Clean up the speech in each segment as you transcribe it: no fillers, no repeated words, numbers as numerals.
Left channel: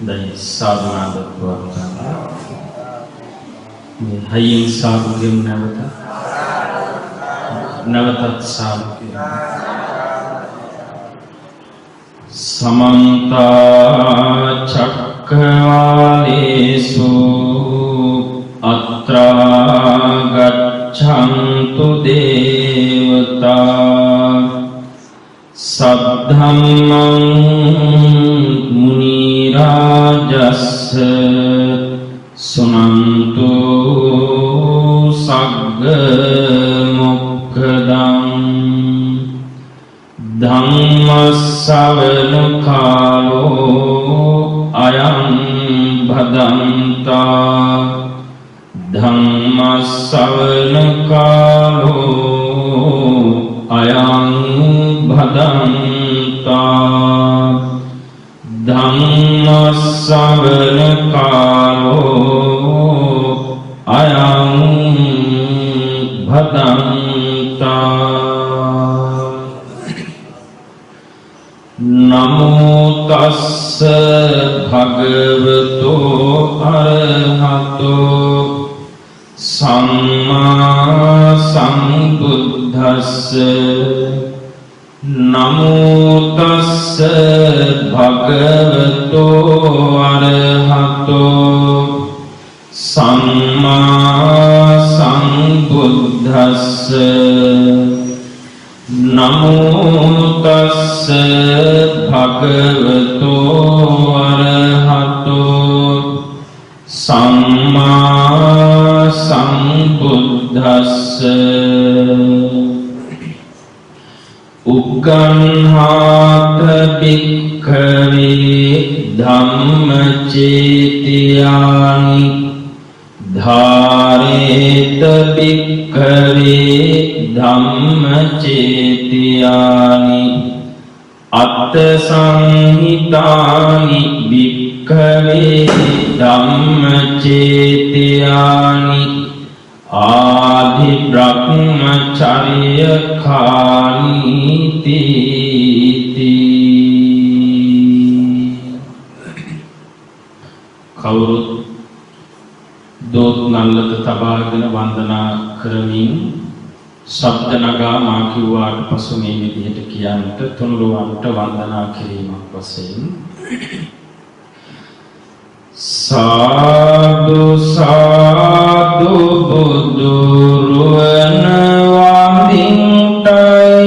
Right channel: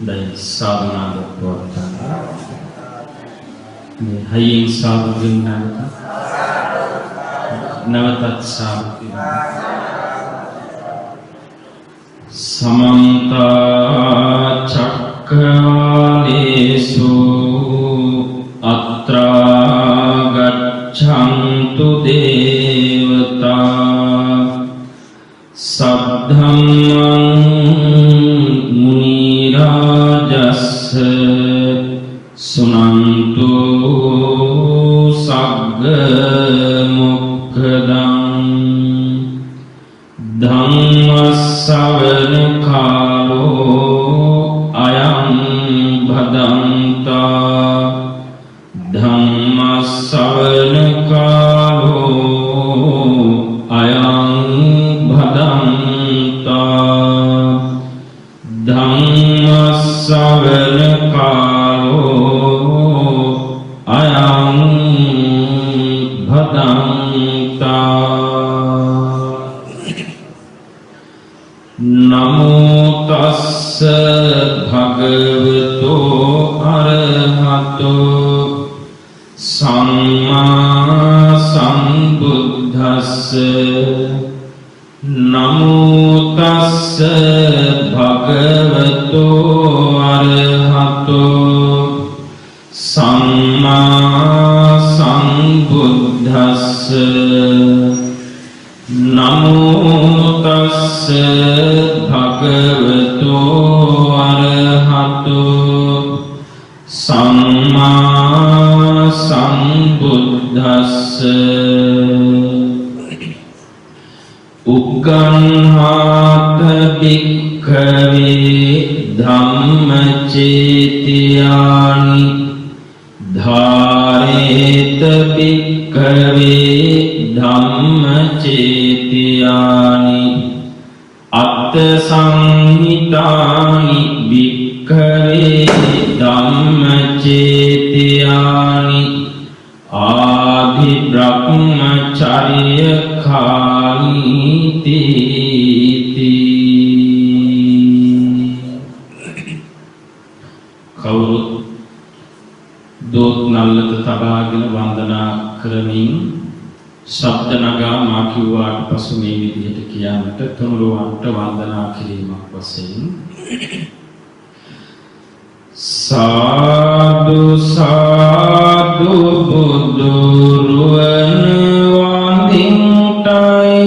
Dari sadhana pratana, hayin sadhugin navatat sadhugin. Samanta cakkalesu atra gaccantu devata saddhammam munirajassa sunantu sagga mokkadam dhammasavana kalo ayam bhadanta dhammasavana kalo ayam bhadanta dhammasavana kalo ayam bhadanta. Namo tassa bhagavato arahato samma sambuddhassa. Namo tassa bhagavato arahato samma sambuddhassa. Namo tassa bhagavato arahato samma sambuddhassa. Ugganhata bhikkhave dhammacetiyani dhareta bhikkhave dhammacetiyani atta sanhitani bhikkhave dhammacetiyani adi brahmacharya khaniti. කවුරුත් දෝත් නල්ලද තබාගෙන වන්දනා කරමින් ශබ්ද නගා මා කිව්වාට පසු මේ විදිහට කියන්නට තුනුරුවන්ට වන්දනා කිරීමක් වශයෙන් සාදු සාදු බුදු රුවන වඳින්ටයි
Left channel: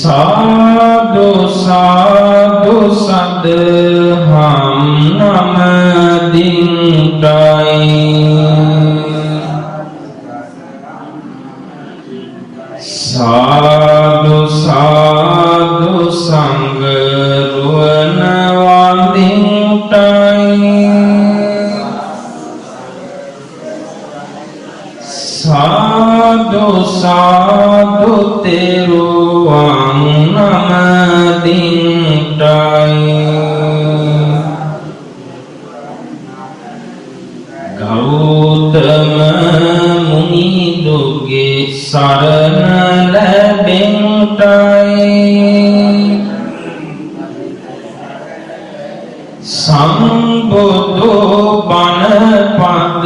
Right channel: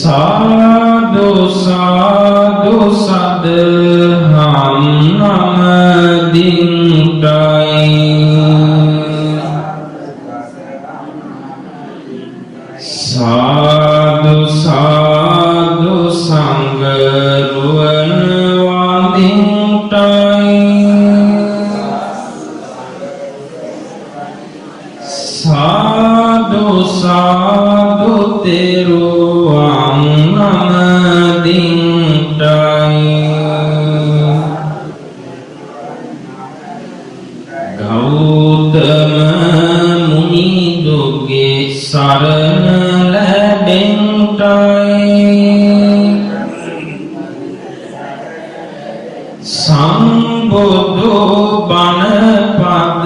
සාදු සාදු සදහම් නමදින්ටයි සාදු සාදු සංඝ රුවන වඳින්ටයි සාදු සාදු තෙරුවන් නමදින්ටයි ගෞතම මුනිදුගේ සරණ ලැබෙන්ටයි සම්බුදු බණ පද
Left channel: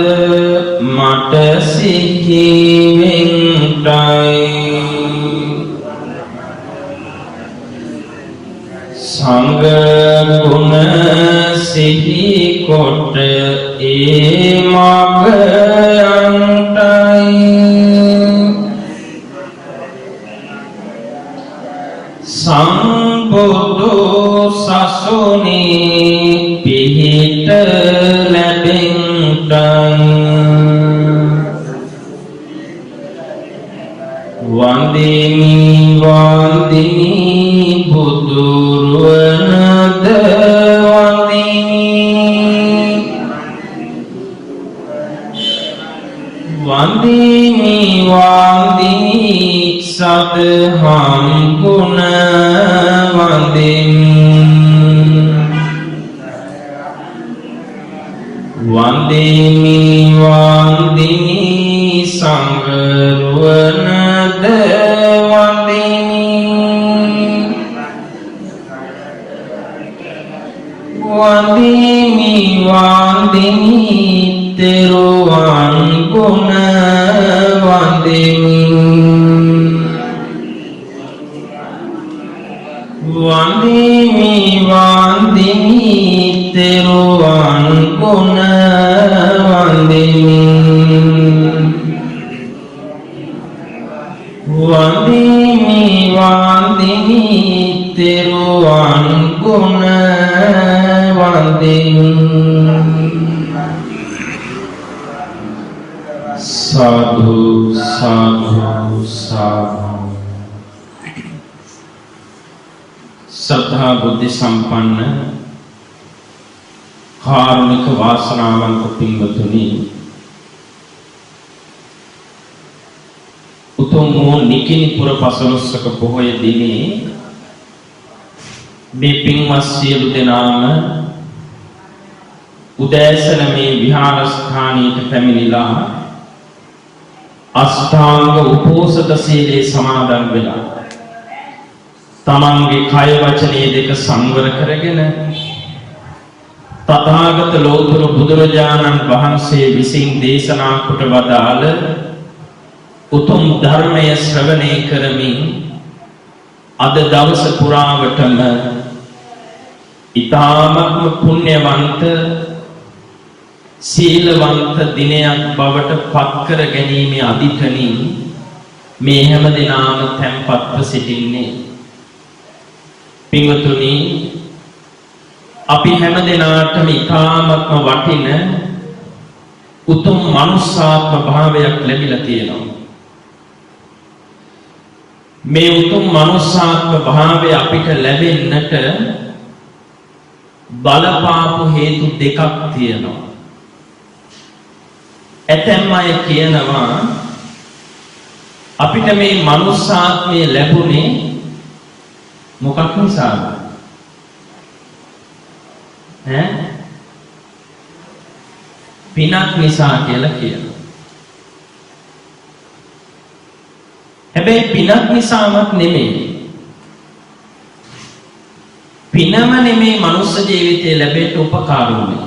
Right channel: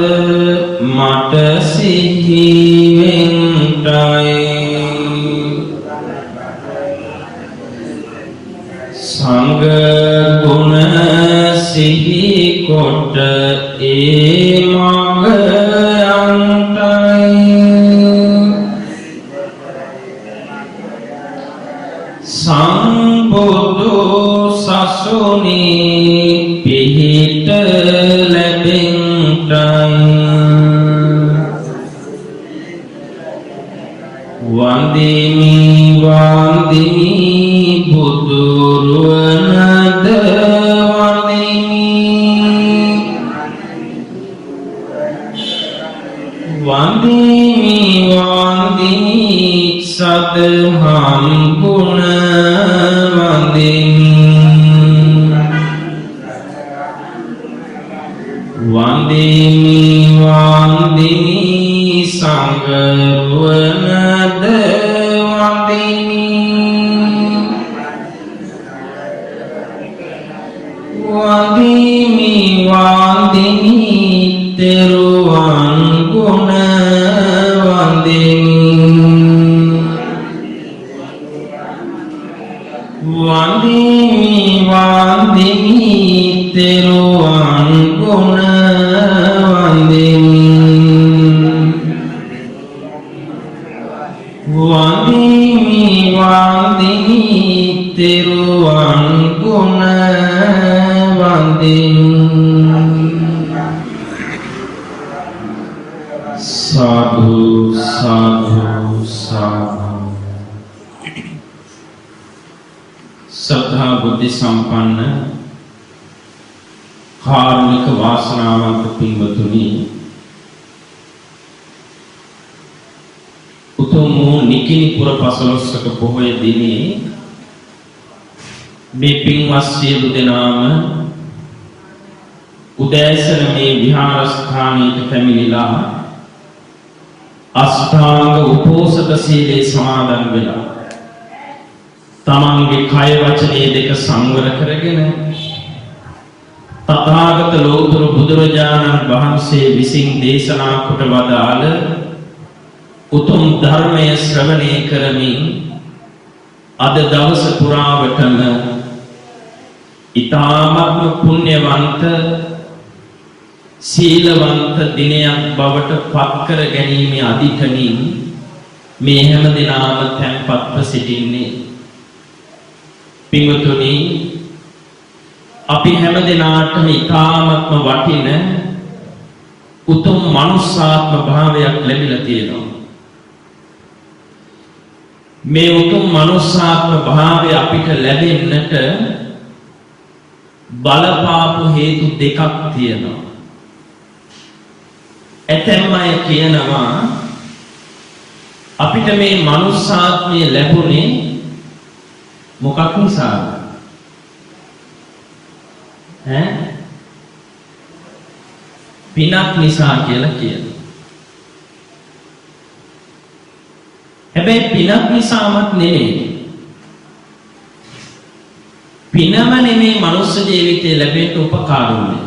මට සිහි වෙන්ටයි සංඝ ගුණ සිහි කොට ඒ මග යන්ටයි සම්බුදු සසුනේ පිහිට ලැබෙන්ටයි වන්දිමි වන්දිමි බුදුරුවනද වන්දිමි වන්දිමි වන්දිමි සදහම් ගුණ වන්දිමි වන්දිමි වන්දිමි සංඝ රුවනද වන්දිමි වඳිමි තෙරුවන් ගුණ වඳිමි වඳිමි වඳිමි තෙරුවන් ගුණ වඳිමි වඳිමි වඳිමි තෙරුවන් ගුණ වඳිමි සාදු සාදු සාදු සද්ධා බුද්ධ සම්පන්න කාරුණික වාසනාවන්ත පින්වතුනි උතුම් වූ නිකිණිපුර පසළොස්වක පොහොය දිනේ මේ පින්වත් සියලු දෙනාම උදෑසන මේ විහාරස්ථානයට පැමිණිලා අෂ්ටාංග උපෝසත සීලේ සමාදන් වෙලා තමන්ගේ කය වචනේ දෙක සංවර කරගෙන තථාගත ලෝතුර බුදුරජාණන් වහන්සේ විසින් දේශනා කොට වදාළ උතුම් ධර්මය ශ්‍රවණය කරමින් අද දවස පුරාවටම ඊ타ත්ම පුණ්‍යවන්ත සීලවන්ත දිනයක් බවට පත් කර ගැනීමේ අදිඨනින් මේ හැම දිනාම තැන්පත්ව සිටින්නේ පින්වතුනි අපි හැම දිනාටම ඊ타ත්ම වටින උතුම් මනුෂ්‍යාත්ම භාවයක් ලැබිලා තියෙනවා මේ උතුම් මනුෂ්‍යාත්ම භාවය අපිට ලැබෙන්නට බලපාපු හේතු දෙකක් තියෙනවා ඇතැම් අය කියනවා අපිට මේ මනුෂ්‍යාත්මය ලැබුණේ මොකක් නිසාද පිනක් නිසා කියලා කියනවා හැබැයි පිනක් නිසාමත් නෙමෙයි පිනම නෙමෙයි මනුෂ්‍ය ජීවිතේ ලැබෙන්න උපකාර වුනේ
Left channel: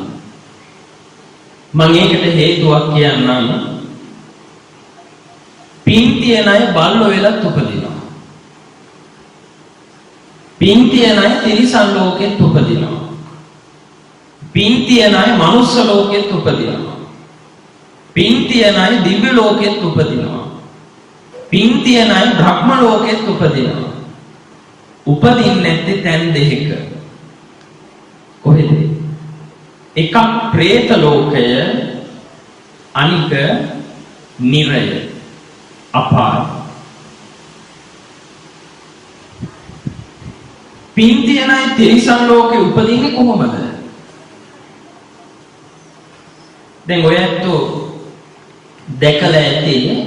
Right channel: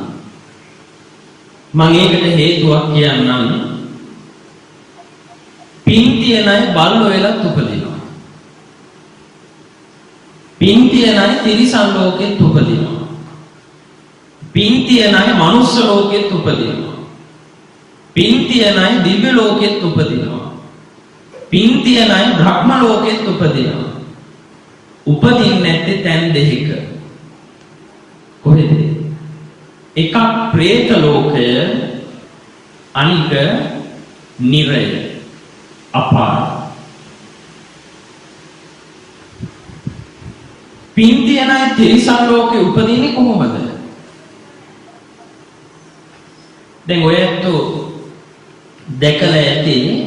මම ඒකට හේතුවක් කියන්නම් පින් තියන අය බල්ලෝ වෙලත් උපදිනවා පින් තියන අය තිරිසන් ලෝකෙත් උපදිනවා පින් තියන අය මනුෂ්‍ය ලෝකෙත් උපදිනවා පින් තියන අය දිව්‍ය ලෝකෙත් උපදිනවා පින් තියන අය බ්‍රහ්ම ලෝකෙත් උපදිනවා උපදින්නේ නැත්තේ තැන් දෙකක කොහෙද එකක් പ്രേත ලෝකය අනික නිරය අපාය පින් තියන අය තිරිසන් ලෝකේ උපදින්නේ කොහොමද දැන් ඔයත් දැකලා ඇති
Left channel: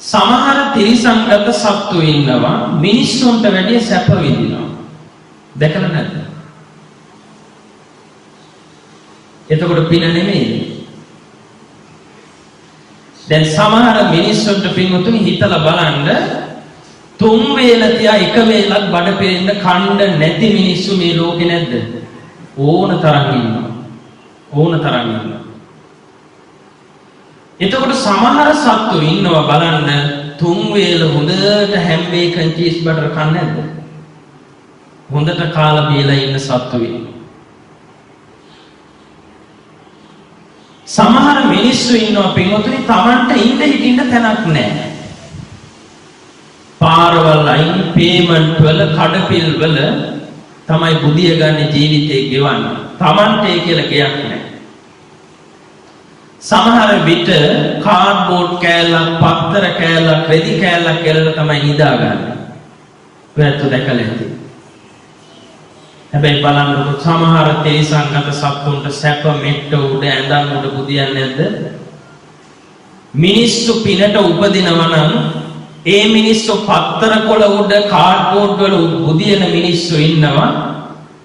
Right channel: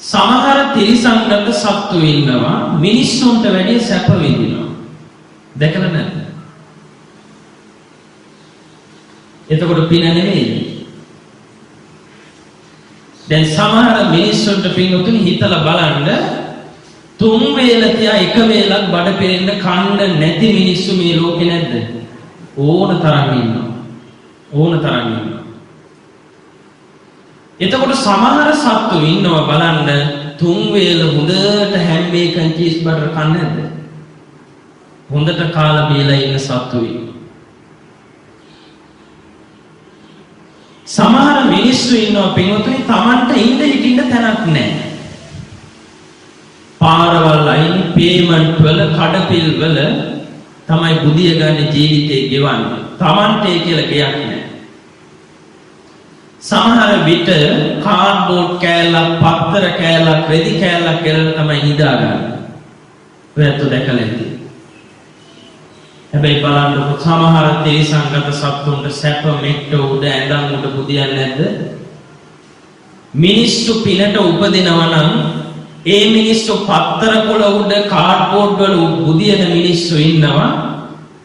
සමහර තිරිසන්ගත සත්තු ඉන්නවා මිනිස්සුන්ට වැඩිය සැප විඳිනවා දැකලා නැද්ද එතකොට පින නෙමෙයි දැන් සමහර මිනිස්සුන්ට පින්වතුනි හිතලා බලන්න තුන් වේල තියා එක වේලක් බඩ පෙරෙන්න කන්න නැති මිනිස්සු මේ ලෝකේ නැද්ද ඕන තරම් ඉන්නවා එතකොට සමහර සත්තු ඉන්නවා බලන්න තුන් වේල හොඳට හැම් බේකන් චීස් බටර් කන්නේ නැද්ද හොඳට කාලා බීලා ඉන්න සත්තු ඉන්නවා සමහර මිනිස්සු ඉන්නවා පින්වතුනි Tamanට ඉඳ හිටින්න තැනක් නැහැ පාරවල් අයින් පේමන්ට් වල කඩපිල් වල තමයි බුදිය ගන්න ජීවිතේ ගෙවන්නේ Tamanට ඒ කියලා ගයක් නැහැ සමහර විට කාඩ්බෝඩ් කෑල්ලක් පත්තර කෑල්ලක් රෙදි කෑල්ලක් කෙරලා තමයි නිදාගන්නේ ඔයත් දැකලා ඇති හැබැයි බලන්නකො සමහර තිරිසන්ගත සත්තුන්ට සැප මෙට්ට උඩ ඇඳන් උඩ බුදියන්නේ නැද්ද මිනිස්සු පිනට උපදිනවා නම් ඒ මිනිස්සු පත්තර කොළ උඩ කාඩ්බෝඩ් වල බුදියන මිනිස්සු ඉන්නවා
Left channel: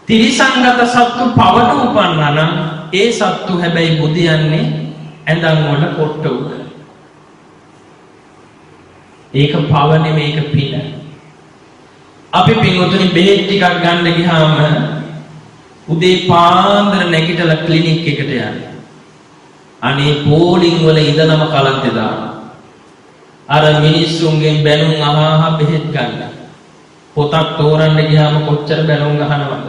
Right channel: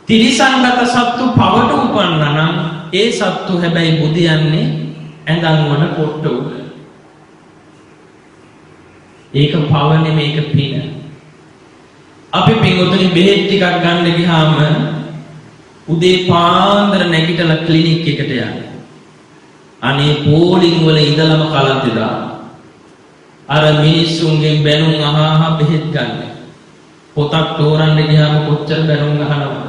තිරිසන්ගත සත්තු පවට උපන්නා නම් ඒ සත්තු හැබැයි බුදියන්නේ ඇඳන් වල පොට්ට උඩ ඒක පව නෙමෙයි ඒක පින අපි පින්වතුනි බෙහෙත් ටිකක් ගන්න ගියාම උදේ පාන්දර නැගිටලා ක්ලිනික් එකට යන්නේ අනේ පෝලිං වල ඉඳලම කලන්තේ දාන. අර මිනිස්සුන්ගෙන් බැනුම් අහා බෙහෙත් ගන්න. පොතක් තෝරන්න ගියාම කොච්චර බැනුම් අහනවද?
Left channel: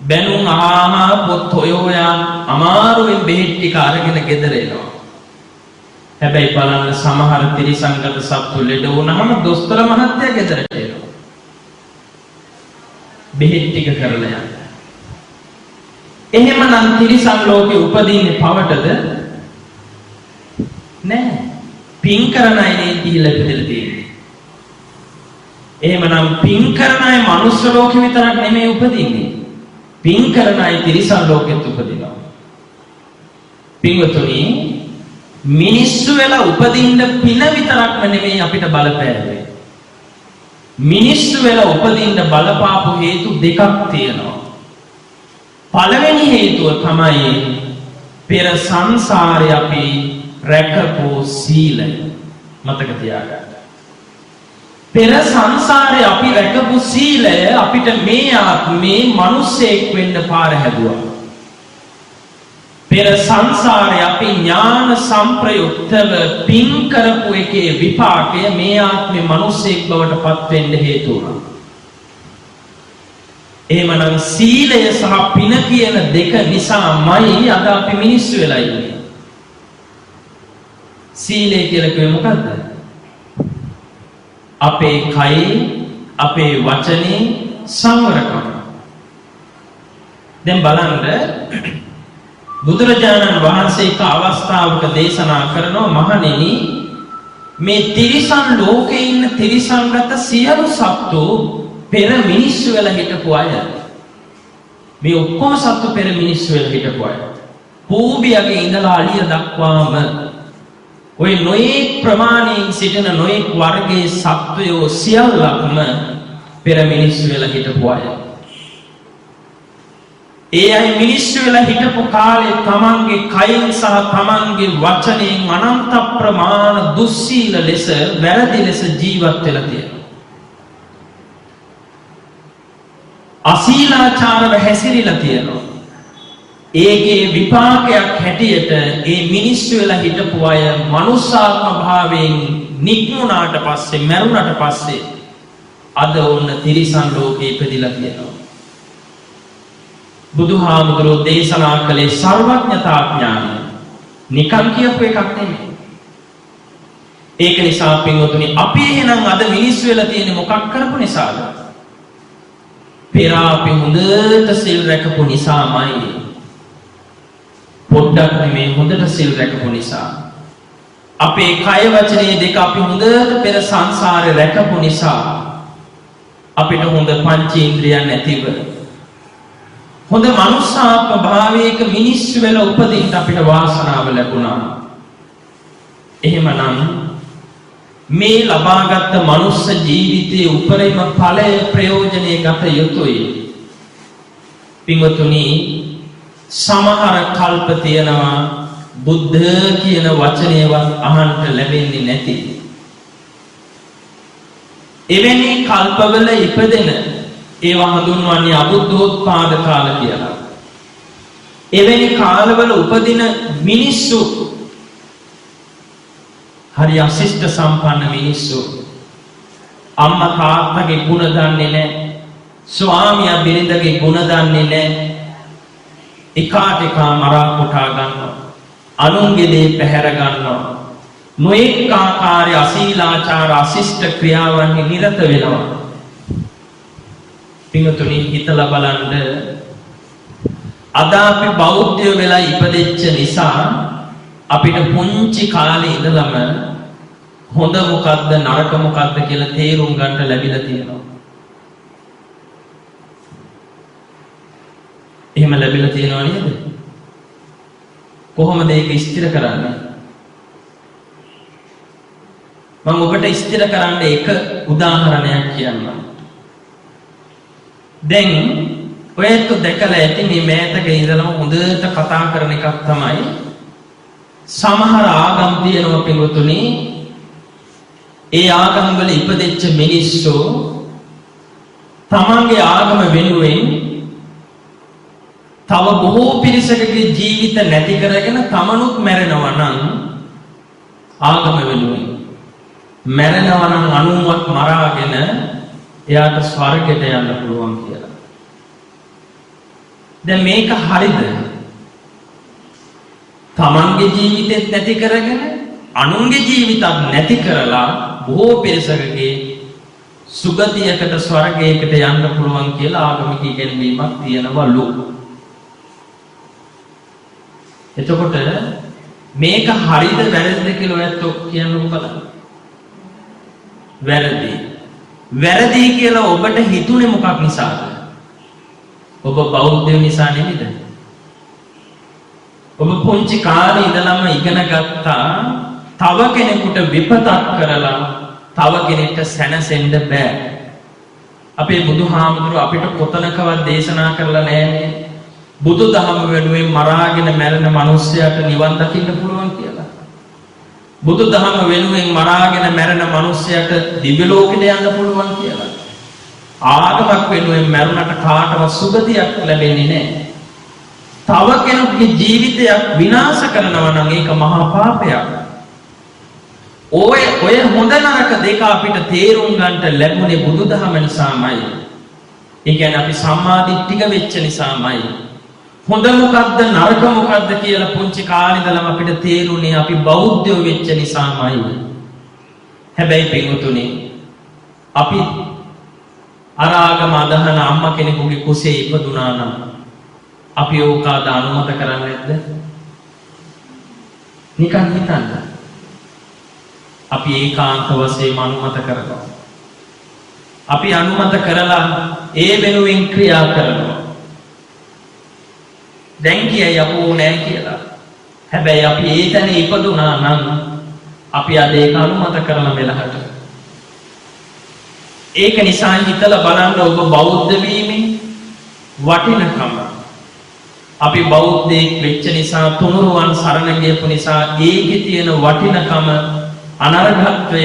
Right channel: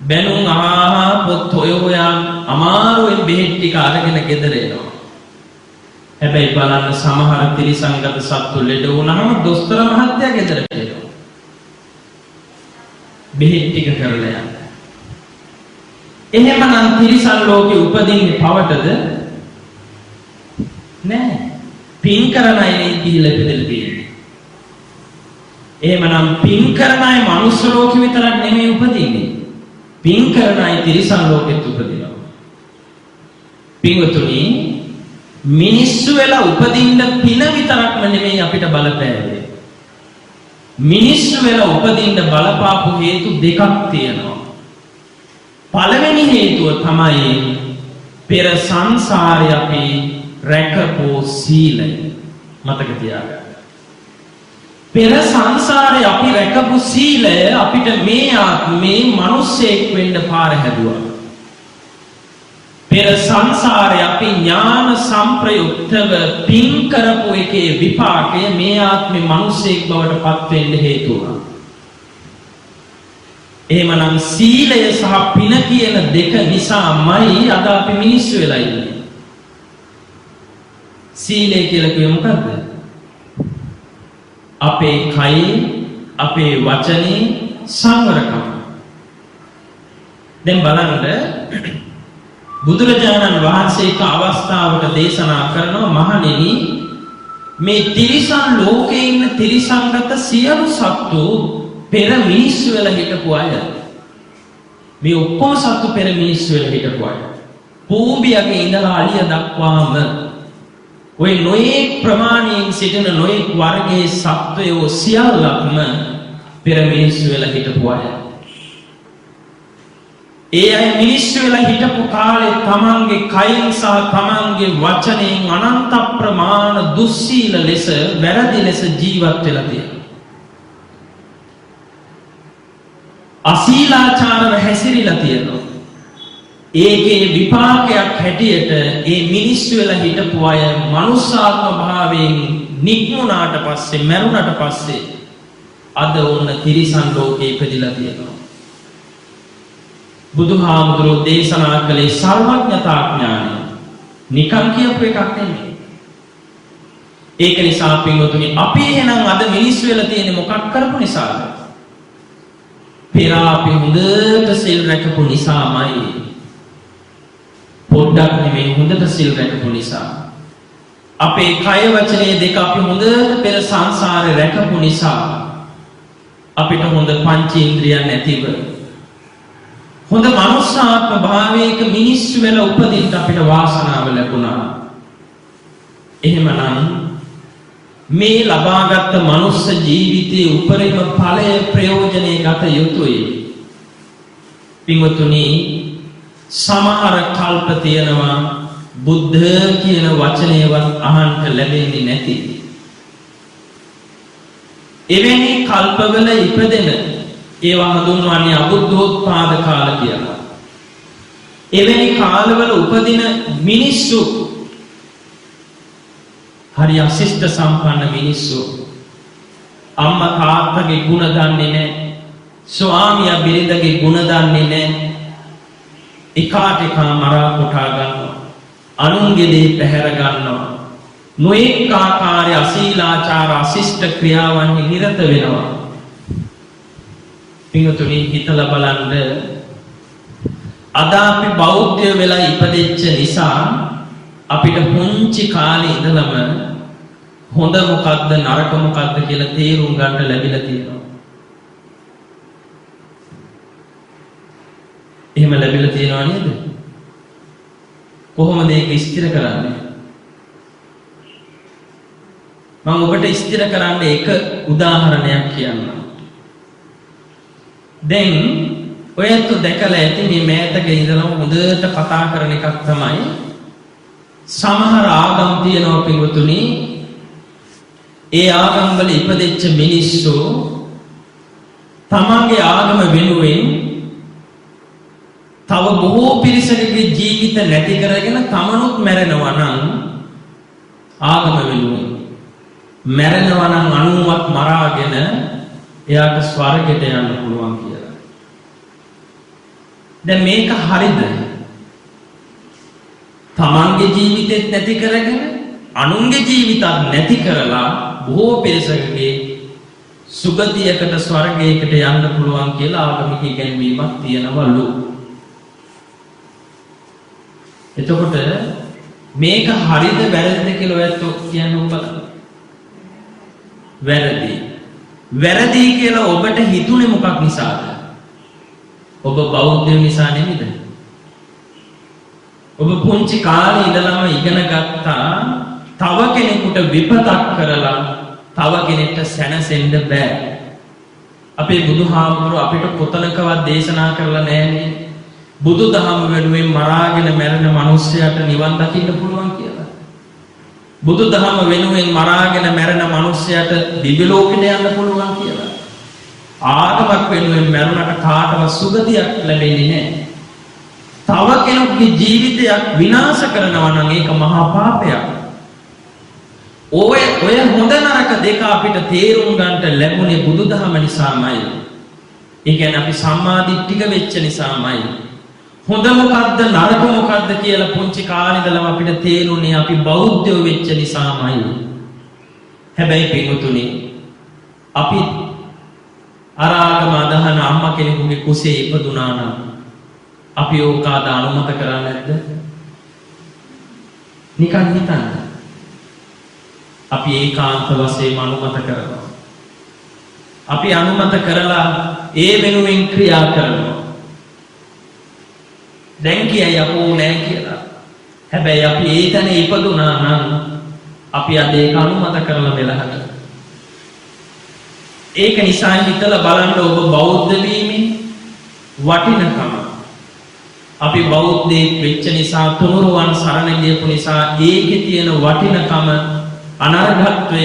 බැනුම් අහා පොත් හොයෝයන් අමාරුවෙන් බෙහෙත් ටික අරගෙන ගෙදර එනවා. හැබැයි බලන්න සමහර තිරිසංගත සත්තු ලෙඩ වුණාම දොස්තර මහත්තයා ගෙදරට එනවා. බෙහෙත් ටික කරලා යන්න. එහෙමනම් තිරිසන් ලෝකේ උපදින්නේ පවටද? නෑ. පින් කරන අය නේ ගිහිල්ලා ඉපදෙලා තියෙන්නේ. එහෙමනම් පින් කරන අය මනුස්ස ලෝකෙ විතරක් නෙමෙයි උපදින්නේ. පින් කරන අය තිරිසන් ලෝකෙත් උපදිනවා. පින්වතුනි මිනිස්සු වෙලා උපදින්න පින විතරක්ම නෙමෙයි අපිට බලපෑවේ. මිනිස්සු වෙලා උපදින්න බලපාපු හේතු දෙකක් තියෙනවා. පළවෙනි හේතුව තමයි පෙර සංසාරේ අපි රැකපු සීලය. මතක තියාගන්න. පෙර සංසාරේ අපි රැකපු සීලය අපිට මේ ආත්මේ මිනිසෙක් වෙන්න පාර හැදුවා. පෙර සංසාරේ අපි ඥාන සම්ප්‍රයුක්තව පින් කරපු එකේ විපාකය මේ ආත්මේ මිනිසෙක් බවට පත් වෙන්න හේතු වුණා. එහෙමනම් සීලය සහ පින කියන දෙක නිසාමයි අද අපි මිනිස්සු වෙලා ඉන්නේ. සීලය කියලා කිව්වේ මොකද්ද? අපේ කයි, අපේ වචනේ සංවරකම. දැන් බලන්න බුදුරජාණන් වහන්සේ එක අවස්ථාවක දේශනා කරනවා මහණෙනි මේ තිරිසන් ලෝකේ ඉන්න තිරිසන්ගත සියලු සත්තු පෙර මිනිස්සු වෙලා හිටපු අය. මේ ඔක්කොම සත්තු පෙර මිනිස්සු වෙලා හිටපු අය. පූඹියගේ ඉඳලා අලිය දක්වාම ඔය නොයෙක් ප්‍රමාණයෙන් සිටින නොයෙක් වර්ගයේ සත්වයෝ සියල්ලක්ම පෙර මිනිස්සු වෙලා හිටපු අය. ඒ අය මිනිස්සු වෙලා හිටපු කාලේ තමන්ගේ කයින් සහ තමන්ගේ වචනයෙන් අනන්ත ප්‍රමාණ දුස්සීල ලෙස වැරදි ලෙස ජීවත් වෙලා තියෙනවා. අශීලාචාරව හැසිරීලා තියෙනවා. ඒකේ විපාකයක් හැටියට ඒ මිනිස්සු වෙලා හිටපු අය මනුෂ්‍යාත්ම භාවයෙන් නික්මුණාට පස්සේ මරුණට පස්සේ අද ඔන්න තිරිසන් ලෝකේ ඉපදිලා තියෙනවා. බුදුහාමුදුරුවෝ දේශනා කළේ සර්වඥතා ඥානය. නිකන් කියපු එකක් නෙමෙයි. ඒක නිසා පින්වතුනි අපි එහෙනම් අද මිනිස්සු වෙලා තියෙන්නේ මොකක් කරපු නිසාද? පෙර අපි හොඳට සිල් රැකපු නිසාමයි. පොඩ්ඩක් නෙමෙයි හොඳට සිල් රැකපු නිසා. අපේ කය වචනේ දෙක අපි හොඳට පෙර සංසාරේ රැකපු නිසා අපිට හොඳ පංචේන්ද්‍රියන් නැතිව හොඳ මනුෂ්‍යාත්ම භාවයක මිනිස්සු වෙලා උපදින්න අපිට වාසනාව ලැබුණා. එහෙමනම් මේ ලබාගත් මනුස්ස ජීවිතයේ උපරිම ඵලය ප්‍රයෝජනෙ ගත යුතුයි. පින්වතුනි සමහර කල්ප තියෙනවා බුද්ධ කියන වචනයවත් අහන්න ලැබෙන්නේ නැති. එවැනි කල්පවල ඉපදෙන ඒවා හඳුන්වන්නේ අබුද්ධෝත්පාද කාල කියලා. එවැනි කාලවල උපදින මිනිස්සු හරි අශිෂ්ට සම්පන්න මිනිස්සු. අම්මා තාත්තගේ ගුණ දන්නේ නැහැ. ස්වාමියා බිරිඳගේ ගුණ දන්නේ නැහැ. එකාට එකා මරා කොටා ගන්නවා. අනුන්ගේ දේ පැහැර ගන්නවා. නොඑක ආකාරයේ අශීලාචාර අශිෂ්ට ක්‍රියාවන්හි නිරත වෙනවා. පින්වතුනි හිතලා බලන්න අද අපි බෞද්ධ වෙලා ඉපදෙච්ච නිසා අපිට පුංචි කාලේ ඉඳලම හොඳ මොකද්ද නරක මොකද්ද කියලා තේරුම් ගන්න ලැබිලා තියෙනවා. එහෙම ලැබිලා තියෙනව නේද? කොහොමද ඒක ස්ථිර කරන්නේ? මම ඔබට ස්ථිර කරන්න එක උදාහරණයක් කියන්නම්. දැන් ඔයත් දැකලා ඇති මේ මෑතක ඉඳලම හොඳට කතා කරන එකක් තමයි සමහර ආගම් තියෙනවා පින්වතුනි. ඒ ආගම් වල ඉපදෙච්ච මිනිස්සු තමන්ගේ ආගම වෙනුවෙන් තව බොහෝ පිරිසකගේ ජීවිත නැති කරගෙන තමනුත් මැරෙනවා නම් ආගම වෙනුවෙන් මැරෙනවා නම් අනුන්වත් මරාගෙන එයාට ස්වර්ගයට යන්න පුළුවන් කියලා. දැන් මේක හරිද? තමන්ගේ ජීවිතෙත් නැති කරගෙන අනුන්ගේ ජීවිතත් නැති කරලා බොහෝ පිරිසකගේ සුගතියකට ස්වර්ගයකට යන්න පුළුවන් කියලා ආගමික ඉගැන්වීමක් තියෙනවලු. එතකොට මේක හරිද වැරදිද කියලා ඔයත් කියන්නකො බලන්න. වැරදි. වැරදි කියලා ඔබට හිතුනේ මොකක් නිසාද? ඔබ බෞද්ධ නිසා නෙමෙයිද? ඔබ පුංචි කාලේ ඉඳලම ඉගෙන ගත්තා තව කෙනෙකුට විපතක් කරලා තව කෙනෙක්ට සැනසෙන්න බෑ. අපේ බුදුහාමුදුරුවෝ අපිට කොතනකවත් දේශනා කරලා නැහැනේ. බුදුදහම වෙනුවෙන් මරාගෙන මැරෙන මිනිස්සයාට නිවන් දකින්න පුළුවන් කියලා. බුදුදහම වෙනුවෙන් මරාගෙන මැරෙන මිනිස්සයාට දිව්‍ය ලෝකෙට යන්න පුළුවන් කියලා. ආගමක් වෙනුවෙන් මැරුණට කාටවත් සුගතියක් ලැබෙන්නේ නැහැ. තව කෙනෙකුගේ ජීවිතයක් විනාශ කරනවා නම් ඒක මහා පාපයක්. ඔය හොඳ නරක දෙක අපිට තේරුම් ගන්නට ලැබුණේ බුදුදහම නිසාමයි. ඒ කියන්නේ අපි සම්මාදිට්ඨික වෙච්ච නිසාමයි. හොඳ මොකද්ද නරක මොකද්ද කියලා පුංචි කාලේ ඉඳලම අපිට තේරුණේ අපි බෞද්ධයෝ වෙච්ච නිසාමයි. හැබැයි පින්වතුනි අපි අරාගම අදහන අම්මා කෙනෙකුගේ කුසේ ඉපදුනා නම් අපි ඕකාද අනුමත කරන්නේ නැද්ද? නිකන් හිතන්න. අපි ඒකාන්ත වශයෙන් අනුමත කරනවා. අපි අනුමත කරලා ඒ වෙනුවෙන් ක්‍රියා කරනවා. දැන් කියයි අපෝ නෑ කියලා. හැබැයි අපි ඒ තැන ඉපදුනා නම් අපි අද ඒක අනුමත කරලා මෙලහට. ඒක නිසා හිතලා බලන්න ඔබ බෞද්ධ වීමේ වටිනකම. අපි බෞද්ධයෙක් වෙච්ච නිසා තුනුරුවන් සරණ ගියපු නිසා ඒකේ තියෙන වටිනකම අනර්ඝත්වය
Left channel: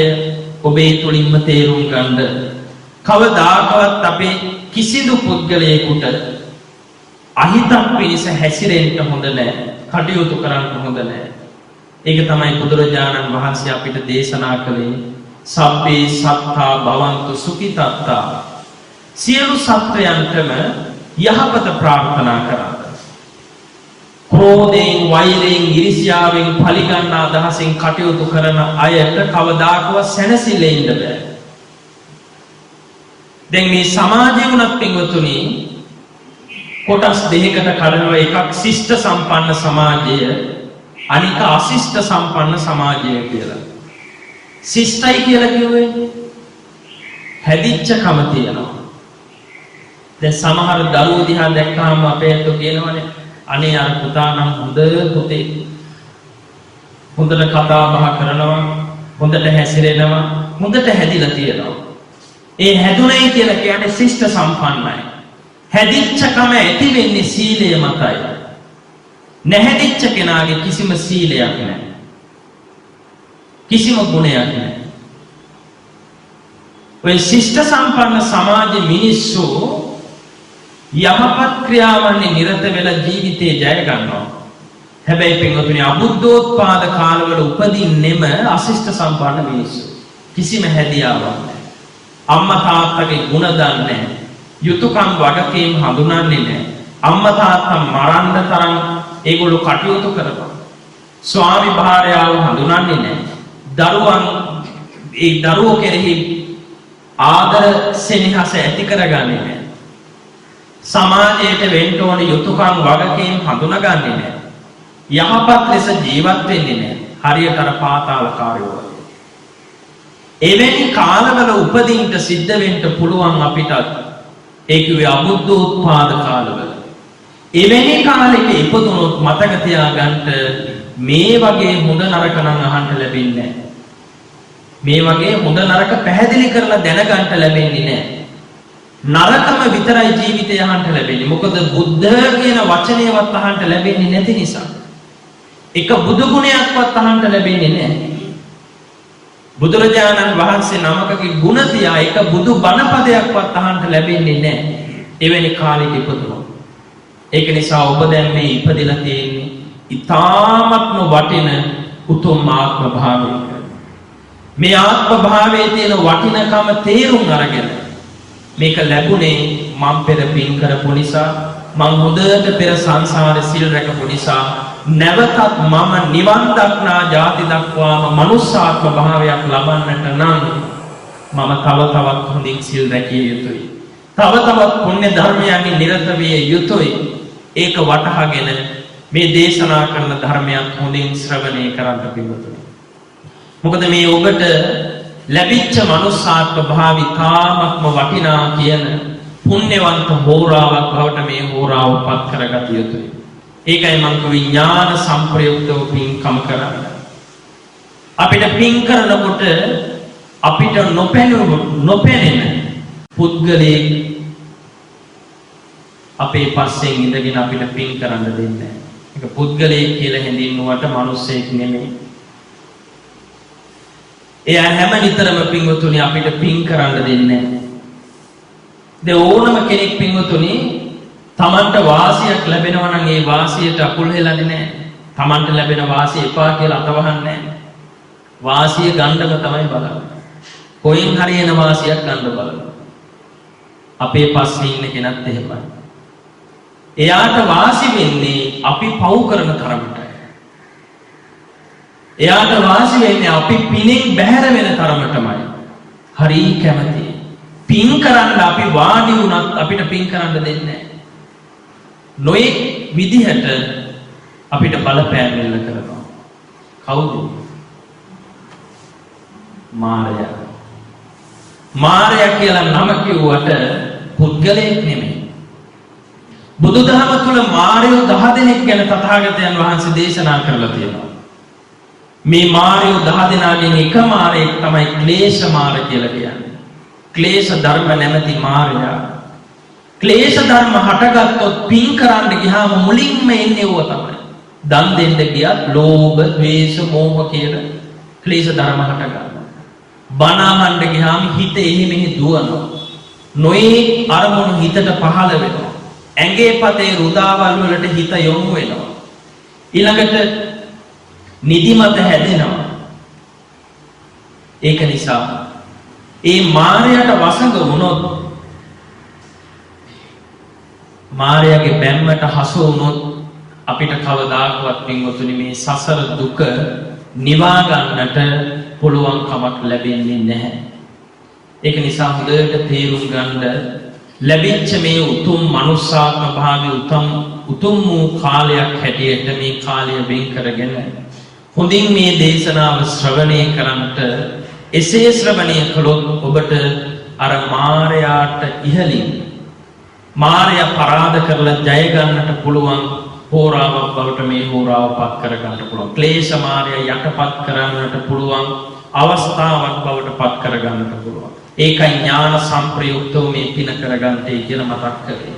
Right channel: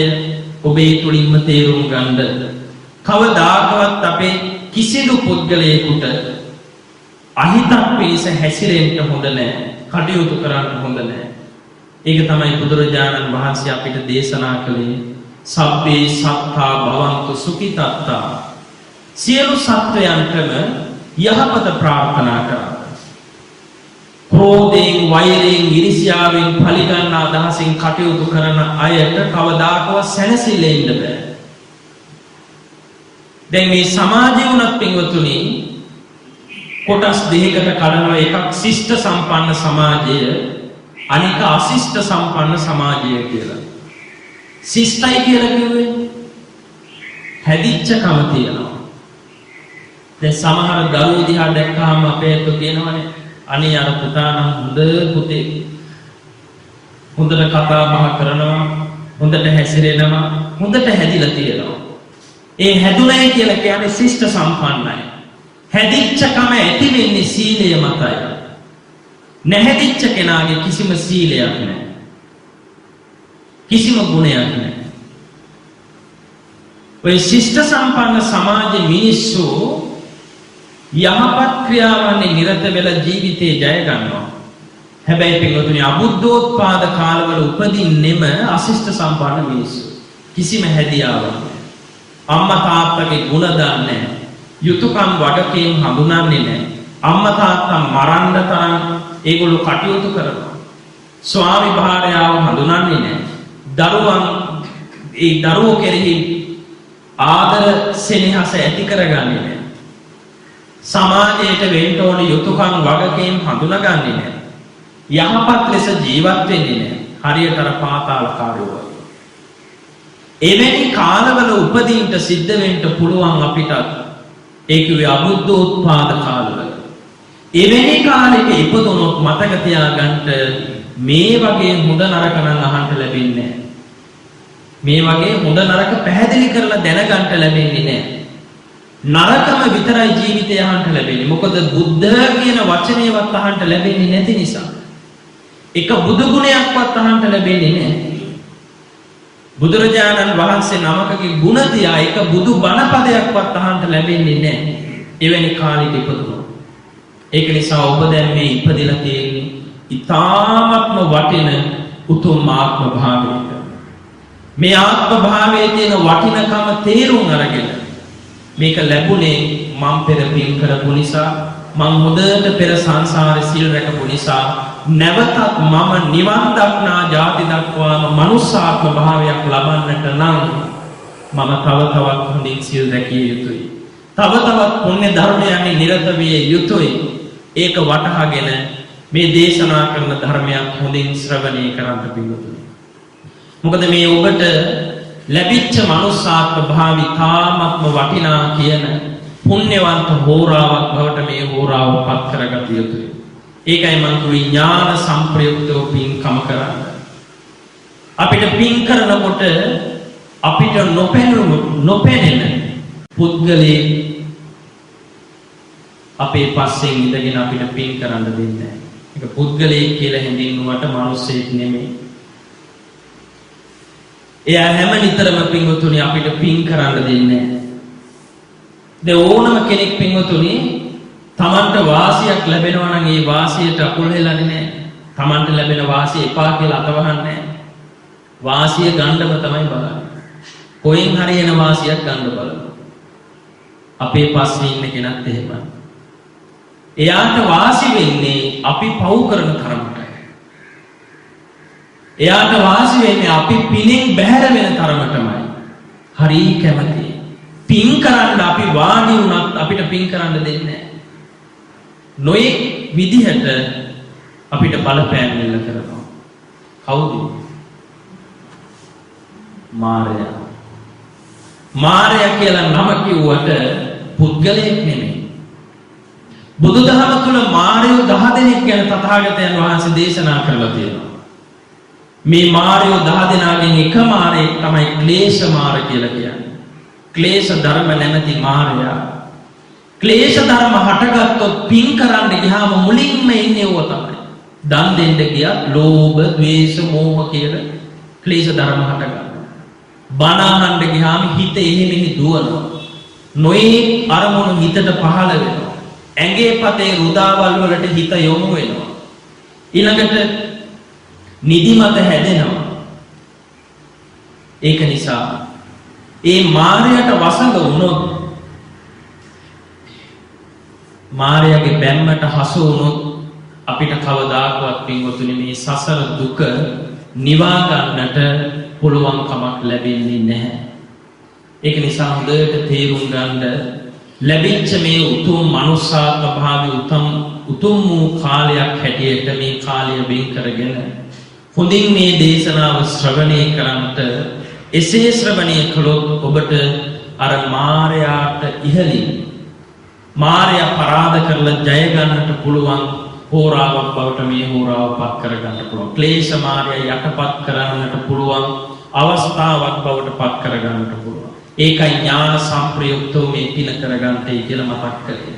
ඔබේ තුලින්ම තේරුම් ගන්න. කවදාකවත් අපේ කිසිදු පුද්ගලයෙකුට අහිතක් පිණිස හැසිරෙන්න හොඳ නැහැ. කටයුතු කරන්න හොඳ නැහැ. ඒක තමයි බුදුරජාණන් වහන්සේ අපිට දේශනා කළේ සබ්බේ සත්තා භවන්තු සුඛිතත්තා. සියලු සත්වයන්ටම යහපත ප්‍රාර්ථනා කරන්න. ක්‍රෝධයෙන්, වෛරයෙන්, ඊර්ෂ්‍යාවෙන්, පලිගන්න අදහසින් කටයුතු කරන අයට කවදාකවත් සැනසෙල්ලෙ ඉන්න බෑ. දැන් මේ සමාජය වුණත් පින්වතුනි කොටස් දෙකකට කඩනවා. එකක් ශිෂ්ට සම්පන්න සමාජය, අනික අශිෂ්ට සම්පන්න සමාජය කියලා. ශිෂ්ටයි කියලා කිව්වේ හැදිච්ච කම තියෙනවා. දැන් සමහර දරුවෝ දිහා දැක්කම අපේ අත කියනවනේ අනේ අර පුතා නම් හොඳ පුතේ. හොඳට කතා බහ කරනවා, හොඳට හැසිරෙනවා, හොඳට හැදිලා තියෙනවා. ඒ හැදුණයි කියලා කියන්නේ ශිෂ්ට සම්පන්නයි. හැදිච්ච කම ඇති වෙන්නේ සීලය මතයි. නැහැදිච්ච කෙනාගේ කිසිම සීලයක් නැහැ. කිසිම ගුණයක් නැහැ. ඔය ශිෂ්ට සම්පන්න සමාජයේ මිනිස්සු යහපත් ක්‍රියාවන්හි නිරත වෙලා ජීවිතේ ජය ගන්නවා. හැබැයි පින්වතුනි අබුද්ධෝත්පාද කාලවල උපදින්නෙම අශිෂ්ට සම්පන්න මිනිස්සු. කිසිම හැදියාවක් නැහැ. අම්මා තාත්තගේ ගුණ දන්නේ නැහැ. යුතුයකම් වගකීම් හඳුනන්නේ නැහැ. අම්මා තාත්තා මරන්න තරම් ඒගොල්ලෝ කටයුතු කරනවා. ස්වාමි භාර්යාව හඳුනන්නේ නැහැ. දරුවන් ඒ දරුවෝ කෙරෙහි ආදර සෙනෙහස ඇති කරගන්නේ නැහැ. සමාජයට වෙන්න ඕන යුතුයකම් වගකීම් හඳුනාගන්නේ නැහැ. යහපත් ලෙස ජීවත් වෙන්නේ නැහැ. හරියට අර පාතාලකාරයෝ වගේ. එවැනි කාලවල උපදින්න සිද්ධ වෙන්න පුළුවන් අපිට. ඒ කිව්වේ අබුද්ධෝත්පාද කාලවල. එවැනි කාලෙක ඉපදුනොත් මතක තියාගන්න මේ වගේ හොඳ නරක නම් අහන්න ලැබෙන්නේ නැහැ. මේ වගේ හොඳ නරක පැහැදිලි කරලා දැනගන්න ලැබෙන්නේ නැහැ. නරකම විතරයි ජීවිතය අහන්න ලැබෙන්නේ. මොකද බුද්ධ කියන වචනයවත් අහන්න ලැබෙන්නේ නැති නිසා. එක බුදු ගුණයක්වත් අහන්න ලැබෙන්නේ නැහැ. බුදුරජාණන් වහන්සේ නමකගේ ගුණ තියා එක බුදු බණ පදයක්වත් අහන්න ලැබෙන්නේ නැහැ. එවැනි කාලෙක ඉපදුණා. ඒක නිසා ඔබ දැන් මේ ඉපදිලා තියෙන්නේ ඊ타ත්ම වටින උතුම් ආත්ම භාවයක. මේ ආත්ම භාවයේ තියෙන වටිනකම තේරුම් අරගෙන මේක ලැබුණේ මම පෙර පින් කරපු නිසා, මම හොඳට පෙර සංසාරේ සිල් රැකපු නිසා, නැවතත් මම නිවන් දක්නා ජාති දක්වාම මනුස්සාත්ම භාවයක් ලබන්නට නම් මම තව තවත් හොඳින් සිල් රැකිය යුතුයි. තව තවත් පුණ්‍ය ධර්මයන්හි නිරත විය යුතුයි. ඒක වටහාගෙන මේ දේශනා කරන ධර්මයක් හොඳින් ශ්‍රවණය කරන්න පිළිතුරු. මොකද මේ ඔබට ලැබිච්ච මනුස්සාත්ම භාවි තාමත්ම වටිනා කියන පුණ්‍යවන්ත හෝරාවක් බවට මේ හෝරාව පත් කරගත යුතුයි. ඒකයි මං කිව්වේ ඥාන සම්ප්‍රයුක්තව පින්කම කරන්න. අපිට පින් කරනකොට අපිට නොපෙනෙන පුද්ගලයෙක් අපේ පස්සෙන් ඉඳගෙන අපිට පින් කරන්න දෙන්නේ නැහැ. ඒක පුද්ගලයෙක් කියලා හැඳින්වුවට මිනිස්සෙක් නෙමෙයි. එයා හැම නිතරම පින්වතුනි අපිට පින් කරන්න දෙන්නේ නැහැ. ඕනම කෙනෙක් පින්වතුනි තමන්ට වාසියක් ලැබෙනවා නම් ඒ වාසියට අකුල් හෙලන්නේ නැහැ. තමන්ට ලැබෙන වාසිය එපා කියලා අතවහන්නේ නැහැ. වාසිය ගන්නම තමයි බලන්නේ. කොහෙන් හරි එන වාසියක් ගන්න බලනවා. අපේ පස්සේ ඉන්න කෙනත් එහෙමයි. එයාට වාසි වෙන්නේ අපි පව් කරන තරමටයි. එයාට වාසි වෙන්නේ අපි පිනෙන් බැහැර වෙන තරමටමයි. හරි කැමති. පින් කරන්න අපි වාඩි වුණත් අපිට පින් කරන්න දෙන්නේ නැහැ. නොඑක් විදිහට අපිට බලපෑම් එල්ල කරනවා. කවුද? මාරයා. මාරයා කියලා නම කිව්වට පුද්ගලයෙක් නෙමෙයි. බුදුදහම තුළ මාරයෝ 10 දෙනෙක් ගැන තථාගතයන් වහන්සේ දේශනා කරලා තියෙනවා. මේ මාරයෝ 10 දෙනාගෙන් එක මාරයෙක් තමයි ක්ලේශ මාර කියලා කියන්නේ. ක්ලේශ ධර්ම නැමැති මාරයා. ක්ලේශ ධර්ම හටගත්තොත් පින් කරන්න ගියාම මුලින්ම එන්නේ ඕව තමයි. දන් දෙන්න ගියත් ලෝභ, ද්වේෂ, මෝහ කියන ක්ලේශ ධර්ම හටගන්නවා. බණ අහන්න ගියාම හිත එහි මෙහි දුවනවා. නොයෙක් අරමුණු හිතට පහළ වෙනවා. ඇඟේ පතේ රුදාවල් වලට හිත යොමු වෙනවා. ඊළඟට නිදිමත හැදෙනවා. ඒක නිසා ඒ මායයට වසඟ වුණොත්, මායගේ බැම්මට හසු වුණොත් අපිට කවදාකවත් පින්වතුනි මේ සසර දුක නිවා ගන්නට පුළුවන් කමක් ලැබෙන්නේ නැහැ. ඒක නිසා හොඳට තේරුම් ගන්න ලැබිච්ච මේ උතුම් මනුස්සාත්ම භාවයේ උතුම් වූ කාලයක් හැටියට මේ කාලය වෙන් කරගෙන හොඳින් මේ දේශනාව ශ්‍රවණය කරන්ට, එසේ ශ්‍රවණය කළොත් ඔබට අර මාරයාට ඉහළින් මාරයා පරාද කරලා ජය ගන්නට පුළුවන් හෝරාවක් බවට මේ හෝරාව පත් කර ගන්නට පුළුවන්. ක්ලේශ මාරයා යටපත් කරන්නට පුළුවන් අවස්ථාවක් බවට පත් කර ගන්නට පුළුවන්. ඒකයි ඥාන සම්ප්‍රයුක්තව මේ පින කරගන්නටයි කියලා මතක් කළේ.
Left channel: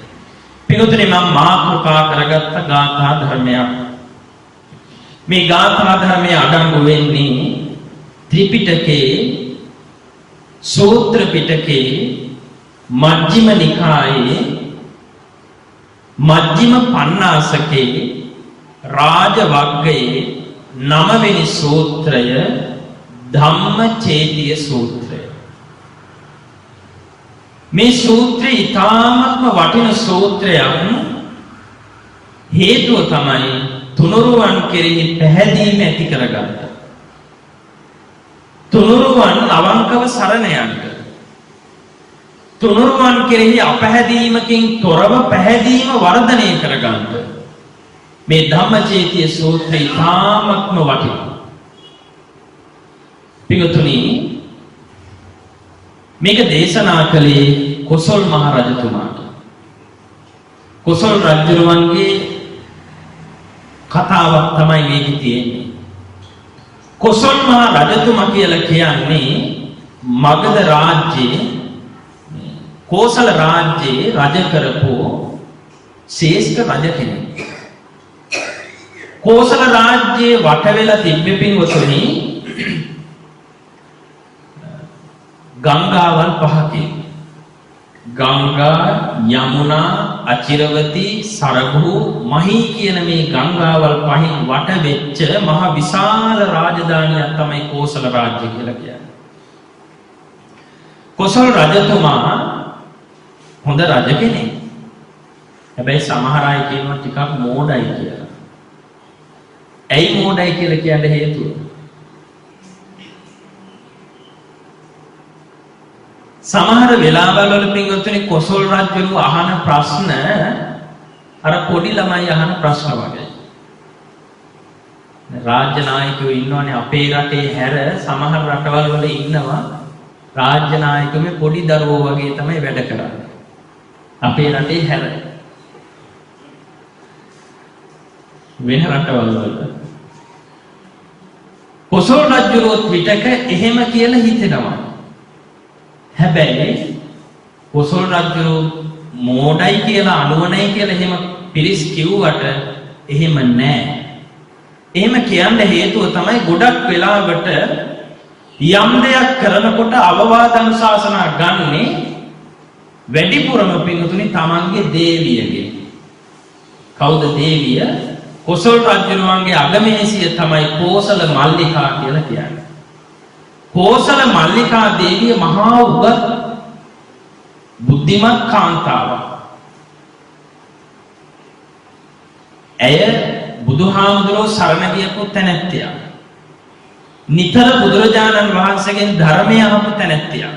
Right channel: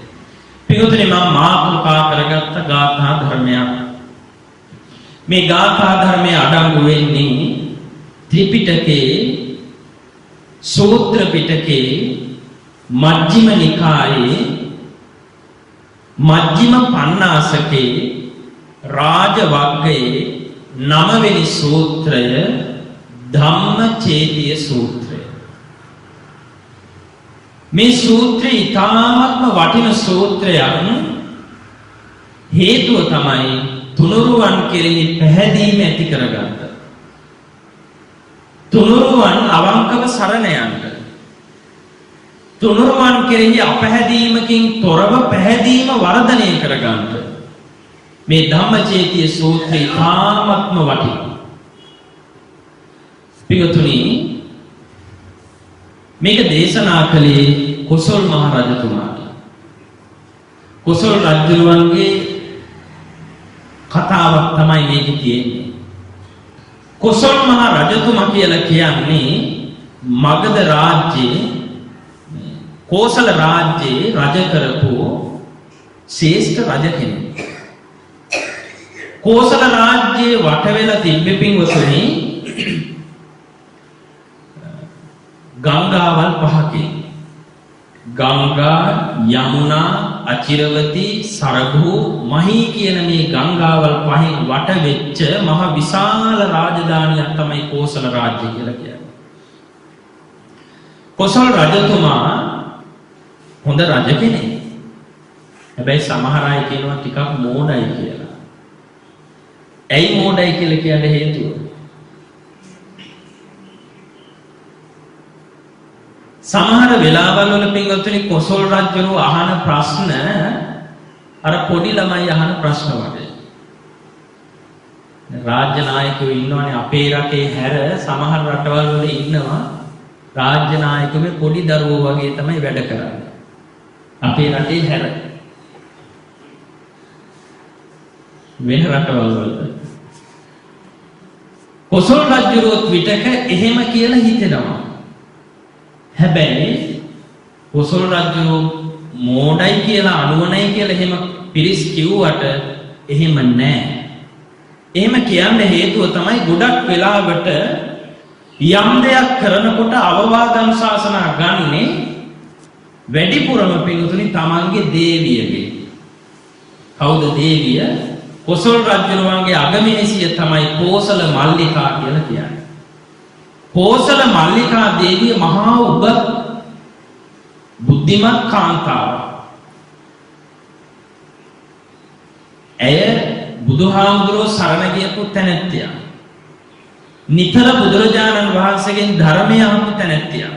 පිටුතුනි මම මාතෘකා කරගත්ත ගාථා ධර්මයක්. මේ ගාථා ධර්මයේ අඩංගු වෙන්නේ ත්‍රිපිටකයේ, සූත්‍ර පිටකයේ, මජ්ක්‍ධිම නිකායේ, මජ්ක්‍ධිම පඤ්ඤාසකේ, රාජ වග්ගයේ 9 වෙනි සූත්‍රය ධම්මචේතිය සූත්‍රය. මේ සූත්‍රය ඊ타ත්ම වටින සූත්‍රයක්. හේතුව තමයි තුනුරුවන් කෙරෙහි පැහැදීම ඇති කරගන්න. තුනුරුවන් අවංකව සරණ යන්න. තුනුරුවන් කෙරෙහි අපැහැදීමකින් තොරව පැහැදීම වර්ධනය කරගන්න. මේ ධම්මචේතිය සූත්‍රය ඊ타ත්ම වටිනවා. පිටුතුනි මේක දේශනා කළේ කොසල් මහ රජතුමාට. කොසල් රජුරුවන්ගේ කතාවක් තමයි මේකේ තියෙන්නේ. කොසල් මහ රජතුමා කියලා කියන්නේ මගධ රාජ්‍යයේ, කෝසල රාජ්‍යයේ රජ කරපු ශ්‍රේෂ්ඨ රජ කෙනෙක්. කෝසල රාජ්‍යයේ වට වෙලා තිබ්බේ පින්වතුනි ගංගාවල් 5කින්. ගංගා යමුනා අචිරවති සරභු මහී කියන මේ ගංගාවල් පහෙන් වට වෙච්ච මහ විශාල රාජධානියක් තමයි කෝසල රාජ්‍ය කියලා කියන්නේ. කොසල් රජතුමා හොඳ රජ කෙනෙක්. හැබැයි සමහර අය කියනවා ටිකක් මෝඩයි කියලා. ඇයි මෝඩයි කියලා කියන්න හේතුව? සමහර වෙලාවල් වල පින්වත්නි කොසල් රජුරු අහන ප්‍රශ්න අර පොඩි ළමයි අහන ප්‍රශ්න වගේ. රාජ්‍ය නායකයෝ ඉන්නවනේ අපේ රටේ හැර සමහර රටවල් වල ඉන්නවා රාජ්‍ය නායකයෝ මේ පොඩි දරුවෝ වගේ තමයි වැඩ කරන්නේ. අපේ රටේ හැර වෙන රටවල් වල කොසල් රජුරුවත් විතක එහෙම කියලා හිතෙනවා. හැබැයි කොසල් රජුරු මෝඩයි කියලා අනුවණයි කියලා එහෙම පිරිස් කිව්වට එහෙම නෑ. එහෙම කියන්න හේතුව තමයි ගොඩක් වෙලාවට යම් දෙයක් කරනකොට අවවාද අනුශාසනා ගන්නේ වැඩිපුරම පින්තුනි තමන්ගේ දේවියගේ. කවුද දේවිය? කොසල් රජුරුවන්ගේ අගමැසිය තමයි කෝසල මල්ලිකා කියලා කියන්නේ. කෝසල මල්ලිකා දේවිය මහා උගත් බුද්ධිමත් කාන්තාවක්. ඇය බුදුහාමුදුරුවෝ සරණ ගියපු තැනැත්තියක්. නිතර බුදුරජාණන් වහන්සේගෙන් ධර්මය අහපු තැනැත්තියක්.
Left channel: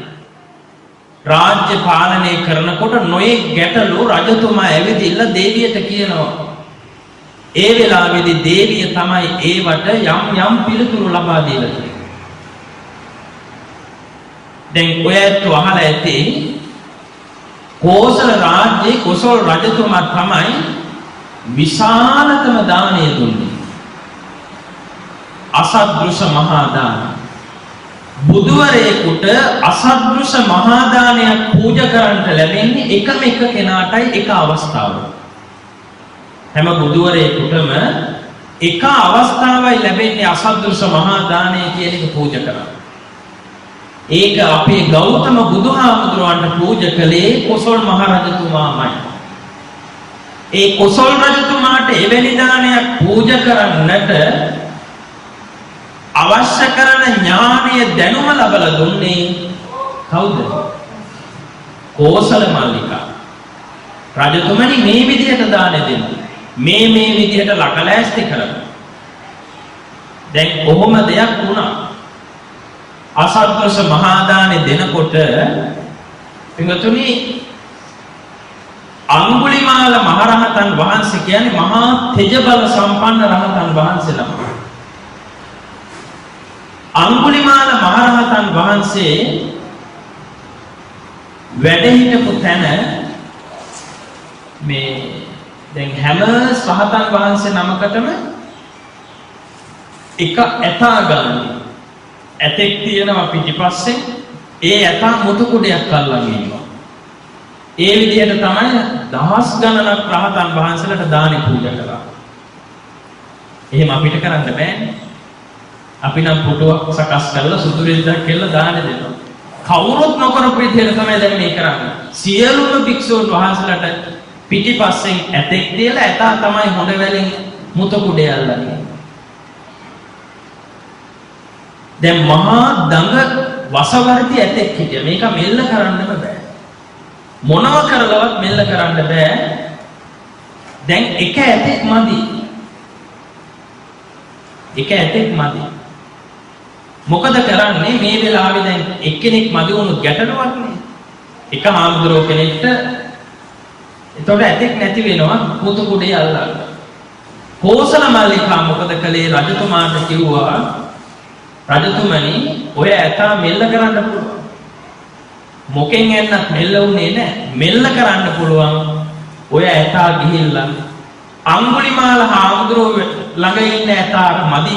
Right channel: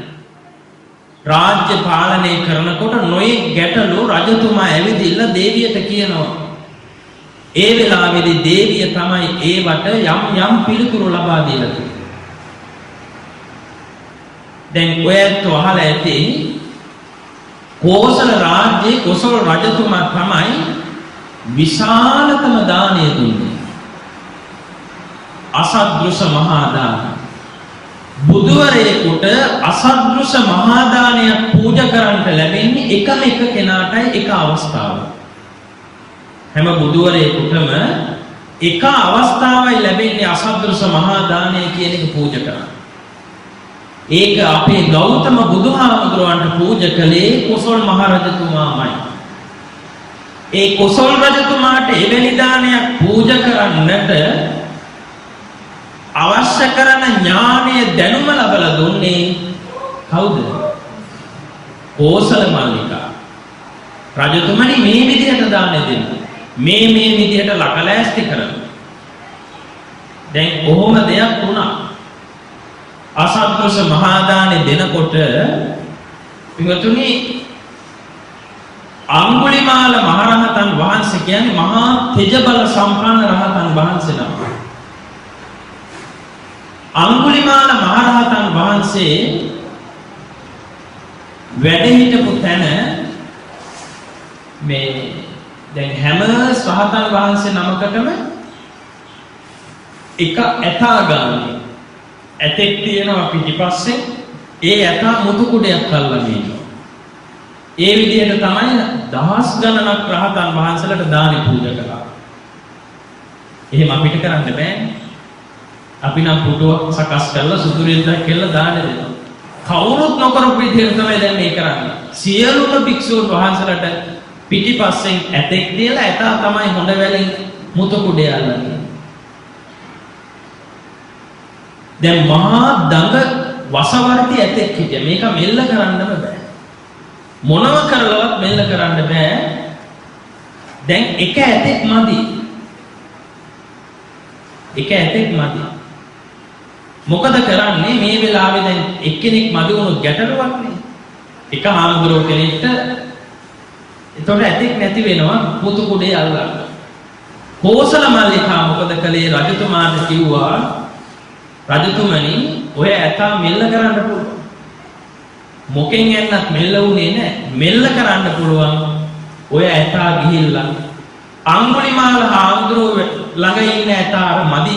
රාජ්‍ය පාලනය කරනකොට නොයෙක් ගැටලු රජතුමා ඇවිදින්න දේවියට කියනවා. ඒ වෙලාවේදී දේවිය තමයි ඒවට යම් පිළිතුරු ලබා දීලා තියෙන්නේ. දැන් ඔයත් අහලා ඇති කෝසල රාජ්‍යයේ කොසල් රජතුමා තමයි විශාලතම දානය දුන්නේ. අසද්දෘශ මහා දාන. බුදුවරයෙකුට අසද්දෘශ මහා දානයක් පූජා කරන්නට ලැබෙන්නේ එකම එක කෙනාටයි එක අවස්ථාවක. හැම බුදුවරයෙකුටම එක අවස්ථාවයි ලැබෙන්නේ අසද්දෘශ මහා දානය කියන එක පූජා කරන්න. ඒක අපේ ගෞතම බුදුහාමුදුරුවන්ට පූජා කළේ කොසල් මහ රජතුමාමයි. ඒ කොසල් රජතුමාට එවැනි දානයක් පූජා කරන්නට අවශ්‍ය කරන ඥානීය දැනුම ලැබලා දුන්නේ කවුද? කෝසල මල්ලිකා. රජතුමනි මේ විදිහට දාන දෙන්න. මේ විදිහට ලකලෑස්ති කරන්න. දැන් කොහොම දෙයක් වුණා? අසද්දෘශ මහා දානෙ දෙනකොට පින්වතුනි අඟුලිමාල මහරහතන් වහන්සේ කියන්නේ මහා තෙජ බල සම්පන්න රහතන් වහන්සේ නම. අඟුලිමාල මහරහතන් වහන්සේ වැඩ හිටපු තැන මේ දැන් හැම රහතන් වහන්සේ නමකටම එක ඇතා ගානේ ඇතෙක් තියෙනවා පිටිපස්සේ. ඒ ඇතා මුතු කුඩයක් අල්ලගෙන ඉන්නවා. ඒ විදිහට තමයි දහස් ගණනක් රහතන් වහන්සේලාට දානි පූජා කළා. එහෙම අපිට කරන්න බෑනේ. අපි නම් පුටුවක් සකස් කරලා සුදු රෙද්දක් කෙල්ල දාන දෙනවා. කවුරුත් නොකරපු විදිහට තමයි දැන් මේ කරන්නේ. සියලුම භික්ෂුන් වහන්සේලාට පිටිපස්සෙන් ඇතෙක් තියලා ඇතා තමයි හොඬ වැලෙන් මුතු කුඩය අල්ලන්නේ. දැන් මහා දඟ වසවර්ති ඇතෙක් හිටියා. මේක මෙල්ල කරන්නම බෑ. මොනව කරලවත් මෙල්ල කරන්න බෑ. දැන් එක ඇතෙක් මදි. එක ඇතෙක් මදි. මොකද කරන්නේ මේ වෙලාවේ දැන් එක්කෙනෙක් මදි වුණොත් ගැටලුවක් නේ. එක හාමුදුරුවෝ කෙනෙක්ට එතකොට ඇතෙක් නැති වෙනවා මුතු කුඩේ අල්ලන්න. කෝසල මල්ලිකා මොකද කළේ? රජතුමාට කිව්වා රජතුමනි ඔය ඇතා මෙල්ල කරන්න පුළුවන්. මොකෙන් එන්නත් මෙල්ල වුණේ නැහැ. මෙල්ල කරන්න පුළුවන් ඔය ඇතා ගිහිල්ලා අඟුලිමාල හාමුදුරුවෝ ළඟ ඉන්න ඇතා මදි.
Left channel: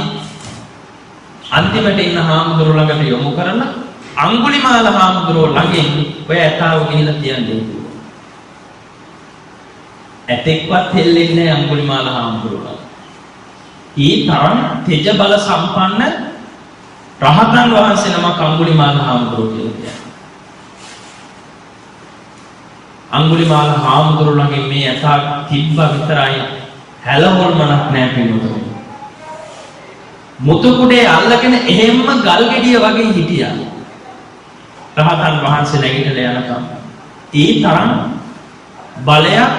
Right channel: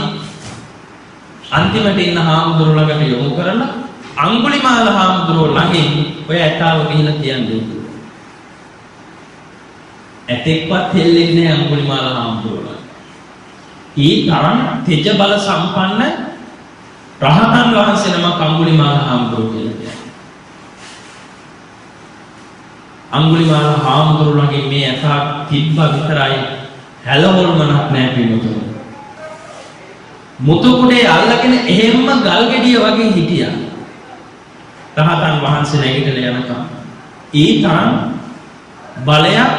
අන්තිමට ඉන්න හාමුදුරුවෝ ළඟට යොමු කරලා අඟුලිමාල හාමුදුරුවෝ ළඟින් ඔය ඇතාව ගිහිල්ලා තියන්නේ. ඇතෙක්වත් හෙල්ලෙන්නේ නැහැ අඟුලිමාල හාමුදුරුවෝ. ඊ තරම් තෙජ බල සම්පන්න රහතන් වහන්සේ නමක් අඟුලිමාල හාමුදුරුවෝ කියලා කියනවා. අඟුලිමාල හාමුදුරුවන්ගේ මේ ඇතා තිබ්බ විතරයි හැලහොල්මනක් නැහැ පිටුතුනේ. මුතුකුඩේ අල්ලගෙන එහෙම්ම ගල් ගෙඩිය වගේ හිටියා. රහතන් වහන්සේ නැගිටලා යනකම්. ඒ තරම් බලයක්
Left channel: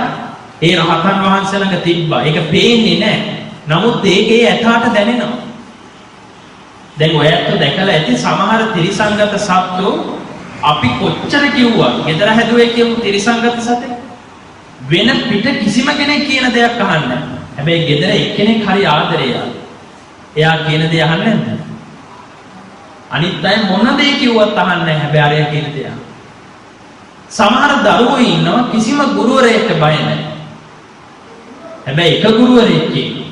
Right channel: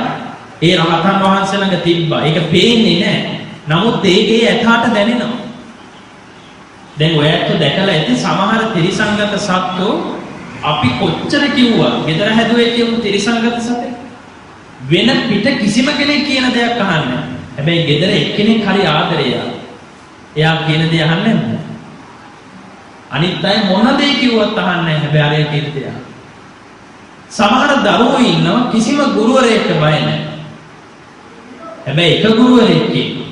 ඒ රහතන් වහන්සේ ළඟ තිබ්බා. ඒක පේන්නේ නැහැ. නමුත් ඒකේ ඇතාට දැනෙනවා. දැන් ඔයත් දැකලා ඇති සමහර ත්‍රිසංගත සත්තු අපි කොච්චර කිව්වා ගෙදර හැදුවේ කියමු ත්‍රිසංගත සතේ වෙන පිට කිසිම කෙනෙක් කියන දෙයක් අහන්නේ නැහැ. හැබැයි ගෙදර එක්කෙනෙක් හරි ආදරේ එයා කියන දේ අහන්නේ නැද්ද? අනිත් අය මොන දේ කිව්වත් අහන්නේ නැහැ. හැබැයි අරයා කියන දේ අහනවා. සමහර දරුවෝ ඉන්නවා කිසිම ගුරුවරයෙක්ට බය නැහැ. හැබැයි එක ගුරුවරයෙක් කියනවා.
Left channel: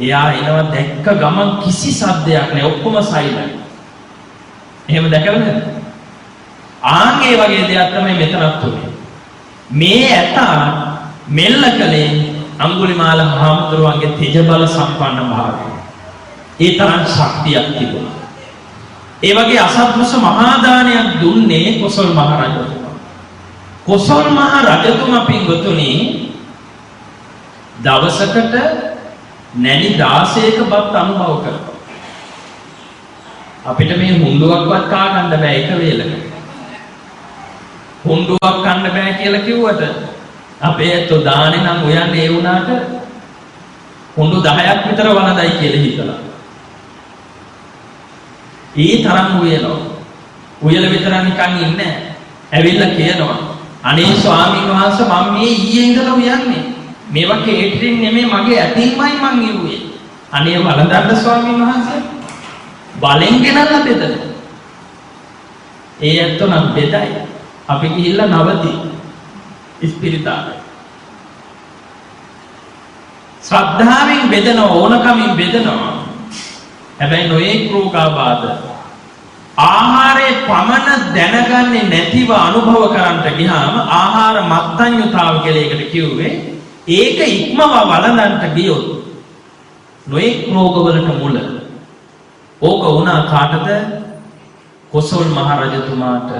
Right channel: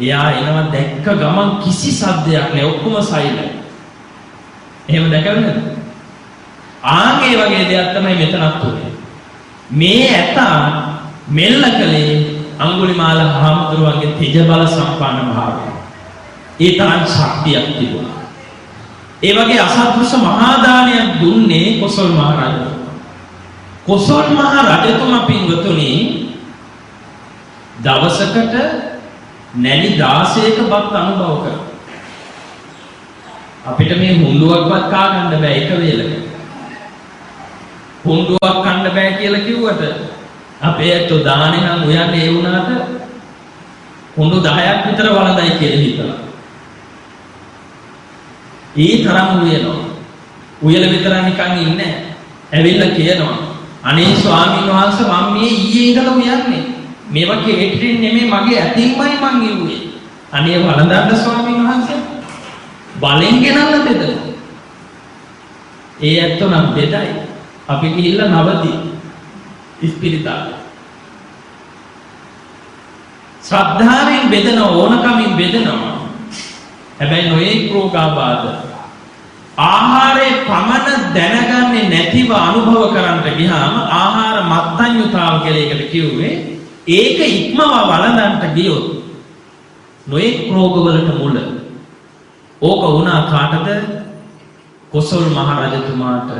එයා එනවා දැක්ක ගමන් කිසි සද්දයක් නැහැ. ඔක්කොම සයිලන්ට්. එහෙම දැකලා නැද්ද? ආන් ඒ වගේ දෙයක් තමයි මෙතනත් උනේ. මේ ඇතා මෙල්ල කලේ අඟුලිමාල හාමුදුරුවන්ගේ තෙජ බල සම්පන්න භාවය. ඒ තරම් ශක්තියක් තිබුණා. ඒ වගේ අසත්පුරුෂ මහා දානයක් දුන්නේ කොසල් මහ රජතුමා. කොසල් මහ රජතුමා පින්වතුනි දවසකට නැලි 16ක බත් අනුභව කරනවා. අපිට මේ හුඬුවක්වත් කා ගන්න බෑ එක වේලකට. හුඬුවක් කන්න බෑ කියලා කිව්වට අපේ ඇත්තෝ දානේ නම් උයන්නේ ඒ වුණාට හුඬු 10ක් විතර වළඳයි කියලා හිතලා. ඒ තරම් උයනවා. උයල විතර නිකන් ඉන්නේ නැහැ. ඇවිල්ලා කියනවා අනේ ස්වාමීන් වහන්සේ මම මේ ඊයේ ඉඳලා උයන්නේ. මේවා කේටරින් නෙමෙයි මගේ ඇතින්මයි මං ඉවුවේ. අනේ වළඳන්න ස්වාමීන් වහන්සේ බලෙන් ගෙනල්ලා බෙදනවා. ඒ ඇත්තෝ නම් බෙදයි. අපි ගිහිල්ලා නවති ඉස්පිරිතාල. ශ්‍රද්ධාවෙන් බෙදන ඕනකමින් බෙදනවා. හැබැයි නොයේ රෝගාබාධ ආහාරයේ පමණ දැනගන්නේ නැතිව අනුභව කරන්නට ගියාම ආහාර මත්ඤ්‍යතාව කියලා එකට කිව්වේ. ඒක ඉක්මව වළඳන්ට ගියොත් නොයේ රෝගවලට මුල. ඕක වුණා කාටද? කොසල් මහ රජතුමාට.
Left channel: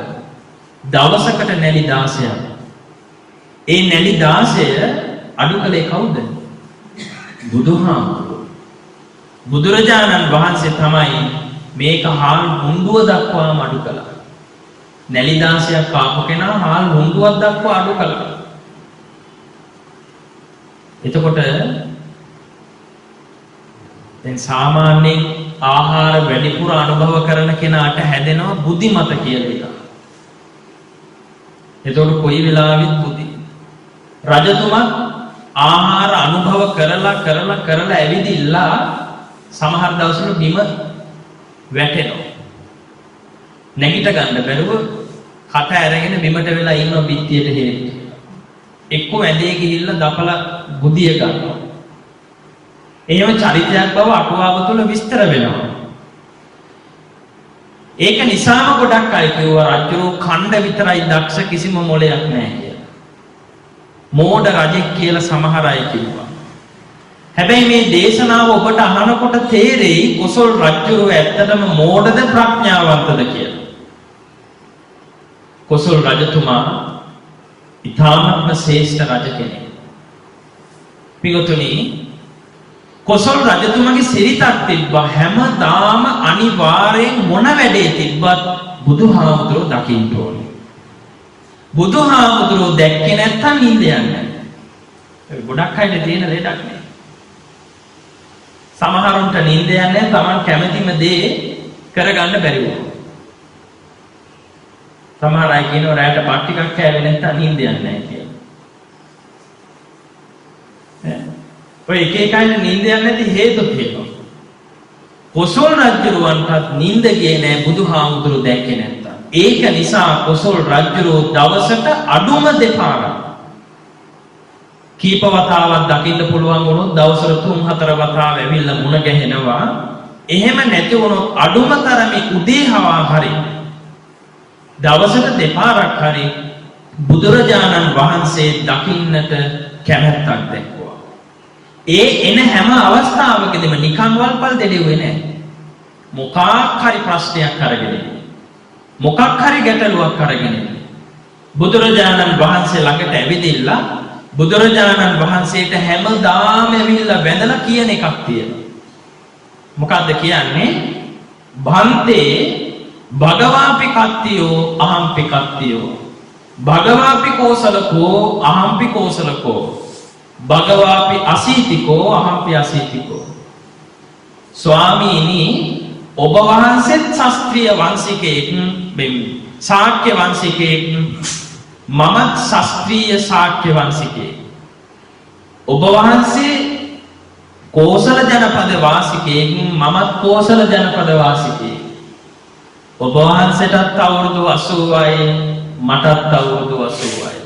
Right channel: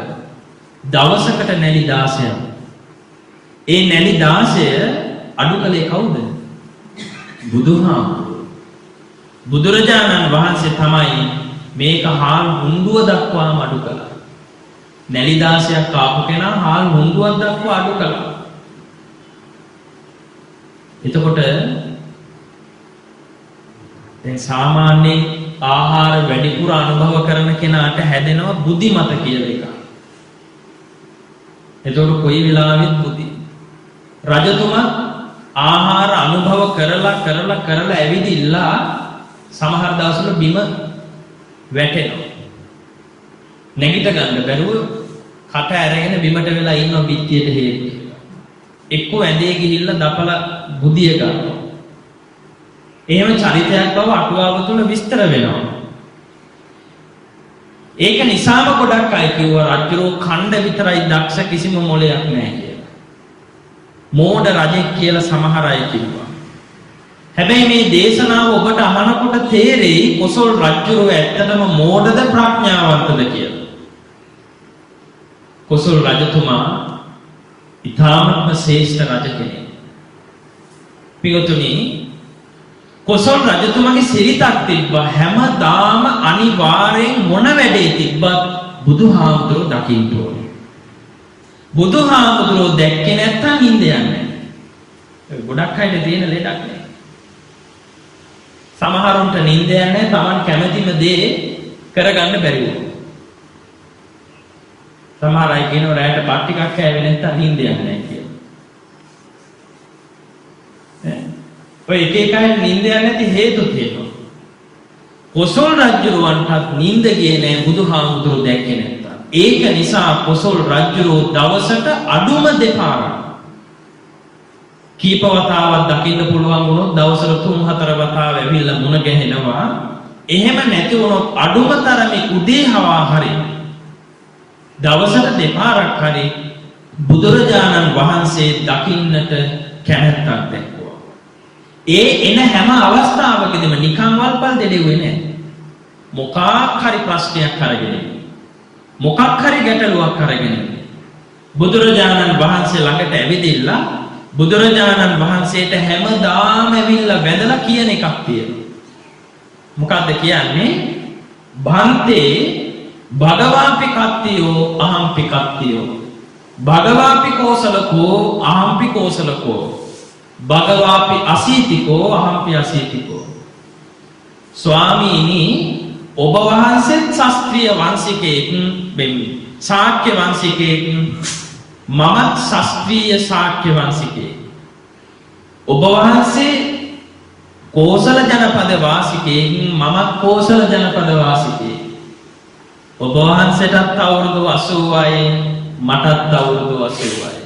දවසකට නැලි 16ක්. ඒ නැලි 16 අඩු කළේ කවුද? බුදුහාමුදුරුවෝ. බුදුරජාණන් වහන්සේ තමයි මේක හාල් හුඬුව දක්වාම අඩු කළා. නැලි 16ක් කාපු කෙනා හාල් හුඬුවක් දක්වා අඩු කළා. එතකොට දැන් සාමාන්‍යයෙන් ආහාර වැඩිපුර අනුභව කරන කෙනාට හැදෙනවා බුද්ධිමත කියලා එකක්. එතකොට කොයි වෙලාවෙත් බුද්ධි. රජතුමා ආහාර අනුභව කරලා ඇවිදිලා සමහර දවස්වල බිම වැටෙනවා. නැගිට ගන්න බැරුව කට ඇරගෙන බිමට වෙලා ඉන්නවා පිටියට හේතු. එක්ක වැදේ ගිහිල්ලා දපලා බුදිය ගන්නවා. එහෙම චරිතයක් බව අටුවාව තුළ විස්තර වෙනවා. ඒක නිසාම ගොඩක් අය කිව්වා රජුරෝ ඛණ්ඩ විතරයි දක්ෂ කිසිම මොලයක් නැහැ කියලා. මෝඩ රජෙක් කියලා සමහර අය කිව්වා. හැබැයි මේ දේශනාව ඔබට අහනකොට තේරෙයි කොසල් රජුරෝ ඇත්තටම මෝඩද ප්‍රඥාවන්තද කියලා. කොසල් රජතුමා ඉතාමත්ම ශ්‍රේෂ්ඨ රජ කෙනෙක්. පිටුතුනි කොසල් රජතුමාගේ සිරිතක් තිබ්බා. හැමදාම අනිවාර්යෙන් මොන වැඩේ තිබ්බත් බුදුහාමුදුරුවෝ දකින්න ඕනේ. බුදුහාමුදුරුවෝ දැක්කේ නැත්තම් නිින්ද යන්නේ නැහැ. ගොඩක් අයට තියෙන ලෙඩක් නේ. සමහරුන්ට නිින්ද යන්නේ නැහැ. Taman කැමැතිම දේ කරගන්න බැරි වුණා. සමහර අය කියනවා රැයට බත් ටිකක් කෑවේ නැත්තම් නිින්ද යන්නේ නැහැ කියලා. ඔය එක එක අය නිින්ද යන්නේ නැති හේතු තියෙනවා. කොසල් රජුරවන්ටත් නිින්ද ගියේ නැහැ බුදුහාමුදුරුවෝ දැක්කේ නැත්තම්. ඒක නිසා කොසල් රජුරෝ දවසට අඩුම දෙපාරක් කීප වතාවක් දකින්න පුළුවන් වුණොත් දවසට 3-4 වතාව ඇවිල්ලා මුණ ගැහෙනවා. එහෙම නැති වුණොත් අඩුම තරමේ උදේ හවා හරි දවසට දෙපාරක් හරි බුදුරජාණන් වහන්සේ දකින්නට කැමැත්තක් දැක්වුවා. ඒ එන හැම අවස්ථාවකදීම නිකන් වල්පල් දෙඩෙව්වේ නැහැ. මොකක් හරි ප්‍රශ්නයක් අරගෙන මොකක් හරි ගැටලුවක් අරගෙන බුදුරජාණන් වහන්සේ ළඟට ඇවිදිලා බුදුරජාණන් වහන්සේට හැමදාම ඇවිල්ලා වැඳලා කියන එකක් තියෙනවා. මොකද්ද කියන්නේ? භන්තේ භගවාපි කත්තියෝ අහම්පි කත්තියෝ භගවාපි කෝසලකෝ අහම්පි කෝසලකෝ භගවාපි අසීතිකෝ අහම්පි අසීතිකෝ. ස්වාමීනි ඔබ වහන්සේත් ශාස්ත්‍රීය වංශිකයෙක් වෙමි. ශාක්‍ය වංශිකයෙක් මමත් ශාස්ත්‍රීය ශාක්‍ය වංශිකයෙක්. ඔබ වහන්සේ කෝසල ජනපද වාසිකයෙක් මමත් කෝසල ජනපද වාසිකයෙක්. ඔබ වහන්සේටත් අවුරුදු 80යි මටත් අවුරුදු 80යි.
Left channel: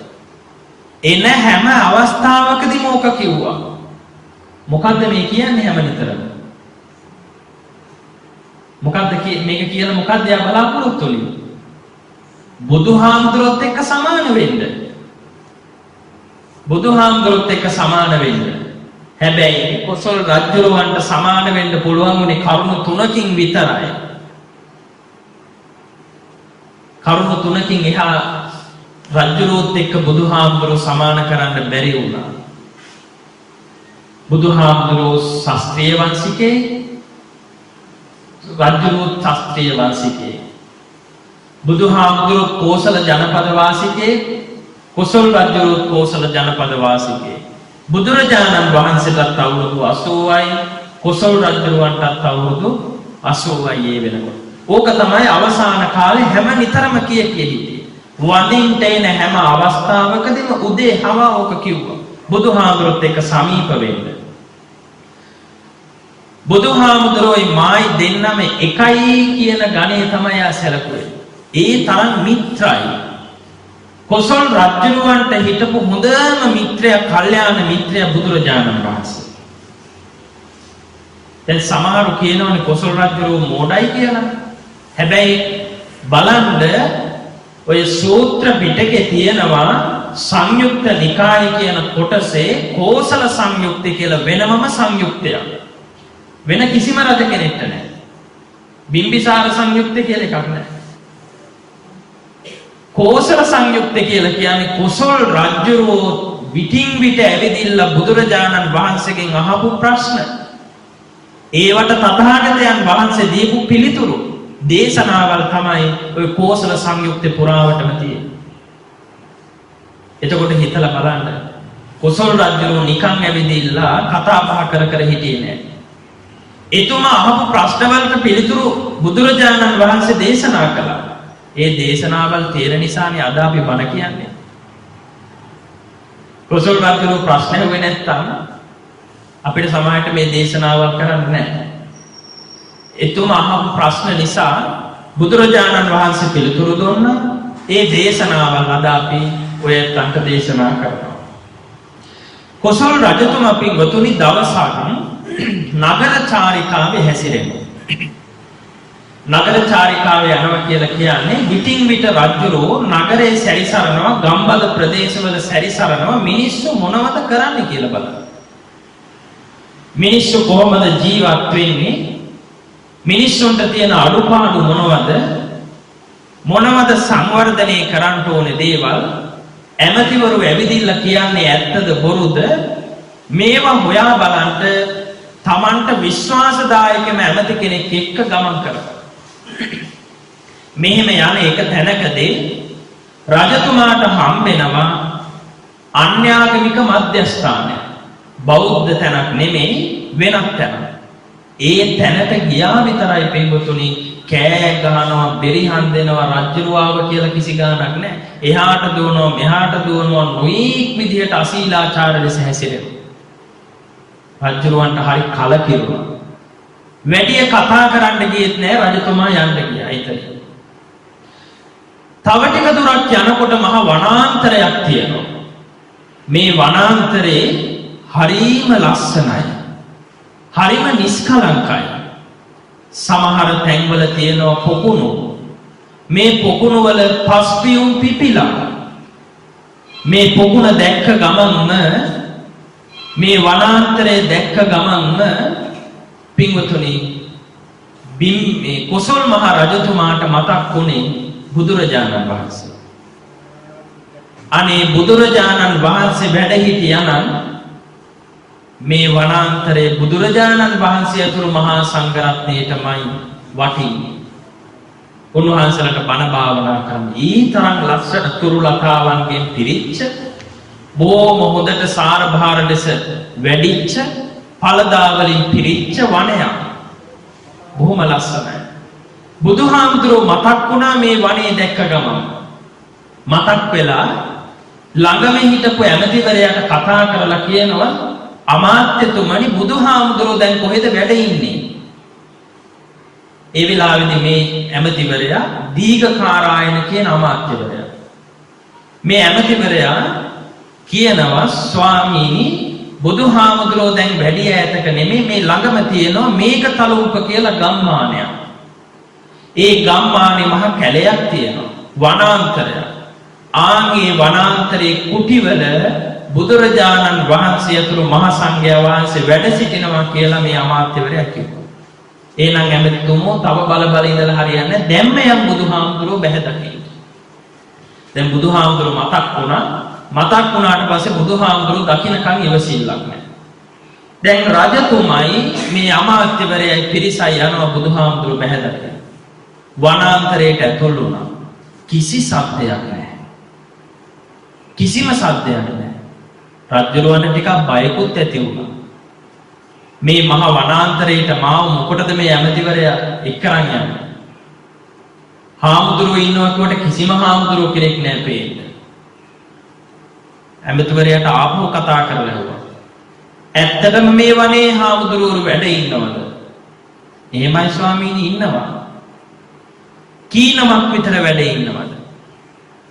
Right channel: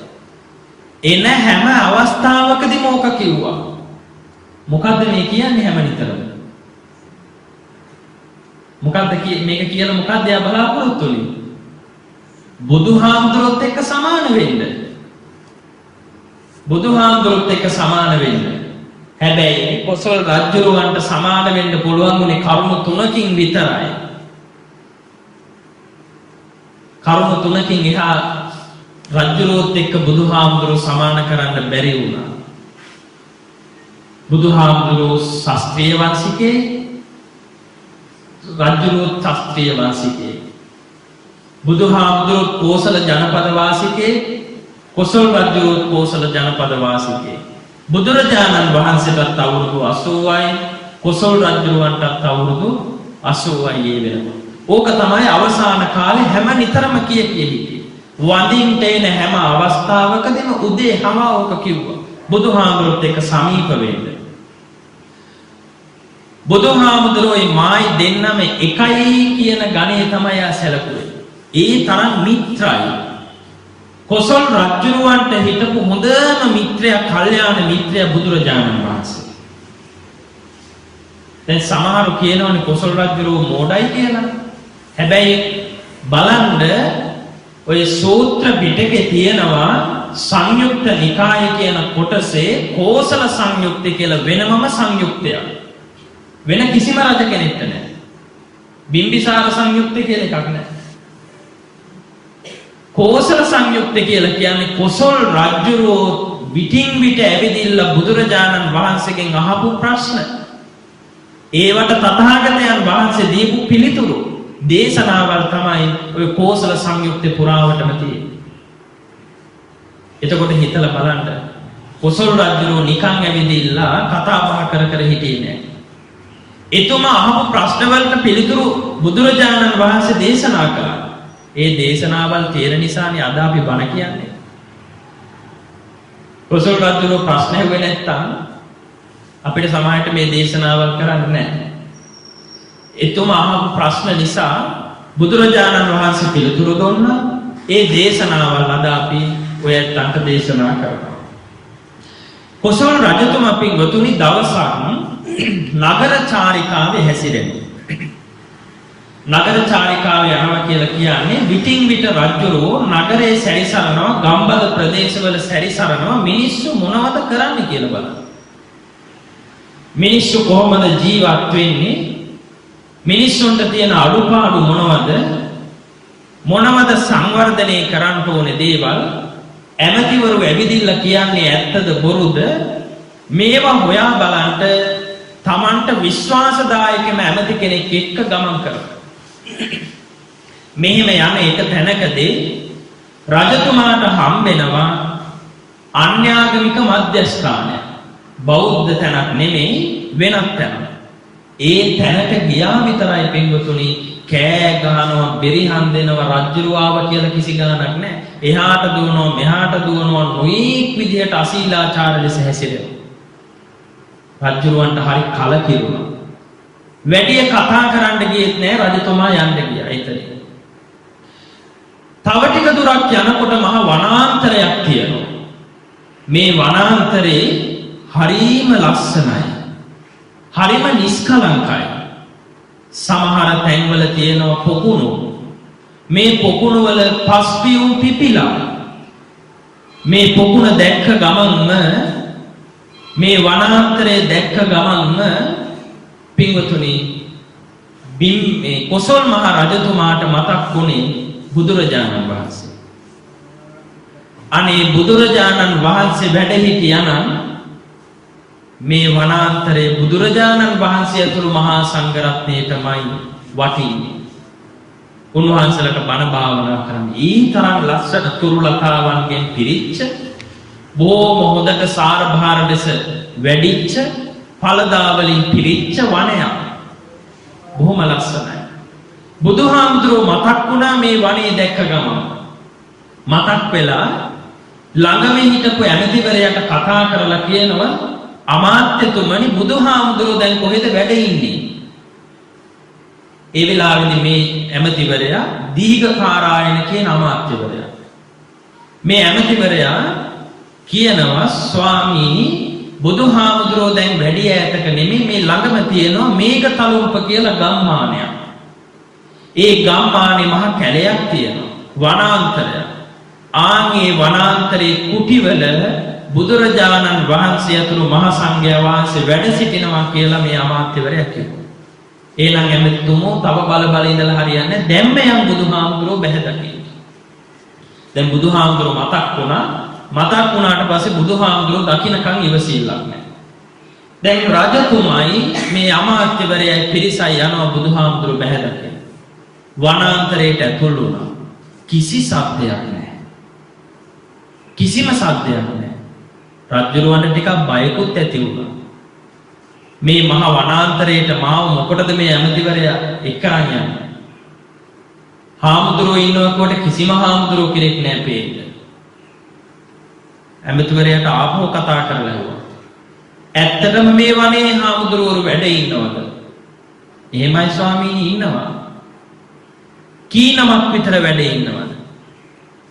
එන හැම අවස්ථාවකදීම ඕක කිව්වා. මොකද්ද මේ කියන්නේ හැම නිතරම? මොකද්ද මේක කියලා මොකද්ද යා බලාපොරොත්තු වෙන්නේ? බුදුහාමුදුරුවොත් එක්ක සමාන වෙන්න. බුදුහාමුදුරුවොත් එක්ක සමාන වෙන්න. හැබැයි කොසල් රජුරවන්ට සමාන වෙන්න පුළුවන් උනේ කරුණු තුනකින් විතරයි. කරුණු තුනකින් එහා රජුරවොත් එක්ක බුදුහාමුදුරුවෝ සමාන කරන්න බැරි වුණා. බුදුහාමුදුරුවෝ ශාස්ත්‍රීය වංශිකේ, රජුරවොත් ශාස්ත්‍රීය වංශිකේ. බුදුහාමුදුරුවෝ කෝසල ජනපද වාසිකේ, කොසල් රජුරවොත් කෝසල ජනපද වාසිකේ. බුදුරජාණන් වහන්සේටත් අවුරුදු 80යි, කොසල් රජුරවන්ටත් අවුරුදු 80යි ඒ වෙනකොට. ඕක තමයි අවසාන කාලේ හැම නිතරම කිය හිටියේ. වඳින්ට එන හැම අවස්ථාවකදීම උදේ හැම ඕක කිව්වා. බුදුහාමුදුරුවොත් එක්ක සමීප වෙන්න. බුදුහාමුදුරුවෝයි මායි දෙන්නම එකයි කියන ගණේ තමයි ආ සැලකුවේ. ඒ තරම් මිත්‍රයි. කොසල් රජුරවන්ට හිටපු හොඳම මිත්‍රයා, කල්යාණ මිත්‍රයා බුදුරජාණන් වහන්සේ. දැන් සමහරු කියනවනේ කොසල් රජුරෝ මෝඩයි කියලා. හැබැයි බලන්න ඔය සූත්‍ර පිටකේ තියෙනවා සංයුක්ත නිකාය කියන කොටසේ කෝසල සංයුක්තය කියලා වෙනමම සංයුක්තයක්. වෙන කිසිම රජ කෙනෙක්ට නැහැ. බිම්බිසාර සංයුක්තය කියලා එකක් නැහැ. කෝසල සංයුක්තය කියලා කියන්නේ කොසල් රජුරෝ විටින් විට ඇවිදින්න බුදුරජාණන් වහන්සේගෙන් අහපු ප්‍රශ්න. ඒවට තථාගතයන් වහන්සේ දීපු පිළිතුරු දේශනාවල් තමයි ඔය කෝසල සංයුක්තේ පුරාවටම තියෙන්නේ. එතකොට හිතලා බලන්න කොසල් රජුරෝ නිකන් ඇවිදින්න කතා බහ කර කර හිටියේ නෑ. එතුමා අහපු ප්‍රශ්නවලට පිළිතුරු බුදුරජාණන් වහන්සේ දේශනා කළා. ඒ දේශනාවල් තියෙන නිසානේ අද අපි බණ කියන්නේ. කොසල් රජුරෝ ප්‍රශ්න ඇහුවේ නැත්තම් අපිට සමාජයට මේ දේශනාවල් කරන්න නැහැ. එතුමා අහපු ප්‍රශ්න නිසා බුදුරජාණන් වහන්සේ පිළිතුරු දුන්නා. ඒ දේශනාවල් අද අපි ඔයත් අංක දේශනා කරනවා. කොසල් රජතුමා පින්වතුනි දවසක් නගර චාරිකාවේ හැසිරෙනවා. නගර චාරිකාවේ යනවා කියලා කියන්නේ විටින් විට රජුරෝ නගරේ සැරිසරනවා, ගම්බද ප්‍රදේශවල සැරිසරනවා, මිනිස්සු මොනවද කරන්නේ කියලා බලන්න. මිනිස්සු කොහොමද ජීවත් වෙන්නේ? මිනිස්සුන්ට තියෙන අඩුපාඩු මොනවද? මොනවද සංවර්ධනය කරන්න ඕනේ දේවල්? ඇමතිවරු ඇවිදින්න කියන්නේ ඇත්තද බොරුද? මේවා හොයා බලන්න තමන්ට විශ්වාසදායකම ඇමති කෙනෙක් එක්ක ගමන් කරනවා. මෙහෙම යන එක තැනකදී රජතුමාට හම්බෙනවා අන්‍යාගමික මධ්‍යස්ථානය. බෞද්ධ තැනක් නෙමෙයි, වෙනත් තැනක්. ඒ තැනට ගියා විතරයි පින්වතුනි කෑ ගහනවා, බෙරිහන් දෙනවා, රජ්ජුරුවාව කියලා කිසි ගාණක් නැහැ. එහාට දුවනවා, මෙහාට දුවනවා, නොයෙක් විදිහට අශීලාචාර ලෙස හැසිරෙනවා. රජ්ජුරුවන්ට හරි කලකිරුණා. වැඩි කතා කරන්න ගියෙත් නැහැ, රජතුමා යන්න ගියා එතන. තව ටික දුරක් යනකොට මහ වනාන්තරයක් තියෙනවා. මේ වනාන්තරේ හරිම ලස්සනයි. හරිම නිස්කලංකයි. සමහර තැන්වල තියෙනවා පොකුණු. මේ පොකුණු වල පස්පියුම් පිපිලා. මේ පොකුණ දැක්ක ගමන්ම, මේ වනාන්තරයේ දැක්ක ගමන්ම පින්වතුනි මේ කොසල් මහ රජතුමාට මතක් වුණේ බුදුරජාණන් වහන්සේ. අනේ බුදුරජාණන් වහන්සේ වැඩ හිටියානම් මේ වනාන්තරයේ බුදුරජාණන් වහන්සේ ඇතුළු මහා සංඝරත්නයටමයි වටින්නේ. උන්වහන්සේලාට බණ භාවනා කරන්න. ඊ තරම් ලස්සන තුරුලතාවන්ගෙන් පිරිච්ච බොහොම හොඳට සාරභාර ලෙස වැඩිච්ච ඵලදා වලින් පිරිච්ච වනයක්. බොහොම ලස්සනයි. බුදුහාමුදුරුවෝ මතක් වුණා මේ වනේ දැක්ක ගමන්. මතක් වෙලා ළඟම හිටපු ඇමතිවරයාට කතා කරලා කියනවා අමාත්‍යතුමනි බුදුහාමුදුරුවෝ දැන් කොහෙද වැඩ ඉන්නේ? ඒ වෙලාවේදී මේ ඇමතිවරයා දීඝකාරායන කියන අමාත්‍යවරයා. මේ ඇමතිවරයා කියනවා ස්වාමීනි බුදුහාමුදුරුවෝ දැන් වැඩි ඈතක නෙමෙයි මේ ළඟම තියෙනවා මේකතලුම්ප කියලා ගම්මානයක්. ඒ ගම්මානේ මහ කැලයක් තියෙනවා වනාන්තරයක්. ආන්ගේ වනාන්තරයේ කුටිවල බුදුරජාණන් වහන්සේ ඇතුළු මහා සංඝයා වහන්සේ වැඩ සිටිනවා කියලා මේ අමාත්‍යවරයා කිව්වා. එහෙනම් ඇමතිතුමෝ තව බල ඉඳලා හරියන්නේ නැහැ. දැම්ම යම් බුදුහාමුදුරුවෝ බැහැ දකින්න. දැන් බුදුහාමුදුරුවෝ මතක් වුණා. මතක් වුණාට පස්සේ බුදුහාමුදුරුවෝ දකින්නකන් ඉවසිල්ලක් නැහැ. දැන් රජතුමයි මේ අමාත්‍යවරයයි පිරිසයි යනවා බුදුහාමුදුරුවෝ බැහැ දකින්න. වනාන්තරයට ඇතුල් වුණා. කිසි සද්දයක් නැහැ. කිසිම සද්දයක් නැහැ. රජුරවන්ට ටිකක් බයකුත් ඇති වුණා. මේ මහ වනාන්තරයට මාව මොකටද මේ ඇමතිවරයා එක්කරන් යන්නේ? හාමුදුරුවෝ ඉන්නවා කියවට කිසිම හාමුදුරුවෝ කෙනෙක් නැහැ පේන්න. ඇමතිවරයාට ආපහු කතා කරලා ඇහුවා. ඇත්තටම මේ වනේ හාමුදුරුවෝ වැඩ ඉන්නවද? එහෙමයි ස්වාමීනි ඉන්නවා. කී නමක් විතර වැඩ ඉන්නවද?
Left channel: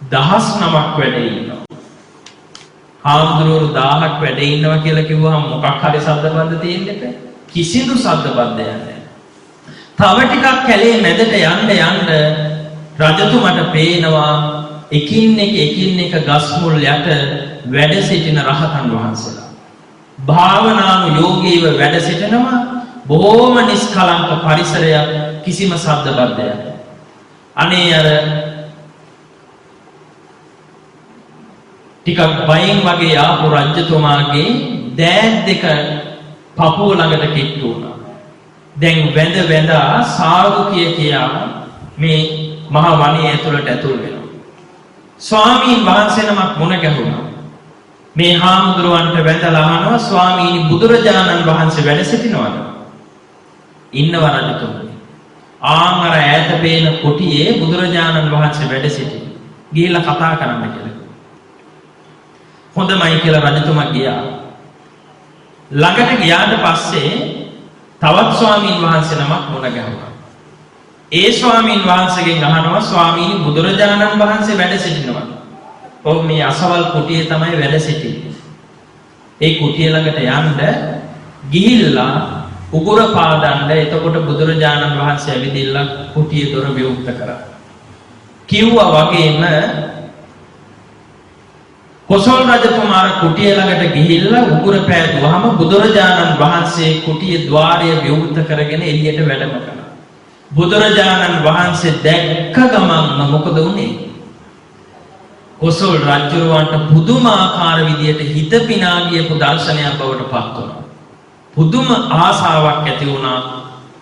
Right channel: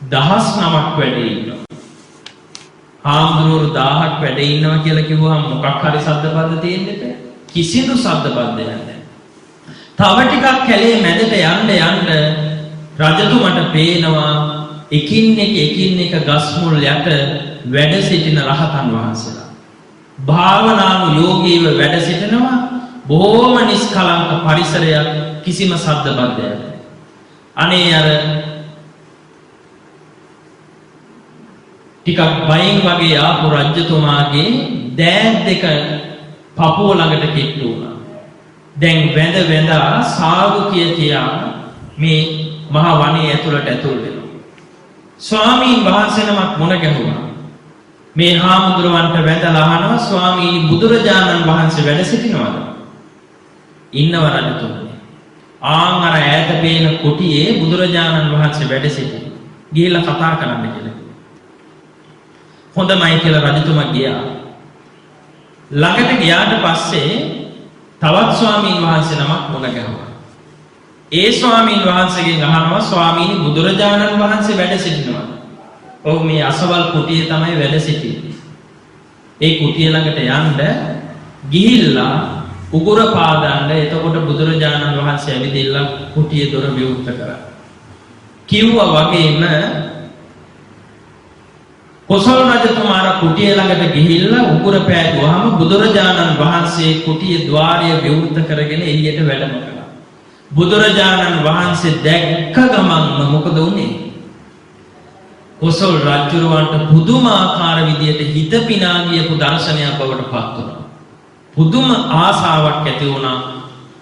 10 නමක් වැඩ ඉන්නවා. හාමුදුරුවෝ 1000ක් වැඩ ඉන්නවා කියලා කිව්වහම මොකක් හරි සද්දබද්ද තියෙන්න එපා. කිසිදු සද්දබද්දයක් නැහැ. තව ටිකක් කැලේ මැදට යන්න රජතුමට පේනවා එකින් එක ගස් මුල් යට වැඩ සිටින රහතන් වහන්සේලා. භාවනානුයෝගීව වැඩ සිටිනවා. බොහොම නිස්කලංක පරිසරයක්, කිසිම සද්දබද්දයක් නැහැ. අනේ අර ටිකක් බයින් වගේ ආපු රජතුමාගේ දෑත් දෙක පපුව ළඟට කිට්ටු වුණා. දැන් වැඳා සාදු කියා මේ මහ වනයේ ඇතුළට ඇතුල් වෙනවා. ස්වාමීන් වහන්සේ නමක් මුණ ගැහුණා. මේ හාමුදුරුවන්ට වැඳලා අහනවා ස්වාමීනි බුදුරජාණන් වහන්සේ වැඩ සිටිනවද? ඉන්නව රජතුමනි. ආන් අර ඈත පේන කුටියේ බුදුරජාණන් වහන්සේ වැඩ සිටිනවා. ගිහිල්ලා කතා කරන්න කියලා. හොඳමයි කියලා රජතුමා ගියා. ළඟට ගියාට පස්සේ තවත් ස්වාමීන් වහන්සේ නමක් මුණ ගැහුණා. ඒ ස්වාමීන් වහන්සේගෙන් අහනවා ස්වාමීනි බුදුරජාණන් වහන්සේ වැඩ සිටිනවද? ඔව් මේ අසවල් කුටියේ තමයි වැඩ සිටින්නේ. ඒ කුටිය ළඟට යන්න ගිහිල්ලා උගුර පාදන්න. එතකොට බුදුරජාණන් වහන්සේ ඇවිදින්න කුටියේ දොර විවෘත කරා. කිව්වා වගේම කොසල් රජතුමාර කුටිය ළඟට ගිහිල්ලා උගුර පෑදුවාම බුදුරජාණන් වහන්සේ කුටියේ ద్వාරය විවෘත කරගෙන එළියට වැඩම කළා. බුදුරජාණන් වහන්සේ දැක්ක ගමන්ම මොකද වුනේ? කොසල් රජුරවන්ට පුදුමාකාර විදියට හිත පිනා ගියපු දර්ශනයක් බවට පත් වුණා. පුදුම ආසාවක් ඇති වුණා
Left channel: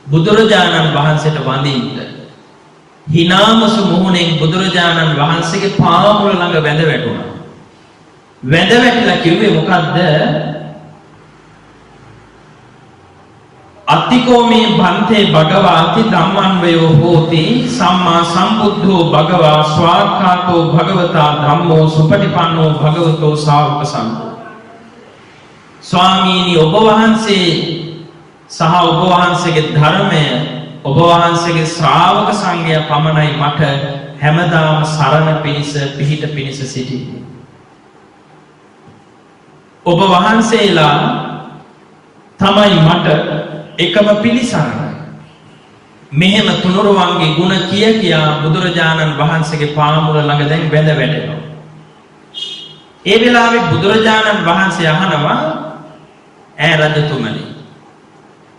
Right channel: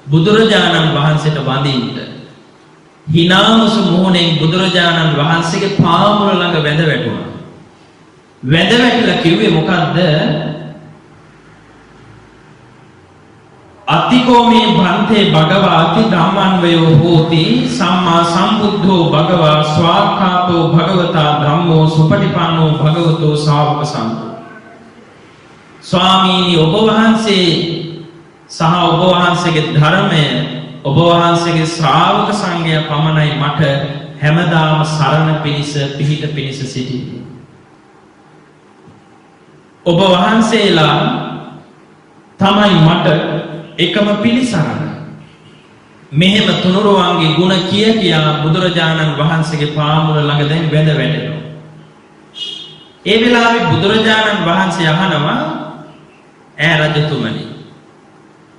බුදුරජාණන් වහන්සේට වඳින්න. හිනාමසු මොහොනෙන් බුදුරජාණන් වහන්සේගේ පාමුල ළඟ වැඳ වැටුණා. වැඳ වැටිලා කිව්වේ මොකද්ද? අත්තිකෝමේ භන්තේ භගවාති ධම්මන්වයෝ හෝති සම්මා සම්බුද්ධෝ භගවා ස්වාක්ඛාතෝ භගවතා ධම්මෝ සුපටිපන්නෝ භගවතෝ ශාවක සංඝෝ. ස්වාමීනි ඔබ වහන්සේ සහ ඔබ වහන්සේගේ ධර්මය, ඔබ වහන්සේගේ ශ්‍රාවක සංඝයා පමණයි මට හැමදාම සරණ පිණිස පිහිට පිණිස සිටින්නේ. ඔබ වහන්සේලා තමයි මට එකම පිළිසරණ. මෙහෙම තුනුරුවන්ගේ ගුණ කියා බුදුරජාණන් වහන්සේගේ පාමුල ළඟ දැන් වැඳ වැටෙනවා. ඒ වෙලාවේ බුදුරජාණන් වහන්සේ අහනවා ඈ රජතුමනි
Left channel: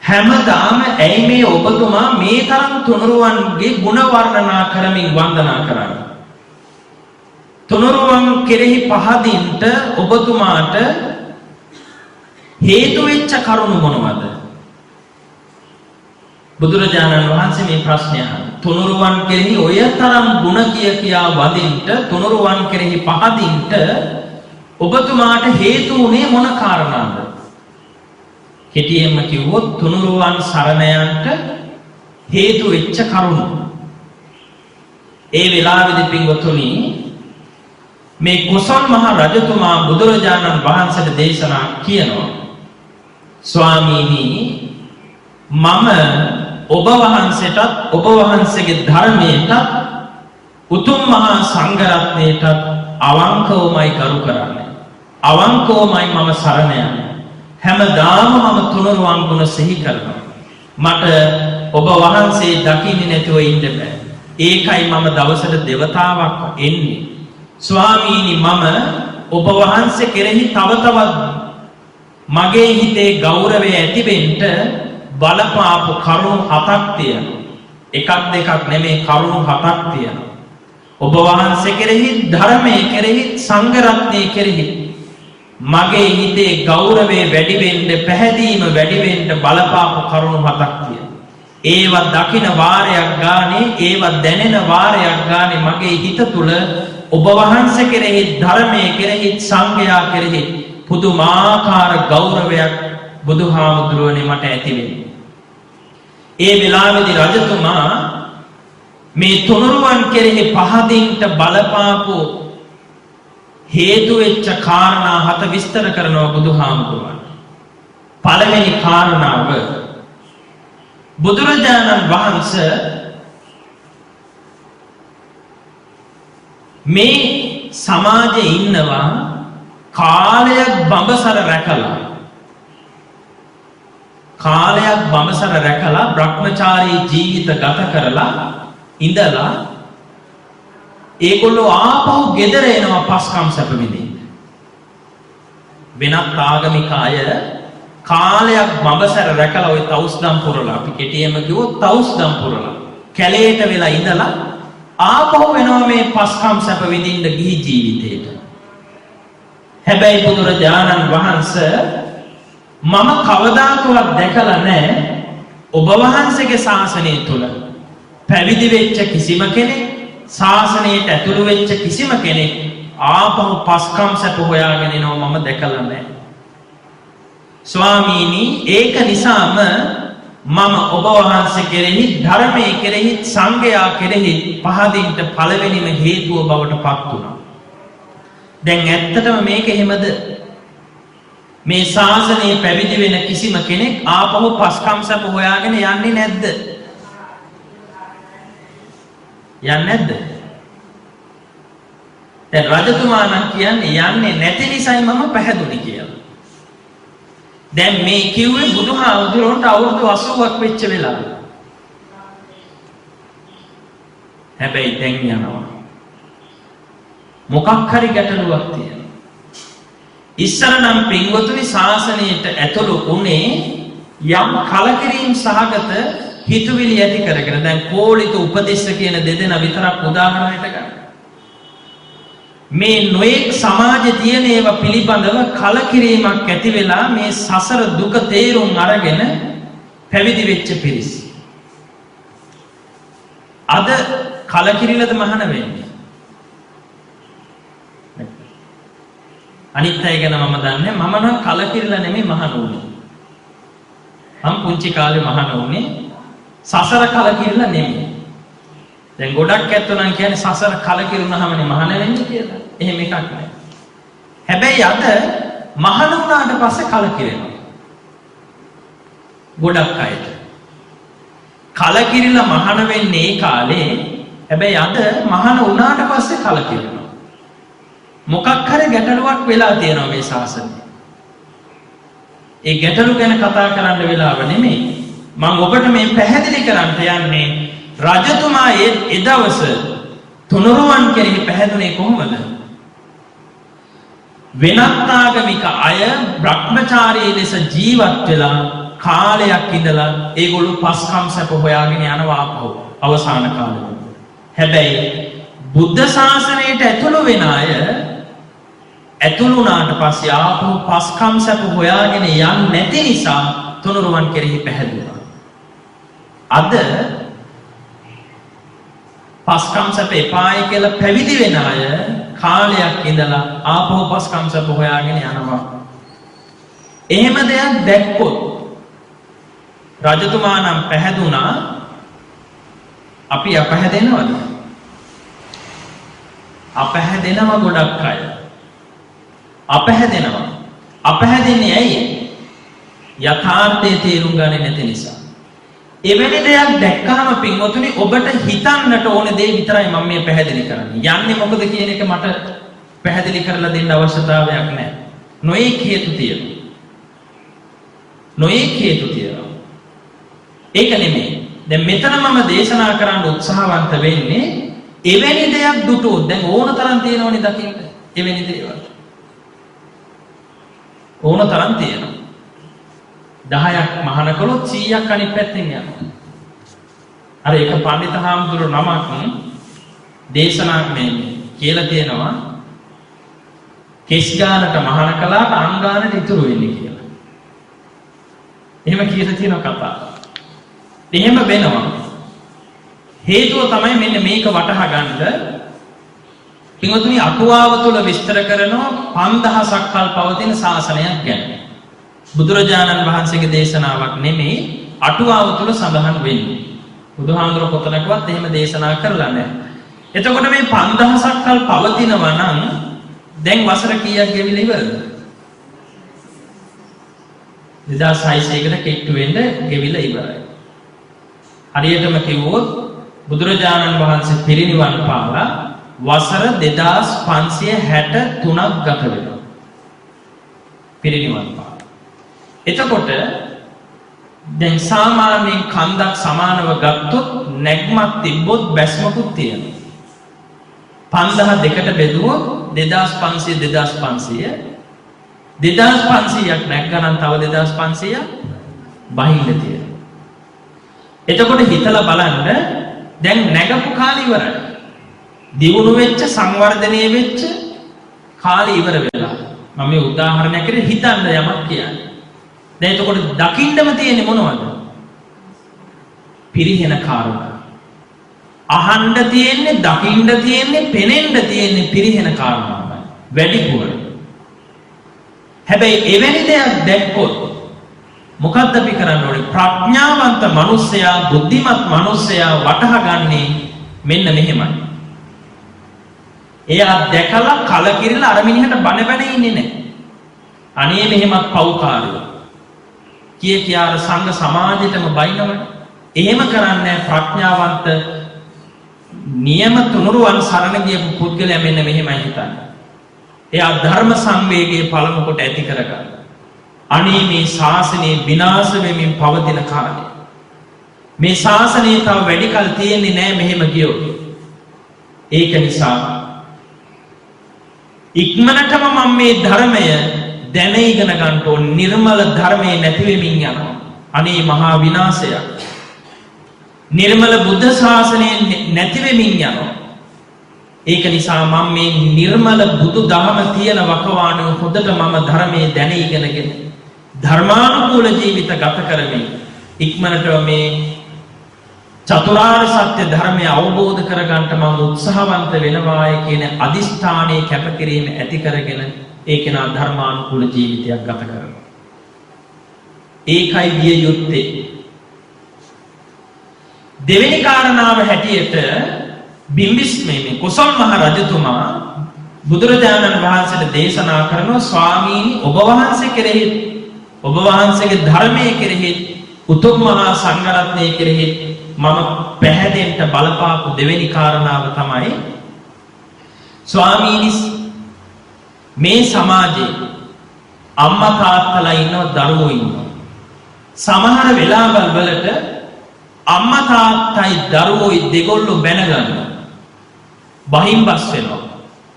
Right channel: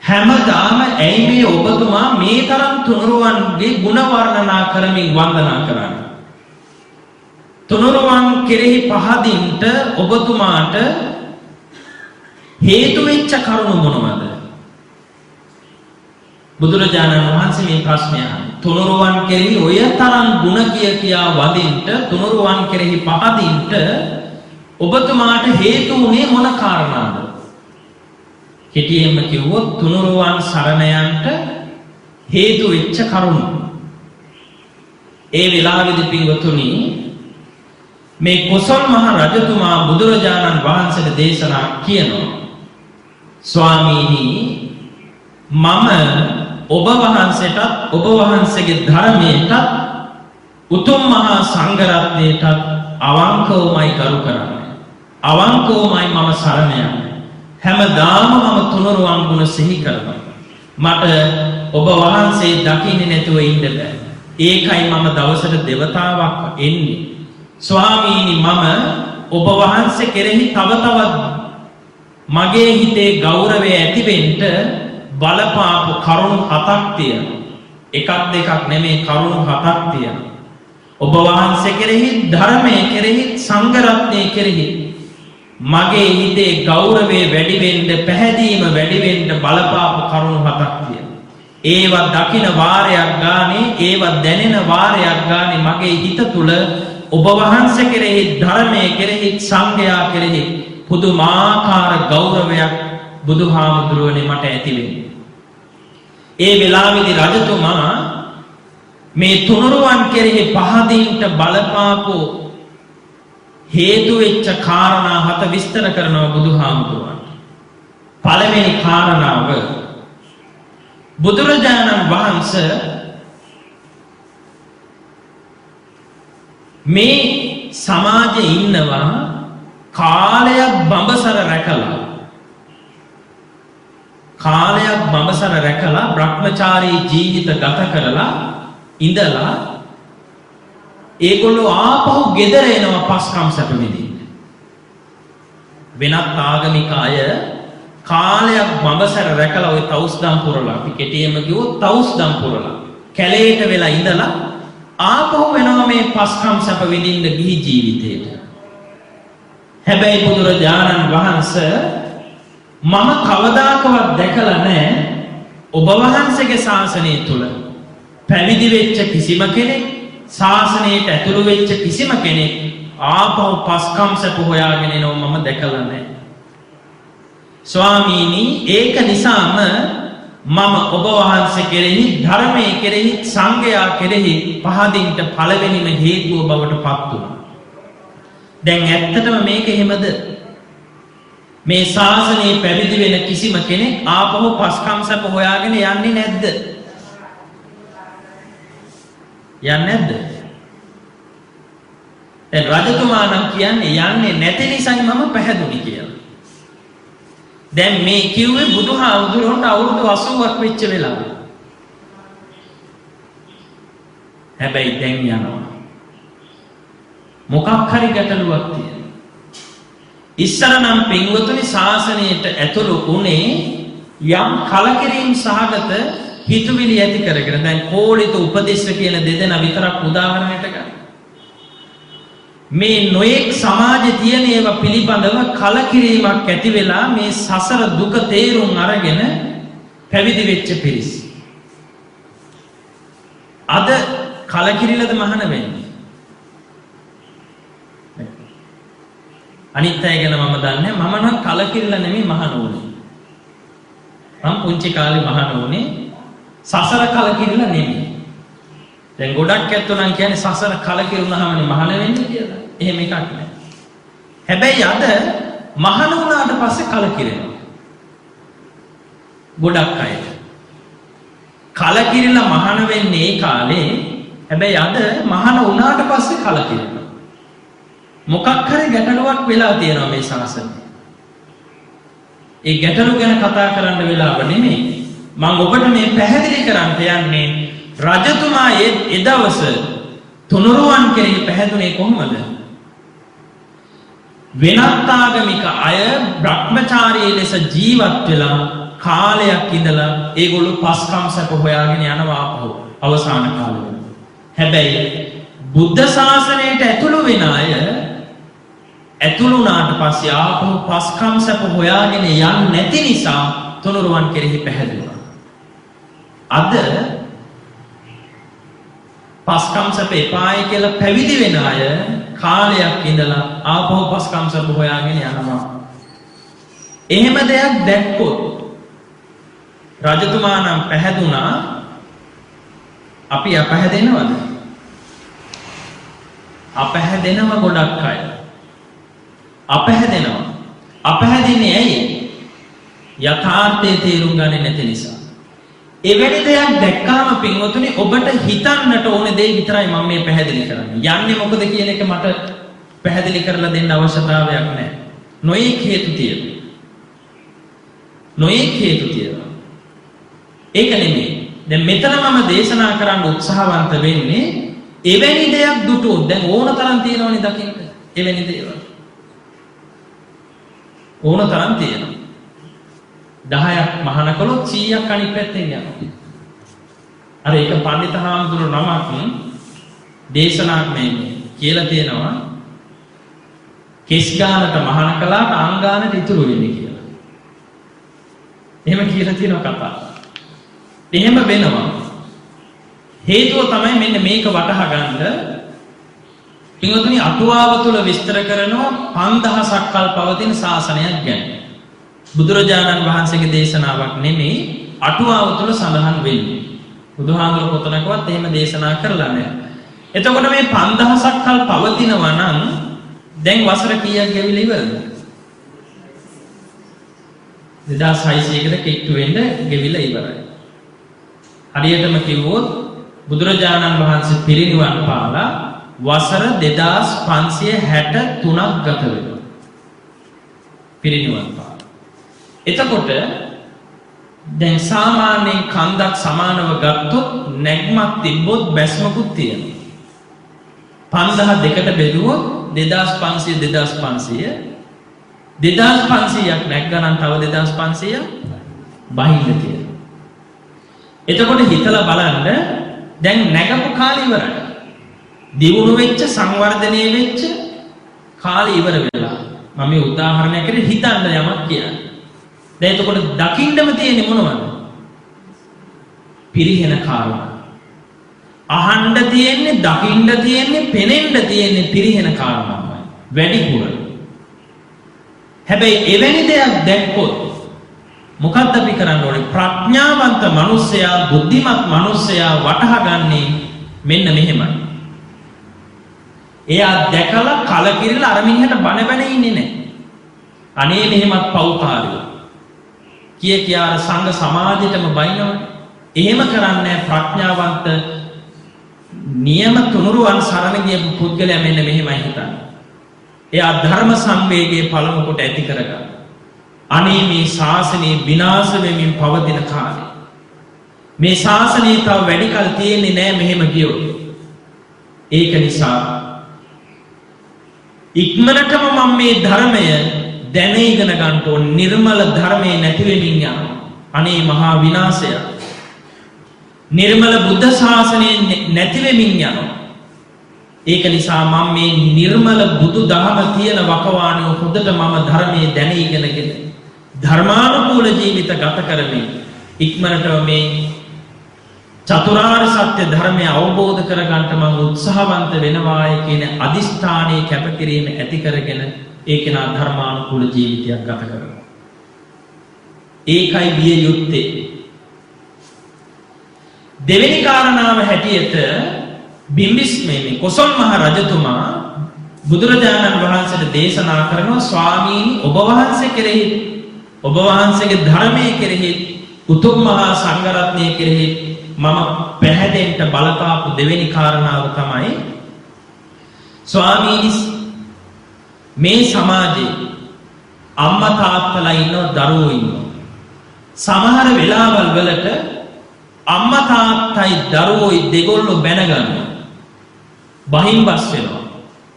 හැමදාම ඇයි මේ ඔබතුමා මේ තරම් තුනුරුවන්ගේ ගුණ වර්ණනා කරමින් වන්දනා කරන්නේ? තුනුරුවන් කෙරෙහි පහදින්ට ඔබතුමාට හේතු වෙච්ච කරුණු මොනවද? බුදුරජාණන් වහන්සේ මේ ප්‍රශ්නය අහන්නේ. තුනුරුවන් කෙරෙහි ඔය තරම් ಗುಣ කියා වදින්ට තුනුරුවන් කෙරෙහි පහදින්ට ඔබතුමාට හේතු උනේ මොන කාරණාද? කෙටියෙන්ම කිව්වොත් තුනුරුවන් සරණ යන්නට හේතු වෙච්ච කරුණු. ඒ වෙලාවේදී පින්වතුනි මේ කොසල් මහ රජතුමා බුදුරජාණන් වහන්සේට දේශනා කියනවා. ස්වාමීනි මම ඔබ වහන්සේටත් ඔබ වහන්සේගේ ධර්මයටත් උතුම් මහා සංඝ රත්නයටත් අවංකවමයි කරු කරන්නේ. අවංකවමයි මම සරණ යන්නේ. හැමදාම මම තුනුරුවන් ගුණ සිහි කරනවා. මට ඔබ වහන්සේ දකින්නේ නැතුව ඉන්න බෑ. ඒකයි මම දවසට දෙවතාවක් එන්නේ. ස්වාමීනි මම ඔබ වහන්සේ කෙරෙහි තව තවත් මගේ හිතේ ගෞරවය ඇතිවෙන්න බලපාපු කරුණු 7ක් තියෙනවා. එකක් දෙකක් නෙමෙයි කරුණු 7ක් තියෙනවා. ඔබ වහන්සේ කෙරෙහි ධර්මයේ කෙරෙහි සංඝ රත්නයේ කෙරෙහි මගේ හිතේ ගෞරවය වැඩි වෙන්න පැහැදීම වැඩි වෙන්න බලපාපු කරුණු 7ක් තියෙනවා. ඒවා දකින වාරයක් ගානේ ඒවා දැනෙන වාරයක් ගානේ මගේ හිත තුල ඔබ වහන්සේ කෙරෙහි ධර්මයේ කෙරෙහි සංඝයා කෙරෙහි පුදුමාකාර ගෞරවයක් බුදුහාමුදුරුවනේ මට ඇති වෙන්නේ. ඒ වෙලාවේදී රජතුමා මේ තුනුරුවන් කෙරෙහි පහදින්ට බලපාපු හේතු වෙච්ච කාරණා 7 විස්තර කරනවා බුදුහාමුදුරුවන්ට. පළවෙනි කාරණාව බුදුරජාණන් වහන්සේ මේ සමාජයේ ඉන්නවා කාලයක් බඹසර රැකලා බ්‍රහ්මචාරී ජීවිත ගත කරලා ඉඳලා ඒගොල්ලෝ ආපහු ගෙදර එනවා පස්කම් සැප විඳින්න. වෙනත් ආගමික අය කාලයක් බඹසර රැකලා ওই තවුස්දම් පුරලා අපි කෙටියෙන්ම කිව්වොත් තවුස්දම් පුරලා කැලේට වෙලා ඉඳලා ආපහු වෙනවා මේ පස්කම් සැප විඳින්න ගිහි ජීවිතේට. හැබැයි බුදුරජාණන් වහන්සේ මම කවදාකවත් දැකලා නැහැ ඔබ වහන්සේගේ ශාසනය තුල පැවිදි වෙච්ච කිසිම කෙනෙක් ශාසනයට ඇතුළු වෙච්ච කිසිම කෙනෙක් ආපහු පස්කම් සැප හොයාගෙන එනවා මම දැකලා නැහැ. ස්වාමීනි ඒක නිසාම මම ඔබ වහන්සේ කෙරෙහි ධර්මයේ කෙරෙහි සංඝයා කෙරෙහි පහදින්ට පළවෙනිම හේතුව බවට පත් වුණා. දැන් ඇත්තටම මේක එහෙමද? මේ ශාසනයේ පැවිදි වෙන කිසිම කෙනෙක් ආපහු පස්කම් සැප හොයාගෙන යන්නේ නැද්ද? යන්නේ නැද්ද? දැන් රජතුමා නම් කියන්නේ යන්නේ නැති නිසායි මම පැහැදුනේ කියලා. දැන් මේ කිව්වේ බුදුහාමුදුරුවන්ට අවුරුදු 80ක් වෙච්ච වෙලාව. හැබැයි දැන් යනවා. මොකක් හරි ගැටලුවක් තියෙනවා. ඉස්සර නම් පින්වතුනි ශාසනයට ඇතුළු උනේ යම් කලකිරීම සහගත හිතුවිලි ඇති කරගෙන. දැන් කෝලිත උපදේශ කියන දෙදෙනා විතරක් උදාහරණයට ගන්න. මේ නොඑක් සමාජයේ තියෙන ඒවා පිළිබඳව කලකිරීමක් ඇති වෙලා මේ සසර දුක තේරුම් අරගෙන පැවිදි වෙච්ච පිරිස. අද කලකිරිලද මහාන වෙන්නේ? අනිත් අය ගැන මම දන්නේ මම නම් කලකිරිලා නෙමෙයි මහාන උනේ. මම පුංචි කාලේ මහාන උනේ සසර කලකිරිලා නෙමෙයි. දැන් ගොඩක් ඇත්තෝ නම් කියන්නේ සසර කලකිරුණාමනේ මහාන වෙන්නේ කියලා. එහෙම එකක් නෑ. හැබැයි අද මහාන වුණාට පස්සේ කලකිරෙනවා. ගොඩක් අයට. කලකිරිලා මහාන වෙන්නේ ඒ කාලේ. හැබැයි අද මහාන වුණාට පස්සේ කලකිරෙනවා. මොකක් හරි ගැටලුවක් වෙලා තියෙනවා මේ ශාසනයේ. ඒ ගැටලු ගැන කතා කරන්න වෙලාව නෙමෙයි. මම ඔබට මේ පැහැදිලි කරන්න යන්නේ රජතුමා ඒ දවස තුනුරුවන් කෙරෙහි පැහැදුනේ කොහොමද? වෙනත් ආගමික අය බ්‍රහ්මචාරී ලෙස ජීවත් වෙලා කාලයක් ඉඳලා ඒගොල්ලෝ පස්කම් සැප හොයාගෙන යනවා ආපහු අවසාන කාලෙ. හැබැයි බුද්ධ ශාසනයට ඇතුළු වෙන අය ඇතුළු වුණාට පස්සේ ආපහු පස්කම් සැප හොයාගෙන යන්නේ නැති නිසා තුනුරුවන් කෙරෙහි පැහැදුනා. අද පස්කම් සැප එපායි කියලා පැවිදි වෙන අය කාලයක් ඉඳලා ආපහු පස්කම් සැප හොයාගෙන යනවා. එහෙම දෙයක් දැක්කොත් රජතුමා නම් පැහැදුනා අපි අපහැදෙනවද? අපහැදෙනවා ගොඩක් අය. අපහැදෙනවා. අපහැදෙන්නේ ඇයි? යථාර්ථයේ තේරුම් ගන්නේ නැති නිසා. එවැනි දෙයක් දැක්කම පින්වතුනි ඔබට හිතන්නට ඕන දේ විතරයි මම මේ පැහැදිලි කරන්නේ. යන්නේ මොකද කියන එක මට පැහැදිලි කරලා දෙන්න අවශ්‍යතාවයක් නැහැ. නොයෙක් හේතු තියෙනවා. නොයෙක් හේතු තියෙනවා. ඒක නෙමෙයි. දැන් මෙතන මම දේශනා කරන්න උත්සාහවන්ත වෙන්නේ එවැනි දෙයක් දුටුවොත් දැන් ඕන තරම් තියෙනවනේ දකින්න. එවැනි දේවල්. ඕන තරම් තියෙනවා. 10ක් මහාන කළොත් 100ක් අනිත් පැත්තෙන් යනවා. අර ඒක පඬිත හාමුදුරු නමක් දේශනාවක් මේ කියලා තියෙනවා කෙස් ගානට මහාන කළාට අං ගානට ඉතුරු වෙන්නේ කියලා. එහෙම කියලා තියෙන කතාව. එහෙම වෙනවා. හේතුව තමයි මෙන්න මේක වටහා ගන්න. පින්වතුනි අටුවාව තුල විස්තර කරනවා 5000ක් කල් පවතින ශාසනයක් ගැන. බුදුරජාණන් වහන්සේගේ දේශනාවක් නෙමෙයි අටුවාව තුල සඳහන් වෙන්නේ. බුදුහාඳුර පොතනකවත් එහෙම දේශනා කරලා නැහැ. එතකොට මේ 5000ක් කල් පවතිනවා නම් දැන් වසර කීයක් ගෙවිලා ඉවරද? 2600කට කිට්ටු වෙන්න ගෙවිලා ඉවරයි. හරියටම කිව්වොත් බුදුරජාණන් වහන්සේ පිරිනිවන් පාලා වසර 2563ක් ගත වෙනවා. පිරිනිවන් පාලා. එතකොට දැන් සාමාන්‍යයෙන් කන්දක් සමානව ගත්තොත් නැග්මක් තිබ්බොත් බැස්මකුත් තියෙනවා. 5002ට බෙදුවොත් 2500 2500ක් නැග්ගනම් තව 2500ක් බහින්න තියෙනවා. එතකොට හිතලා බලන්න දැන් නැගපු කාලය ඉවරයි. දියුණු වෙච්ච සංවර්ධනය වෙච්ච කාලය ඉවර වෙලා. මම මේ උදාහරණයක් විදිහට හිතන්න යමක් කියන්නේ. දැන් එතකොට දකින්නම තියෙන්නේ මොනවද? පිරිහෙන කාරණා. අහන්න තියෙන්නේ, දකින්න තියෙන්නේ, පෙනෙන්න තියෙන්නේ පිරිහෙන කාරණාමයි. වැඩිපුර. හැබැයි එවැනි දෙයක් දැක්කොත් මොකක්ද අපි කරන්න ඕනේ? ප්‍රඥාවන්ත මිනිසයා, බුද්ධිමත් මිනිසයා වටහා ගන්නේ මෙන්න මෙහෙමයි. එයා දැකලා කලකිරිලා අර මිනිහට බන ඉන්නේ නැහැ. අනේ මෙහෙමත් පව්කාරයෝ. කියා අර සංඝ සමාජයටම බයිනවනේ. එහෙම කරන්නේ ප්‍රඥාවන්ත නියම තුනුරුවන් සරණ ගියපු පුද්ගලයා මෙන්න මෙහෙමයි හිතන්නේ. එයා ධර්ම සංවේගයේ පළමු කොට ඇති කරගන්න. අනේ මේ ශාසනය විනාශ වෙමින් පවතින කාලේ මේ ශාසනය තව වැඩි කල තියෙන්නේ නැහැ මෙහෙම ගියොත්. ඒක නිසා ඉක්මනටම මම මේ ධර්මය දැන ඉගෙන ගන්න ඕන. නිර්මල ධර්මයේ නැති වෙමින් යනවා. අනේ මහා විනාශයක්. නිර්මල බුද්ධ ශාසනය නැති වෙමින් යනවා. ඒක නිසා මම මේ නිර්මල බුදු දහම තියෙන වකවානුව හොඳට මම ධර්මයේ දැන ඉගෙනගෙන ධර්මානුකූල ජීවිත ගත කරමින් ඉක්මනට මේ චතුරාර්ය සත්‍ය ධර්මය අවබෝධ කරගන්න මම උත්සාහවන්ත වෙනවායි කියන අදිෂ්ඨානයේ කැපකිරීම ඇති කරගෙන ඒකේනා ධර්මානුකූල ජීවිතයක් ගත කරනවා. ඒකයි විය යුත්තේ. දෙවෙනි කාරණාව හැටියට බිම්බිස්මේ කොසල් මහ රජතුමා බුදුරජාණන් වහන්සේට දේශනා කරනවා ස්වාමීනි ඔබ වහන්සේ කෙරෙහි ඔබ වහන්සේගේ ධර්මයේ කෙරෙහි උතුම් මහා සංඝරත්නයේ කෙරෙහි මම පැහැදෙන්න බලපාපු දෙවෙනි කාරණාව තමයි ස්වාමීනි මේ සමාජයේ අම්මා තාත්තලා ඉන්නවා දරුවෝ ඉන්නවා. සමහර වෙලාවල් වලට අම්මා තාත්තයි දරුවෝයි දෙගොල්ලෝ බැන ගන්නවා. බහින්බස් වෙනවා.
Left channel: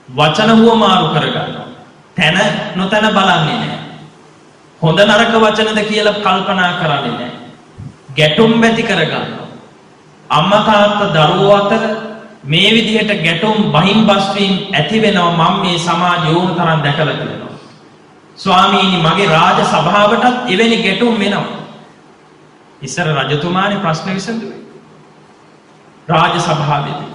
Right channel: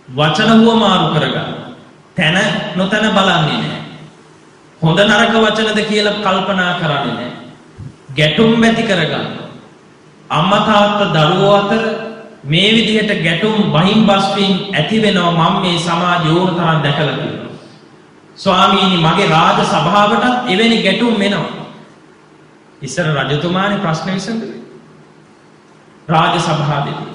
වචන හුවමාරු කර ගන්නවා. තන නොතන බලන්නේ නැහැ. හොඳ නරක වචනද කියලා කල්පනා කරන්නේ නැහැ. ගැටුම් ඇති කර ගන්නවා. අම්මා තාත්තා දරුවෝ අතර මේ විදිහට ගැටුම් බහිම්බස් වීම ඇති වෙනවා මම මේ සමාජය ඕන තරම් දැකලා තියෙනවා. ස්වාමීනි මගේ රාජ සභාවටත් එවැනි ගැටුම් වෙනවා. ඉස්සර රජතුමානේ ප්‍රශ්න විසඳුවේ. රාජ සභාවේදී.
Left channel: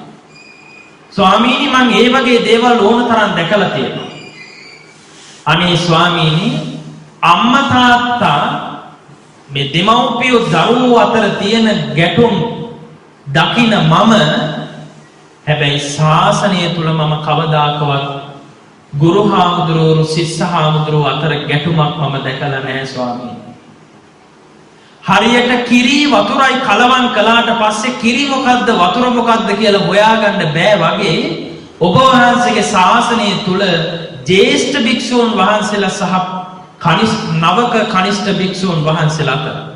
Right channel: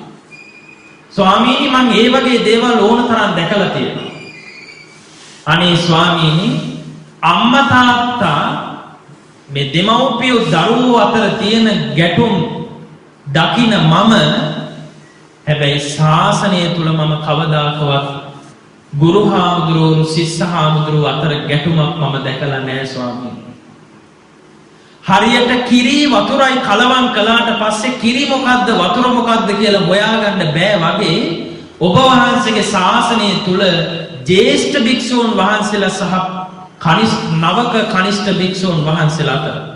ස්වාමීනි මම ඒ වගේ දේවල් ඕන තරම් දැකලා තියෙනවා. අනේ ස්වාමීනි අම්මා තාත්තා මේ දෙමව්පියෝ දරුවෝ අතර තියෙන ගැටුම් දකින මම හැබැයි ශාසනය තුල මම කවදාකවත් ගුරු හාමුදුරුවෝ ශිෂ්‍ය හාමුදුරුවෝ අතර ගැටුමක් මම දැකලා නැහැ ස්වාමීනි. හරියට කිරි වතුරයි කලවම් කළාට පස්සේ කිරි මොකද්ද වතුර මොකද්ද කියලා හොයාගන්න බෑ වගේ ඔබ වහන්සේගේ ශාසනය තුල ජේෂ්ඨ භික්ෂූන් වහන්සේලා සහ නවක කනිෂ්ඨ භික්ෂූන් වහන්සේලා අතර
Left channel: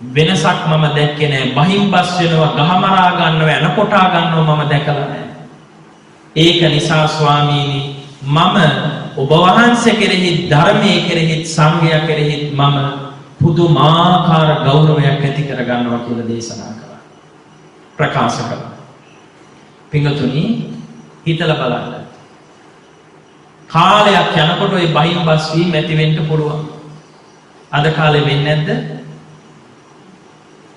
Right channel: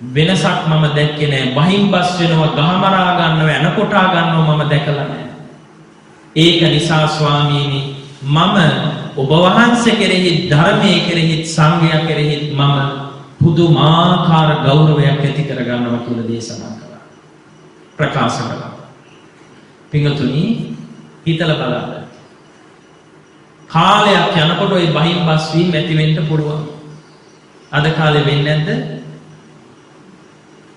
වෙනසක් මම දැක්කේ නෑ. බහිම්බස් වෙනවා, ගහමරා ගන්නවා, එනකොටා ගන්නවා මම දැකලා නෑ. ඒක නිසා ස්වාමීනි මම ඔබ වහන්සේ කෙරෙහි ධර්මයේ කෙරෙහි සංඝයා කෙරෙහි මම පුදුමාකාර ගෞරවයක් ඇති කර ගන්නවා කියලා දේශනා කළා. ප්‍රකාශ කළා. පින්වතුනි හිතලා බලන්න. කාලයක් යනකොට ওই බහිම්බස් වීම ඇති වෙන්න පුළුවන්. අද කාලේ වෙන්නේ නැද්ද?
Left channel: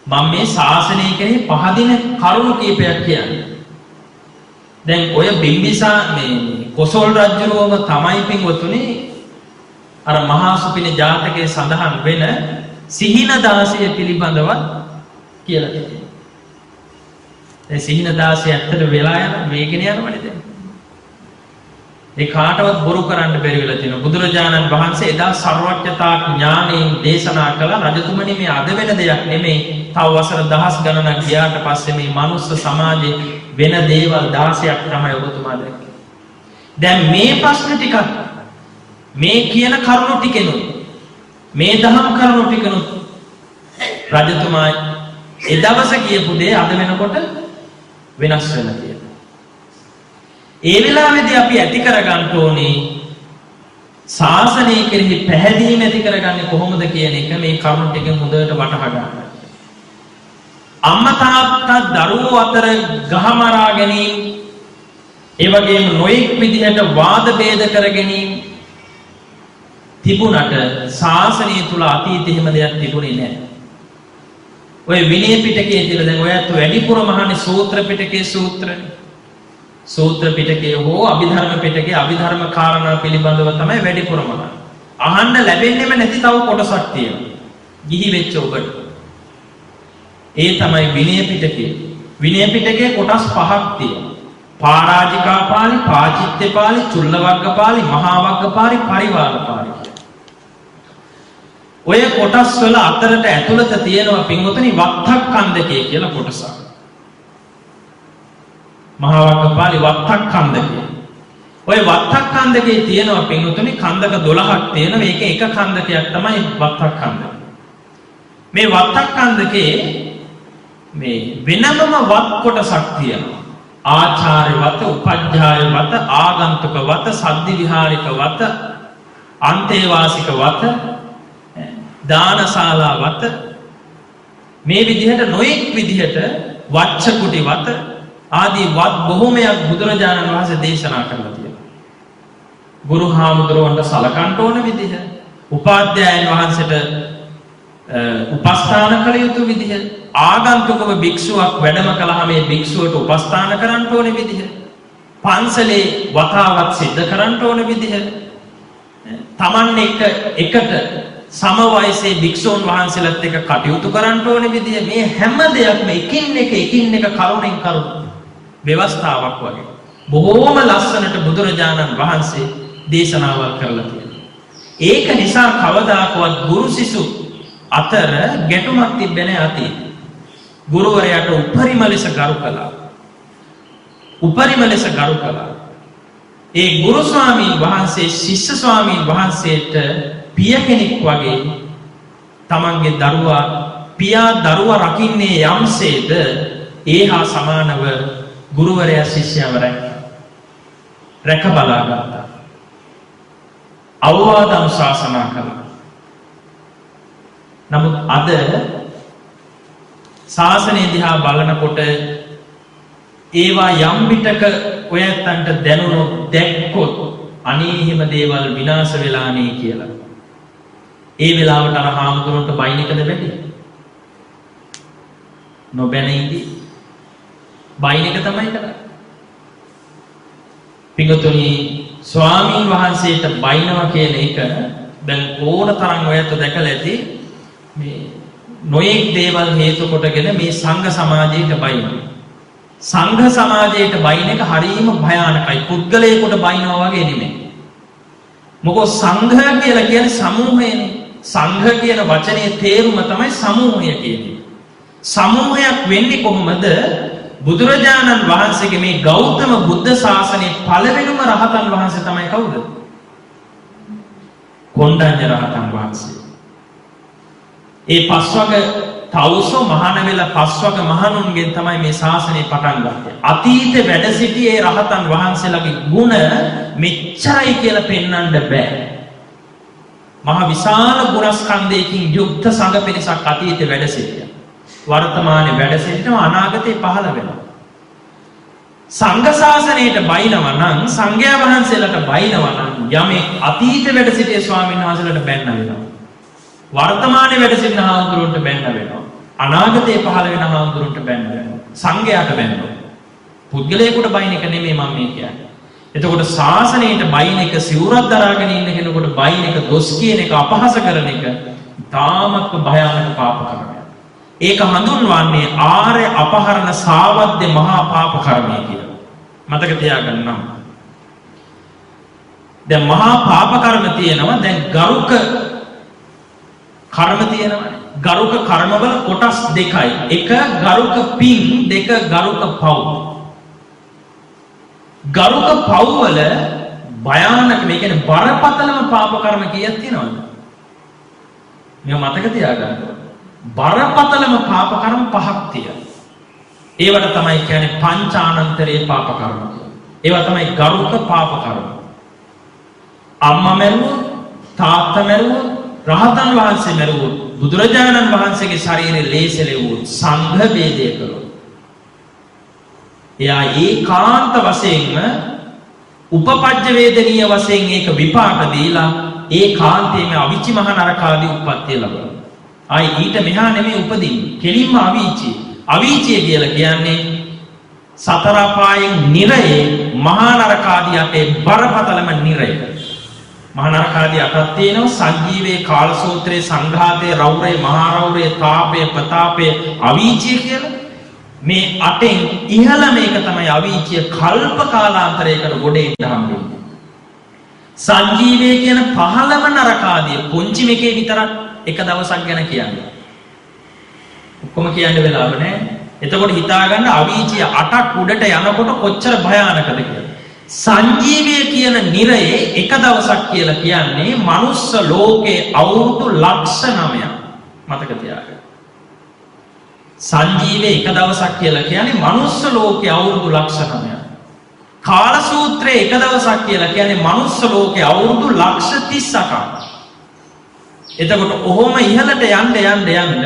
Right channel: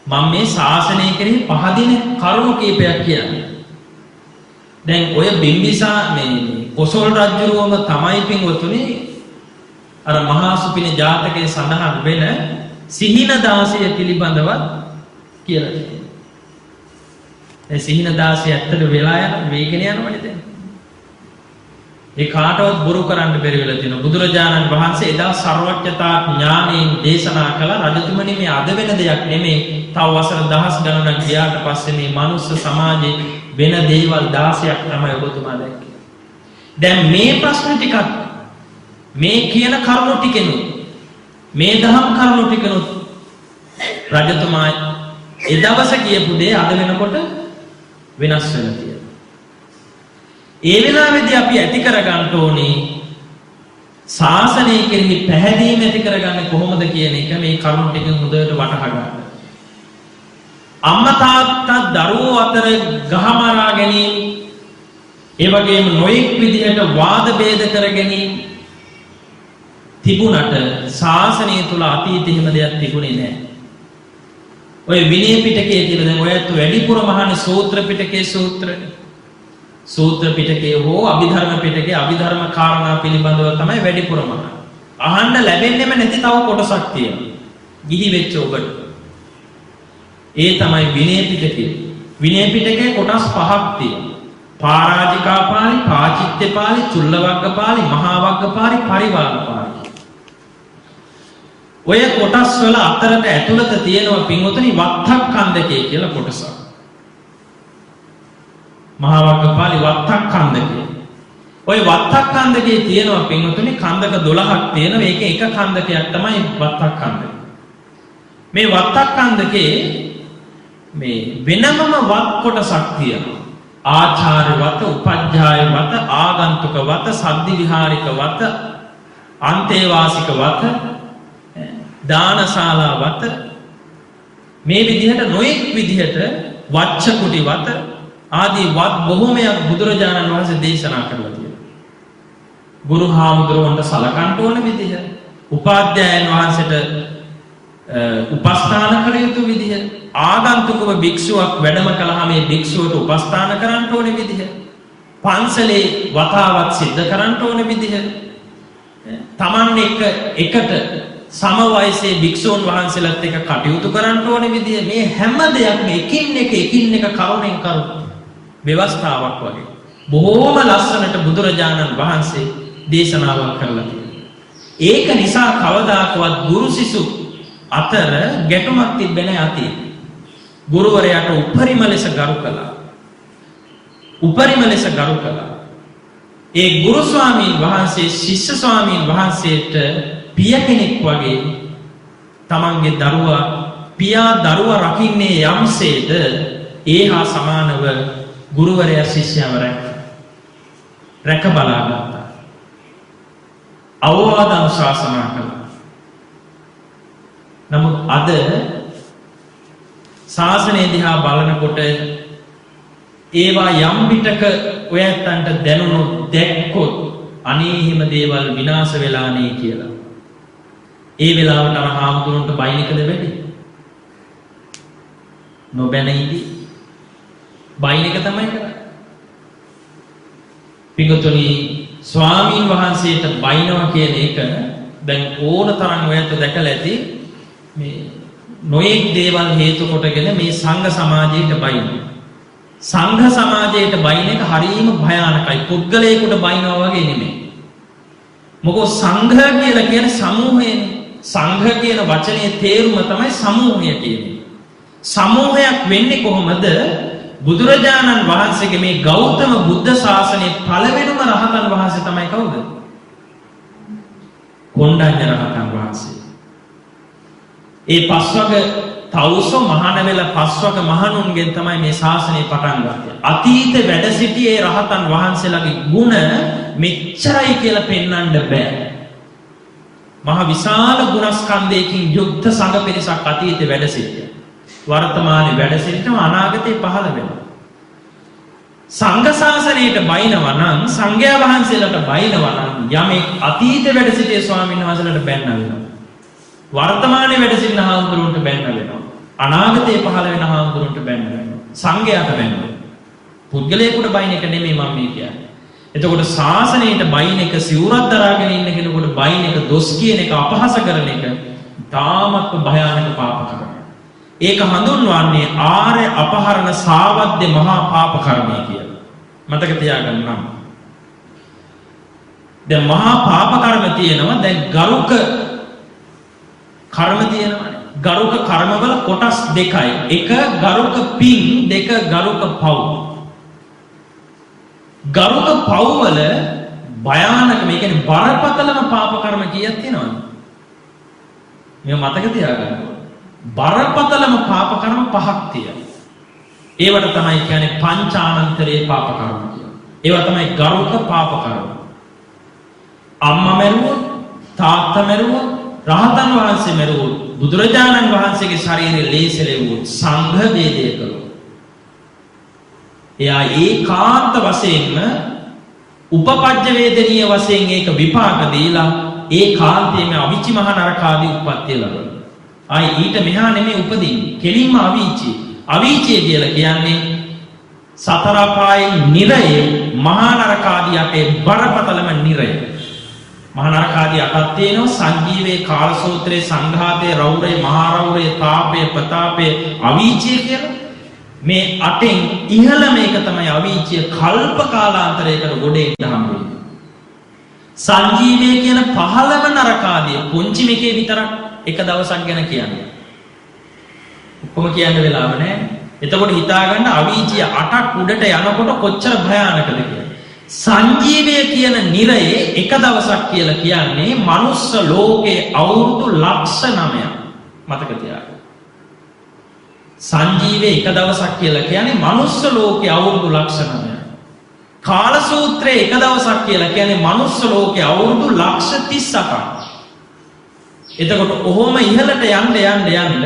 මම මේ ශාසනය කෙරෙහි පහදින කරුණු කීපයක් කියන්නේ. දැන් ඔය බිම්බිසා මේ කොසල් රජුරුවම තමයි පින්වතුනි අර මහා සුපින ජාතකයේ සඳහන් වෙන සිහින දාසිය පිළිබඳවත් කියලා තියෙනවා. ඒ සිහින දාසිය ඇත්තට වෙලා යන වේගන යනවනේ දැන්. ඒ කාටවත් බොරු කරන්න බැරි වෙලා තියෙනවා. බුදුරජාණන් වහන්සේ එදා සර්වඥතා ඥාණයෙන් දේශනා කළ රජතුමනි මේ අද වෙන දෙයක් නෙමෙයි. තව වසර දහස් ගණනක් ගියාට පස්සේ මේ මනුස්ස සමාජේ වෙන දේවල් 16ක් තමයි ඔබතුමා දැක්කේ. දැන් මේ ප්‍රශ්න ටිකක් මේ කියන කරුණු ටිකෙනුත් මේ දහම් කරුණු ටිකෙනුත් රජතුමා ඒ දවස කියපු දේ අද වෙනකොට වෙනස් වෙලා තියෙනවා. ඒ වෙලාවේදී අපි ඇති කරගන්න ඕනේ ශාසනය කෙරෙහි පැහැදීම ඇති කරගන්නේ කොහොමද කියන එක මේ කරුණු ටිකෙන් හොඳට වටහා ගන්න. අම්මා තාත්තා දරුවෝ අතර ගහමරා ගැනීම ඒ වගේම නොයෙක් විදිහට වාද ભેද කර ගැනීම තිබුණට ශාසනය තුල අතීතෙ හිම දෙයක් තිබුණේ නැහැ. ඔය විනය පිටකයේ කියලා දැන් ඔයත් වැඩිපුර මහන්නේ සූත්‍ර පිටකයේ සූත්‍රනේ. සූත්‍ර පිටකයේ හෝ අභිධර්ම පිටකයේ අභිධර්ම කාරණා පිළිබඳව තමයි වැඩිපුර මහන්නේ. අහන්න ලැබෙන්නේම නැති තව කොටසක් තියෙනවා. ගිහි වෙච්ච ඔබට. ඒ තමයි විනය පිටකයේ. විනය පිටකයේ කොටස් 5ක් තියෙනවා. පාරාජිකා පාළි, පාචිත්‍ය පාළි, චුල්ලවග්ග පාළි, මහා වග්ග පාළි, පරිවාර පාළි. ඔය කොටස් වල අතරට ඇතුළත තියෙනවා පින්වතුනි වත්තක්ඛන්දකය කියලා කොටසක්. මහා වග්ග පාළි වත්තක්ඛන්දකය. ඔය වත්තක්ඛන්දකයේ තියෙනවා පින්වතුනි කන්දක 12ක් තියෙනවා. මේක එක කන්දකයක් තමයි වත්තක්ඛන්දකය. මේ වත්තක්ඛන්දකේ මේ වෙනමම වත් කොටසක් තියෙනවා. ආචාර්ය වත, උපජ්ජාය වත, ආගන්තුක වත, සද්දි විහාරික වත, අන්තේවාසික වත, දානශාලා වත මේ විදිහට නොඑක් විදිහට වච්ච කුටි වත ආදී වත් බොහෝමයක් බුදුරජාණන් වහන්සේ දේශනා කරලා තියෙනවා. ගුරු හාමුදුරුවන්ට සලකන්න ඕන විදිහ, උපාධ්‍යායන් වහන්සේට උපස්ථාන කළ යුතු විදිහ, ආගන්තුකව භික්ෂුවක් වැඩම කළාම මේ භික්ෂුවට උපස්ථාන කරන්න ඕන විදිහ, පන්සලේ වතාවත් සිද්ධ කරන්න ඕන විදිහ, Taman එකට සම වයසේ භික්ෂූන් වහන්සේලාත් එක්ක කටයුතු කරන්න ඕන විදිහ, මේ හැම දෙයක්ම එකින් එක කරුණෙන් කරුණ ව්‍යවස්ථාවක් වගේ බොහෝම ලස්සනට බුදුරජාණන් වහන්සේ දේශනාවල් කරලා තියෙනවා. ඒක නිසා කවදාකවත් ගුරු සිසු අතර ගැටුමක් තිබෙන්නේ නැහැ අතීතේ. ගුරුවරයාට උපරිම ලෙස ගරු කළා. ඒ ගුරු ස්වාමීන් වහන්සේ ශිෂ්‍ය ස්වාමීන් වහන්සේට පිය කෙනෙක් වගේ තමන්ගේ පියා දරුවා රකින්නේ යම්සේද ඒ හා සමානව ගුරුවරයා ශිෂ්‍යව රැක බලා ගත්තා. අවවාද අනුශාසනා කළා. නමුත් අද ශාසනය දිහා බලනකොට ඒවා යම් පිටක ඔය ඇත්තන්ට දැනුනොත් දැක්කොත් අනේ එහෙම දේවල් විනාශ වෙලානේ කියලා. ඒ වෙලාවට අර හාමුදුරන්ට බයින් එකද වැඩි? නොබැන ඉඳි බයින් එක තමයි කරන්නේ. පිඟුතුනි ස්වාමීන් වහන්සේට බයිනවා කියන එක දැන් ඕන තරම් ඔයත් දැකලා ඇති මේ නොයෙක් දේවල් හේතු කොටගෙන මේ සංඝ සමාජයට බයිනවා. සංඝ සමාජයට බයින එක හරීම භයානකයි. පුද්ගලයෙකුට බයිනවා වගේ නෙමෙයි. මොකද සංඝ කියලා කියන්නේ සමූහයනේ. සංඝ කියන වචනේ තේරුම තමයි සමූහය කියන්නේ. සමූහයක් වෙන්නේ කොහොමද? බුදුරජාණන් වහන්සේගේ මේ ගෞතම බුද්ධ ශාසනයේ පළවෙනිම රහතන් වහන්සේ තමයි කවුද? කොණ්ඩඤ්ඤ රහතන් වහන්සේ. ඒ පස්වග තවුසෝ මහාන වෙලා පස්වග මහණුන්ගෙන් තමයි මේ ශාසනය පටන් ගත්තේ. අතීත වැඩ සිටියේ රහතන් වහන්සේලාගේ ගුණ මෙච්චරයි කියලා පෙන්වන්න බෑ. මහ විශාල ගුණස්කන්ධයකින් යුක්ත සංඝ පිරිසක් අතීතේ වැඩ සිටියා. වර්තමානයේ වැඩ සිටිනවා, අනාගතේ පහළ වෙනවා. සංඝ ශාසනයට බයිනවා නම්, සංඝයා වහන්සේලාට බයිනවා නම් යමෙක් අතීතේ වැඩ සිටියේ ස්වාමීන් වහන්සේලාට බැන්න වෙනවා. වර්තමානයේ වැඩ සිටින හාමුදුරුවන්ට බැන්න වෙනවා. අනාගතේ පහළ වෙන හාමුදුරුවන්ට බැන්න වෙනවා. සංඝයාට බැන්නවා. පුද්ගලයෙකුට බයින එක නෙමෙයි මම මේ කියන්නේ. එතකොට ශාසනයට බයින එක, සිවුරක් දරාගෙන ඉන්න කෙනෙකුට බයින එක, දොස් කියන එක, අපහාස කරන එක තාමත් භයානක පාප කර්මයක්. ඒක හඳුන්වන්නේ ආර්ය අපහරණ සාවද්ද මහා පාප කර්මය කියලා. මතක තියාගන්නම්. දැන් මහා පාප කර්ම තියෙනවා. දැන් ගරුක කර්ම තියෙනවානේ. ගරුක කර්මවල කොටස් දෙකයි. එක ගරුක පින්, දෙක ගරුක පව්. ගරුක පව් වල භයානක මේ කියන්නේ බරපතලම පාප කර්ම කීයක් තියෙනවද? මේක මතක තියාගන්න ඕනේ. බරපතලම පාප කර්ම පහක් තියෙනවා. ඒවට තමයි කියන්නේ පංචානන්තරේ පාප කර්ම කියලා. ඒවා තමයි ගරුක පාප කර්ම. අම්මා මැරුවොත්, තාත්තා මැරුවොත්, රහතන් වහන්සේ මැරුවොත්, බුදුරජාණන් වහන්සේගේ ශරීරයේ ලේසලෙව්වොත්, සංඝ වේදය කළොත්, එයා ඒකාන්ත වශයෙන්ම උපපජ්ජ වේදනීය වශයෙන් ඒක විපාක දීලා ඒකාන්තයෙන්ම අවිචි මහ නරකාදී උප්පත්තිය ලබනවා. ආයි ඊට මෙහා නෙමෙයි උපදින්නේ. කෙලින්ම අවීචිය. අවීචිය කියලා කියන්නේ සතර අපායෙන් නිරයේ මහා නරකාදී යටේ බරපතලම නිරය. මහා නරකාදී අටක් තියෙනවා. සංජීවේ, කාලසූත්‍රයේ, සංඝාතයේ, රෞරේ, මහා රෞරේ, තාපේ, ප්‍රතාපේ, අවීචිය කියලා. මේ අටෙන් ඉහළ මේක තමයි අවීචිය. කල්ප කාලාන්තරයකට ගොඩ එන්න හම්බෙන්නේ. සංජීවේ කියන පහළම නරකාදී පුංචි මේකේ විතරක් එක දවසක් ගැන කියන්නේ. ඔක්කොම කියන්න වෙලාව නැහැ. එතකොට හිතාගන්න අවීචිය 8ක් උඩට යනකොට කොච්චර භයානකද කියලා. සංජීවය කියන නිරයේ එක දවසක් කියලා කියන්නේ මනුස්ස ලෝකේ අවුරුදු ලක්ෂ 9ක්. මතක තියාගන්න. සංජීවයේ එක දවසක් කියලා කියන්නේ මනුස්ස ලෝකේ අවුරුදු ලක්ෂ 9ක්. කාලසූත්‍රයේ එක දවසක් කියලා කියන්නේ මනුස්ස ලෝකේ අවුරුදු ලක්ෂ 38ක්. එතකොට ඔහොම ඉහළට යන්න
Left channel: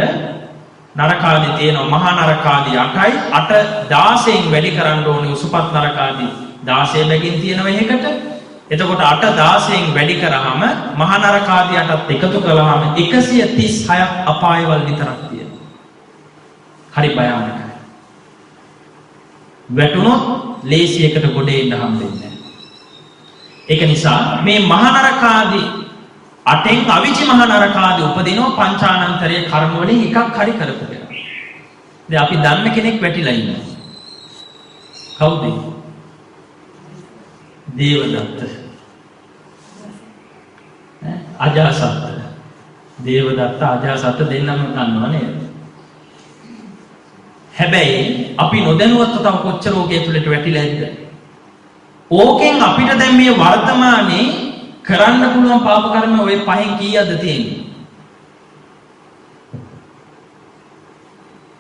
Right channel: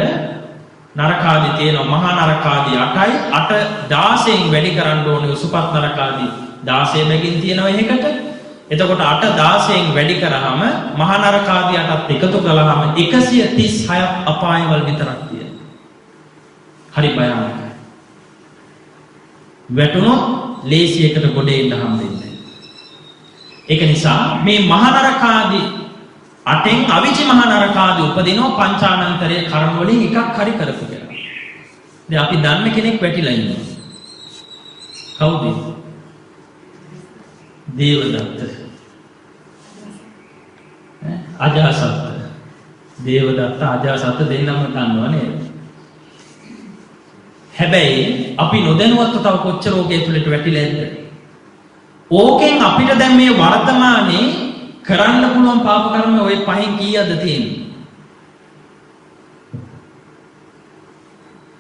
නරකාදී තියෙනවා. මහා නරකාදී 8යි. 8 16න් වැඩි කරන්න ඕනේ. උසුපත් නරකාදී 16 බැගින් තියෙනවා එකකට. එතකොට 8 16න් වැඩි කරාම මහා නරකාදී 8ත් එකතු කළාම 136ක් අපායවල විතරක් තියෙනවා. හරි භයානකයි. වැටුණොත් ලේසියකට ගොඩ එන්න හම්බෙන්නේ නැහැ. ඒක නිසා මේ මහා නරකාදී 8න් අවිචි මහා නරකාදී උපදිනවා පංචානන්තරයේ කර්ම වලින් එකක් හරි කරපු කියලා. දැන් අපි දන්න කෙනෙක් වැටිලා ඉන්නවා. කවුද? දේවදත්ත. අජාසත්. දේවදත්ත අජාසත් දෙන්නම දන්නව නේද? හැබැයි අපි නොදැනුවත්ව තව කොච්චර ඕකේ තුලට වැටිලා ඇද්ද? ඕකෙන් අපිට දැන් මේ වර්තමානයේ කරන්න පුළුවන් පාප කර්ම ඔය පහෙන් කීයක්ද තියෙන්නේ?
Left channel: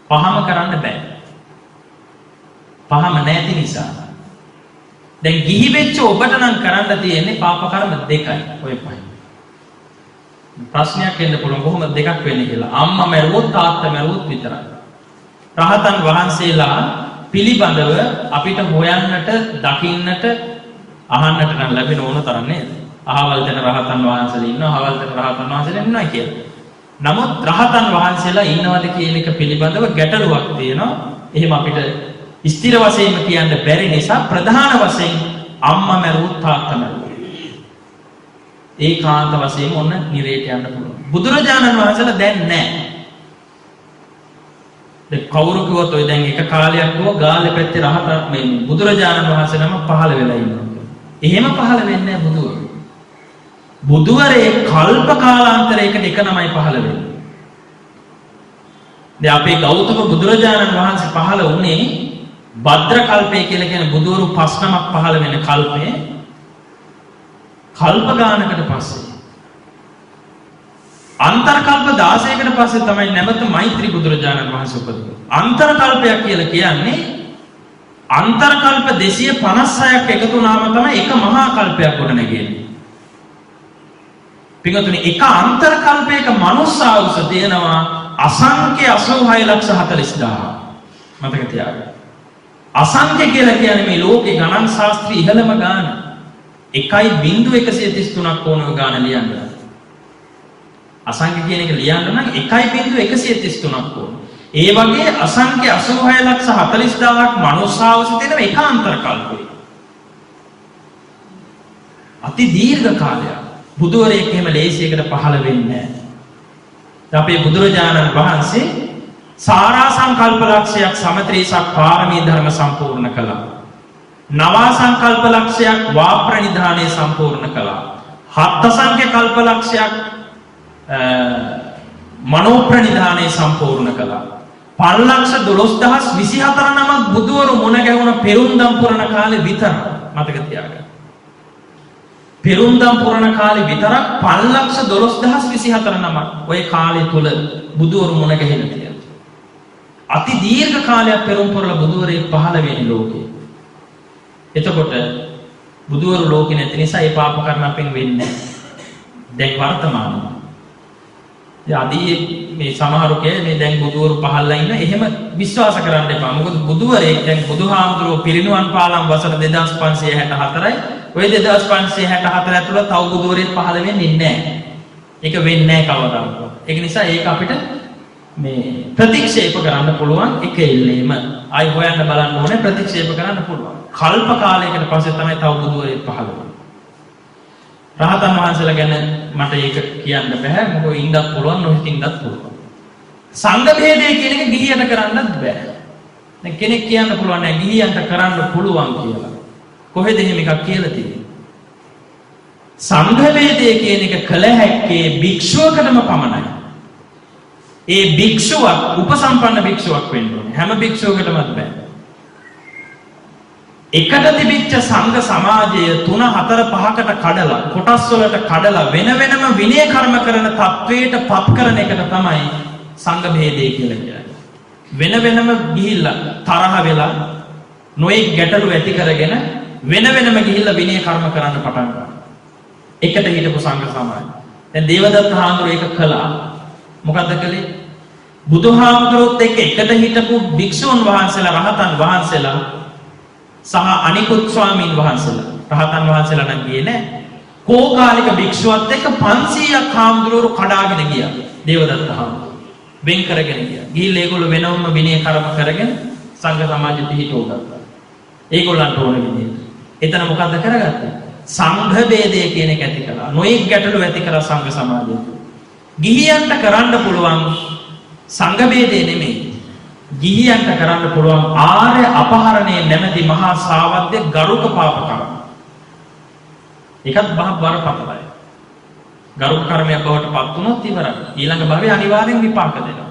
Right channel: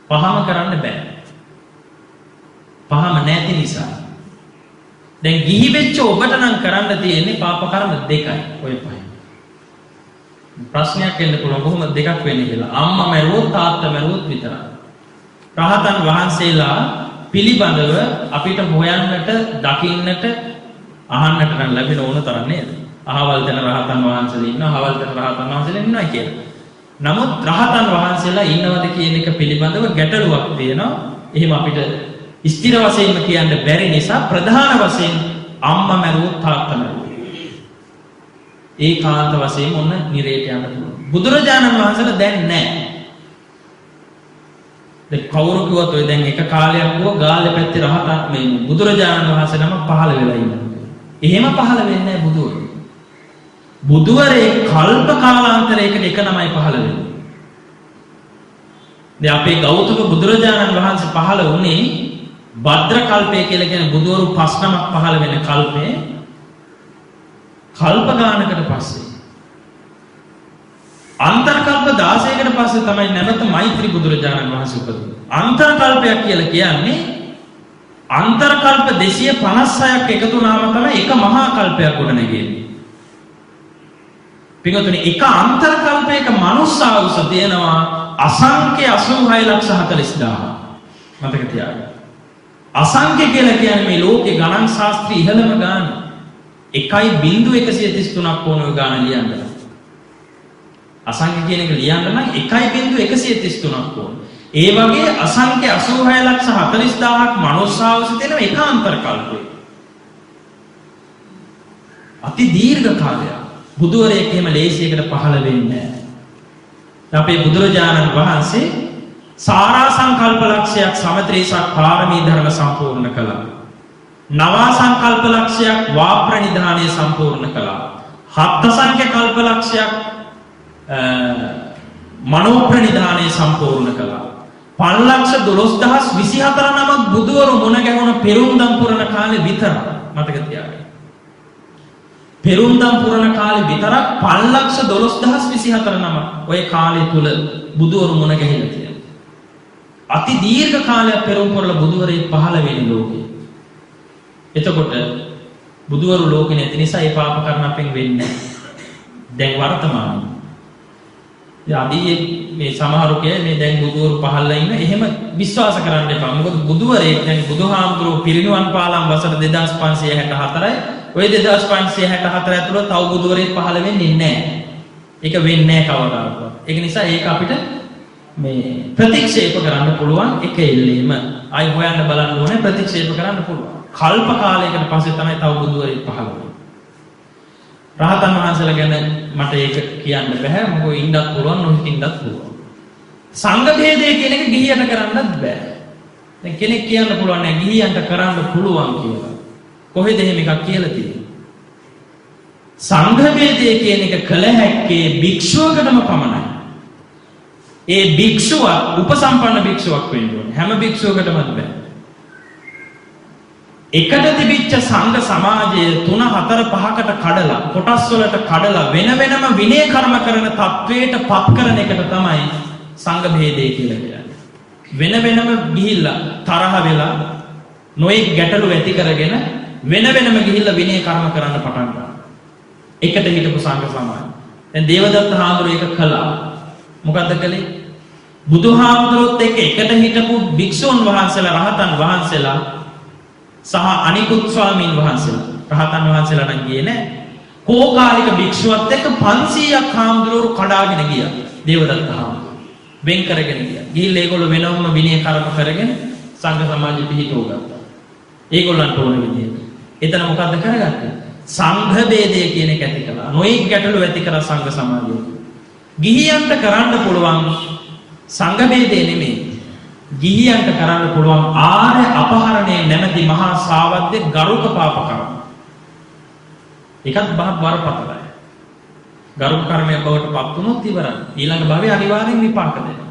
පහම කරන්න බෑ. පහම නැති නිසා. දැන් ගිහි වෙච්ච ඔබට නම් කරන්න තියෙන්නේ පාප කර්ම දෙකයි ඔය පහෙන්. ප්‍රශ්නයක් එන්න පුළුවන් කොහොමද දෙකක් වෙන්නේ කියලා. අම්මා මැරුවොත් තාත්තා මැරුවොත් විතරයි. රහතන් වහන්සේලා පිළිබඳව අපිට හොයන්නට, දකින්නට, අහන්නට නම් ලැබෙන ඕන තරම් නේද? අහවල් දෙන රහතන් වහන්සේලා ඉන්නවා, අහවල් දෙන රහතන් වහන්සේලා ඉන්නවා කියලා. නමුත් රහතන් වහන්සේලා ඉන්නවද කියන එක පිළිබඳව ගැටලුවක් තියෙනවා. එහෙම අපිට ස්ථිර වශයෙන්ම කියන්න බැරි නිසා ප්‍රධාන වශයෙන් අම්මා මැරුවොත් තාත්තා මැරුවොත් ඒකාන්ත වශයෙන් ඔන්න නිරේට යන්න පුළුවන්. බුදුරජාණන් වහන්සේලා දැන් නැහැ. දැන් කවුරු කිව්වොත් ඔය දැන් එක කාලයක් කිව්ව ගාල්ලේ පැත්තේ රහතන් මේ බුදුරජාණන් වහන්සේ නම පහළ වෙලා ඉන්නවා කියලා. එහෙම පහළ වෙන්නේ නැහැ බුදුවරු. බුදුවරේ කල්ප කාලාන්තරයකට එක නමයි පහළ වෙන්නේ. දැන් අපේ ගෞතම බුදුරජාණන් වහන්සේ පහළ වුණේ භද්‍ර කල්පය කියලා කියන බුදුවරු 5 නමක් පහළ වෙන කල්පේ කල්ප ගානකට පස්සේ. අන්තර කල්ප 16කට පස්සේ තමයි නැවත මෛත්‍රී බුදුරජාණන් වහන්සේ උපදින්නේ. අන්තර කල්පයක් කියලා කියන්නේ අන්තර කල්ප 256ක් එකතු වුණාම තමයි එක මහා කල්පයක් ගොඩනගෙන්නේ. පින්වතුනි එක අන්තර කල්පයක මනුස්ස ආයුෂ තියෙනවා අසංඛ්‍ය 86,40,000. මතක තියාගන්න. අසංඛ්‍ය කියලා කියන්නේ මේ ලෝකේ ගණන් ශාස්ත්‍රයේ ඉහළම ගාන. 1.133ක් ඕන ඔය ගාන ලියන්න. අසංඛ්‍ය කියන එක ලියන්න නම් 1.133ක් ඕන. ඒ වගේ අසංඛ්‍ය 86,40,000ක් මනුස්ස ආයුෂ තියෙන එක අන්තර කල්පයක. අති දීර්ඝ කාලයක්. බුදුවරයෙක් එහෙම ලේසියකට පහළ වෙන්නේ නැහැ. අපේ බුදුරජාණන් වහන්සේ සාරා සංකල්ප ලක්ෂයක් සමත්‍රීසක් පාරමී ධර්ම සම්පූර්ණ කළා. නවා සංකල්ප ලක්ෂයක් වාප්‍රනිධානය සම්පූර්ණ කළා. හත් සංඛ්‍ය කල්ප ලක්ෂයක් මනෝප්‍රනිධානය සම්පූර්ණ කළා. 5,12,024 නමක් බුදුවරු මුණ ගැහුණ පෙරුම්දම් පුරණ කාලේ විතර මතක තියාගන්න. පෙරුම්දම් පුරණ කාලේ විතරක් 5,12,024 නමක් ඔය කාලය තුල බුදුවරු මුණ ගැහිලා තියෙනවා. අති දීර්ඝ කාලයක් පෙරම් පුරලා බුදුවරේ පහළ වෙන්නේ ලෝකේ. එතකොට බුදුවරු ලෝකේ නැති නිසා ඒ පාප කර්ම අපෙන් වෙන්නේ නැහැ. දැන් වර්තමානයේ යදී මේ සමහරු කියන්නේ මේ දැන් බුදුවරු පහළලා ඉන්න එහෙම විශ්වාස කරන්න එපා. මොකද බුදුවරේ දැන් බුදුහාමුදුරුවෝ පිරිනුවන් පාලම් වසර 2564යි. ඔය 2564 ඇතුළත තව බුදුවරයෙක් පහළ වෙන්නේ නැහැ. ඒක වෙන්නේ නැහැ කවදාවත්. ඒක නිසා ඒක අපිට මේ ප්‍රතික්ෂේප කරන්න පුළුවන් එක එල්ලේම. ආයි හොයන්න බලන්න ඕනේ ප්‍රතික්ෂේප කරන්න පුළුවන්. කල්ප කාලයකට පස්සේ තමයි තව බුදුවරයෙක් පහළ වෙන්නේ. රහතන් වහන්සේලා ගැන මට ඒක කියන්න බෑ. මොකද ඉන්නත් පුළුවන් නොහිටින්නත් පුළුවන්. සංඝ භේදය කියන එක ගිහියට කරන්නත් බෑ. දැන් කෙනෙක් කියන්න පුළුවන් නෑ ගිහියන්ට කරන්න පුළුවන් කියලා. කොහෙද එහෙම එකක් කියලා තියෙන්නේ? සංඝ භේදය කියන එක කළ හැක්කේ භික්ෂුවකටම පමණයි. ඒ භික්ෂුවක් උපසම්පන්න භික්ෂුවක් වෙන්න ඕනේ. හැම භික්ෂුවකටමත් බෑ. එකට තිබිච්ච සංඝ සමාජය 3 4 5කට කඩලා කොටස් වලට කඩලා වෙන වෙනම විනය කර්ම කරන තත්වයට පත් කරන එකට තමයි සංඝ භේදය කියලා කියන්නේ. වෙන වෙනම ගිහිල්ලා තරහ වෙලා නොයෙක් ගැටලු ඇති කරගෙන වෙන වෙනම ගිහිල්ලා විනය කර්ම කරන්න පටන් ගන්නවා. එකට හිටපු සංඝ සමාජය. දැන් දේවදත්ත හාමුදුරුවෝ ඒක කළා. මොකද්ද කළේ? බුදුහාමුදුරුවොත් එක්ක එකට හිටපු භික්ෂුන් වහන්සේලා රහතන් වහන්සේලා සහ අනිකුත් ස්වාමීන් වහන්සේලා රහතන් වහන්සේලා නම් ගියේ නැහැ. කෝකාලික භික්ෂුවත් එක්ක 500ක් හාමුදුරුවෝ කඩාගෙන ගියා. දේවදත්ත හාමුදුරුවෝ වෙන් කරගෙන ගියා. ගිහිල්ලා ඒගොල්ලෝ වෙනවම විනය කර්ම කරගෙන සංඝ සමාජෙ පිහිටව ගත්තා. ඒගොල්ලන්ට ඕන විදිහට. එතන මොකද්ද කරගත්තේ? සංඝ ભેදය කියන එක ඇති කළා. නොයෙක් ගැටලු ඇති කරා සංඝ සමාජය. ගිහියන්ට කරන්න පුළුවන් සංඝ ભેදය නෙමෙයි. ගිහියන්ට කරන්න පුළුවන් ආර්ය අපහරණයේ නැමැති මහා සාවද්‍ය ගරුක පාප කර්ම. ඒකත් බරපතලයි. ගරුක කර්මයක් බවට පත් වුණොත් ඉවරයි. ඊළඟ භවයේ අනිවාර්යෙන් විපාක දෙනවා.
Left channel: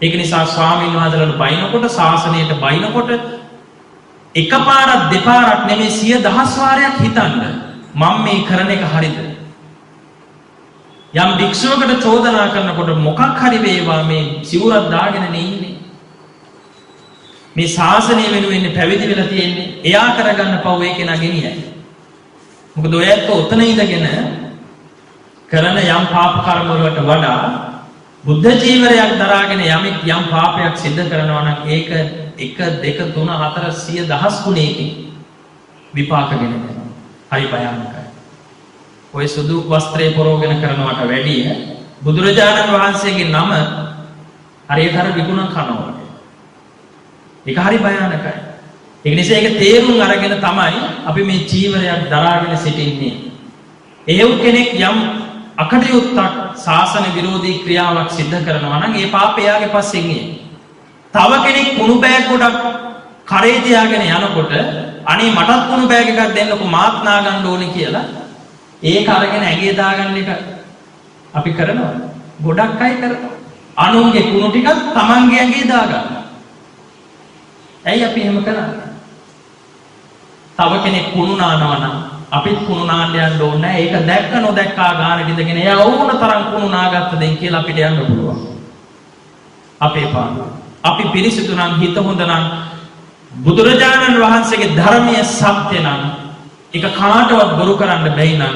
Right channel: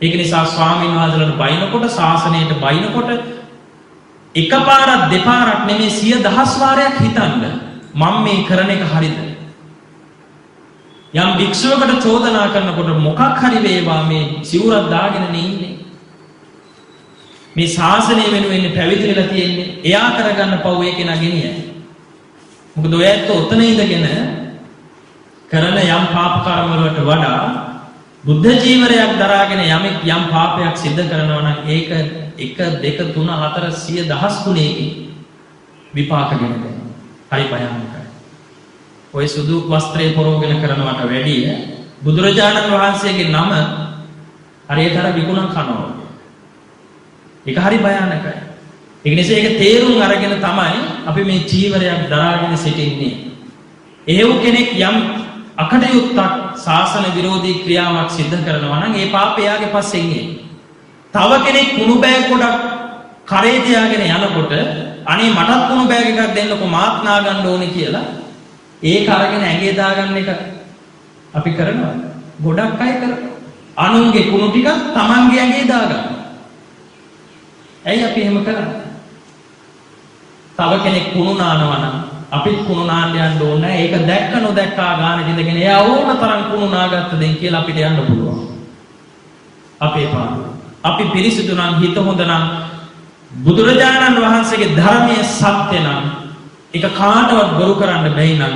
ඒක නිසා ස්වාමීන් වහන්සේලාට බයිනකොට ශාසනයට බයිනකොට එකපාරක් දෙපාරක් නෙමෙයි 100,000 වාරයක් හිතන්න මම මේ කරන එක හරිද? යම් භික්ෂුවකට චෝදනා කරනකොට මොකක් හරි වේවා මේ සිවුරක් දාගෙන ඉන්නේ. මේ ශාසනය වෙනුවෙන් පැවිදි වෙලා තියෙන්නේ. එයා කරගන්න පව් ඒ කෙනා ගෙනියයි. මොකද ඔය ඇත්ත උතන ඉඳගෙන කරන යම් පාප කර්ම වලට වඩා බුද්ධ ජීවරයක් දරාගෙන යමෙක් යම් පාපයක් සිද්ධ කරනවා නම් ඒක 1 2 3 4 සිය දහස් ගුණයකින් විපාකගෙන දෙනවා. හරි භයානකයි. ඔය සුදු වස්ත්‍රය පොරෝගෙන කරනවට වැඩිය බුදුරජාණන් වහන්සේගේ නම හරියට අර විකුණන් කනවා වගේ. ඒක හරි භයානකයි. ඒ නිසා ඒක තේරුම් අරගෙන තමයි අපි මේ ජීවරයක් දරාගෙන සිටින්නේ. එහෙව් කෙනෙක් යම් අකටයුත්තක් ශාසන විරෝධී ක්‍රියාවක් සිද්ධ කරනවා නම් ඒ පාපය යාගේ පස්සෙන් එයි. තව කෙනෙක් කුණු බෑග් ගොඩක් කරේ තියාගෙන යනකොට අනේ මටත් කුණු බෑග් එකක් දෙන්නකෝ මාත් නා ගන්න ඕනේ කියලා ඒක අරගෙන ඇඟේ දාගන්න එක අපි කරනවා. ගොඩක් අය කරනවා. අනුන්ගේ කුණු ටිකක් තමන්ගේ ඇඟේ දාගන්නවා. ඇයි අපි එහෙම කරන්නේ? තව කෙනෙක් කුණු නානවා නම් අපිත් කුණු නාන්න යන්න ඕනේ නැහැ. ඒක දැක්ක නොදැක්කා ගානට ඉඳගෙන එයා ඕන තරම් කුණු නාගත්ත දෙන් කියලා අපිට යන්න පුළුවන්. අපේ පාඩුව. අපි පිරිසිදු නම් හිත හොඳ නම් බුදුරජාණන් වහන්සේගේ ධර්මයේ සත්‍ය නම් ඒක කාටවත් බොරු කරන්න බැයි නම්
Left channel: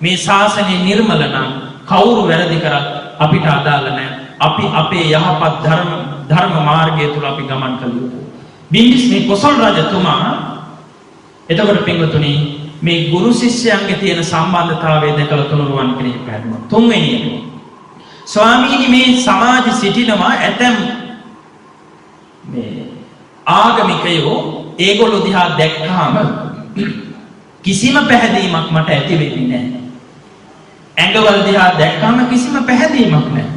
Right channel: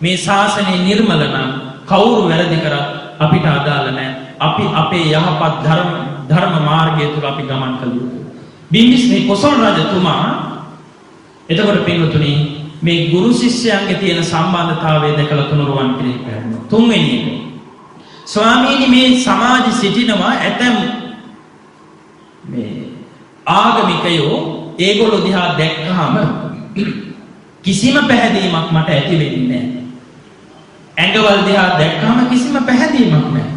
මේ ශාසනය නිර්මල නම් කවුරු වැරදි කරත් අපිට අදාළ නැහැ. අපි අපේ යහපත් ධර්ම මාර්ගය තුල අපි ගමන් කළ යුතුයි. බිම්බිස්මේ කොසල් රජතුමා එතකොට පින්වතුනි මේ ගුරු ශිෂ්‍යයන්ගේ තියෙන සම්බන්ධතාවය දැකලා තුනුරුවන් කෙරෙහි පැහැදිලිව. තුන්වෙනි එක. ස්වාමීනි මේ සමාජෙ සිටිනවා ඇතම් මේ ආගමිකයෝ ඒගොල්ලෝ දිහා දැක්කහම කිසිම පැහැදීමක් මට ඇති වෙන්නේ නැහැ. ඇඟවල් දිහා දැක්කහම කිසිම පැහැදීමක් නැහැ.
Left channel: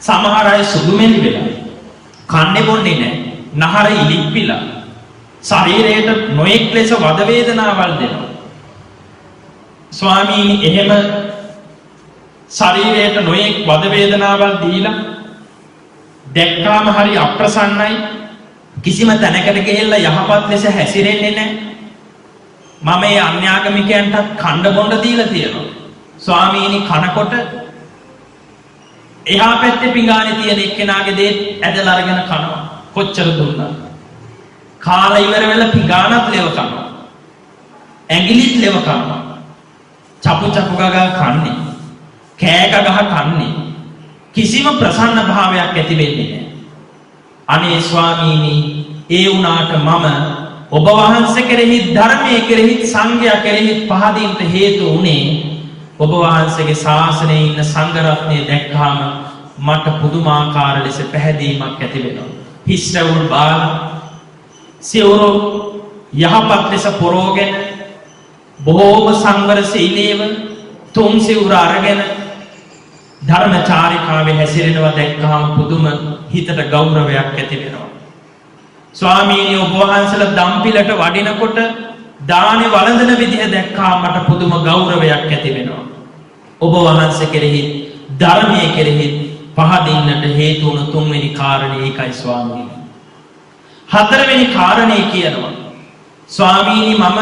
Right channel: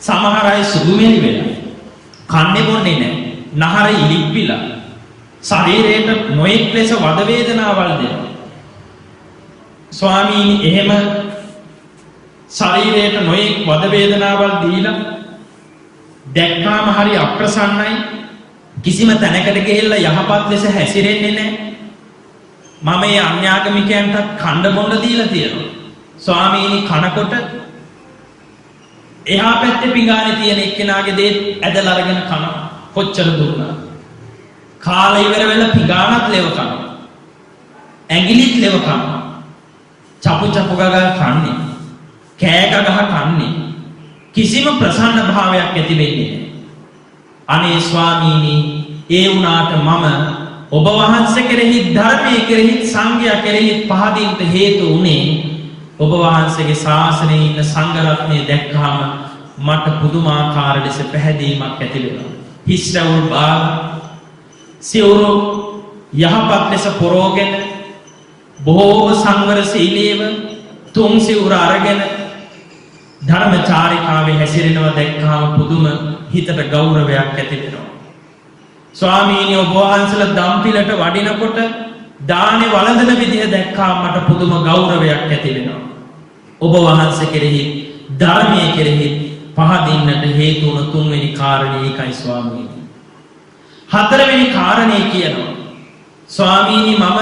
සමහර අය සුදුමෙලි වෙලා කන්නේ බොන්නේ නැහැ. නහර ඉලිප්පිලා ශරීරයට නොයෙක් ලෙස වද වේදනාවල් දෙනවා. ස්වාමීනි එහෙම ශරීරයට නොයෙක් වද වේදනාවල් දීලා දැක්කාම හරි අප්‍රසන්නයි. කිසිම තැනකට ගිහිල්ලා යහපත් ලෙස හැසිරෙන්නේ නැහැ. මම මේ අන්‍යාගමිකයන්ට කණ්ඩ බොණ්ඩ දීලා තියෙනවා. ස්වාමීනි කනකොට එහා පැත්තේ පිඟානේ තියෙන එක්කෙනාගේ දේ ඇදලා අරගෙන කනවා. කොච්චර දුන්නා. කාලා ඉවර වෙලා පිඟානත් ලෙව කනවා. ඇඟිලිත් ලෙව කනවා. චපු චපු ගගා කන්නේ. කෑ ගගහ කන්නේ. කිසිම ප්‍රසන්න භාවයක් ඇති වෙන්නේ නැහැ. අනේ ස්වාමීනි ඒ වුණාට මම ඔබ වහන්සේ කෙරෙහි ධර්මයේ කෙරෙහි සංඝයා කෙරෙහි පහදින්ට හේතු උනේ ඔබ වහන්සේගේ ශාසනයේ ඉන්න සංඝ රත්නය දැක්කහම මට පුදුමාකාර ලෙස පැහැදීමක් ඇති වෙනවා. හිස්රවුල් බාල සිවුරු යහපත් ලෙස පොරෝගෙන බොහෝම සංවර සීලීව තුන් සිවුර අරගෙන ධර්මචාරිකාවේ හැසිරෙනවා දැක්කහම පුදුම හිතට ගෞරවයක් ඇති වෙනවා. ස්වාමීනි ඔබ වහන්සේලා දම්පිලට වඩිනකොට දානේ වළඳන විදිහ දැක්කහම මට පුදුම ගෞරවයක් ඇති වෙනවා. ඔබ වහන්සේ කෙරෙහි ධර්මයේ කෙරෙහි පහදින්නට හේතු වුණ තුන්වෙනි කාරණේ ඒකයි ස්වාමීනි. හතරවෙනි කාරණේ කියනවා ස්වාමීනි මම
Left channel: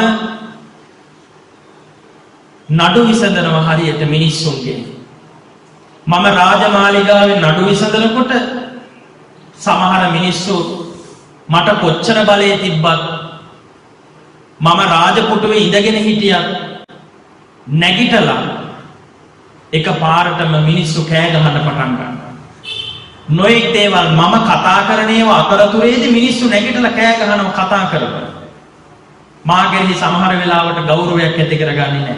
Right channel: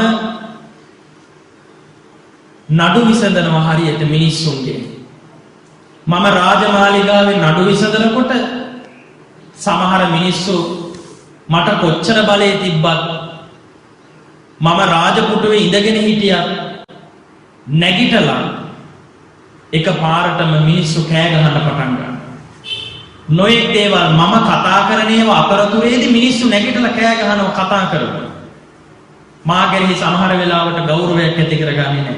නඩු විසඳනවා හරියට මිනිස්සුන්ගේ. මම රාජමාලිගාවේ නඩු විසඳනකොට සමහර මිනිස්සු මට කොච්චර බලය තිබ්බත් මම රාජපුටුවේ ඉඳගෙන හිටියත් නැගිටලා එක පාරටම මිනිස්සු කෑ ගහන්න පටන් ගන්නවා. නොයෙක් දේවල් මම කතා කරන ඒවා අතරතුරේදී මිනිස්සු නැගිටලා කෑ ගහනවා කතා කරනවා. මා කෙරෙහි සමහර වෙලාවට ගෞරවයක් ඇති කරගන්නේ නැහැ.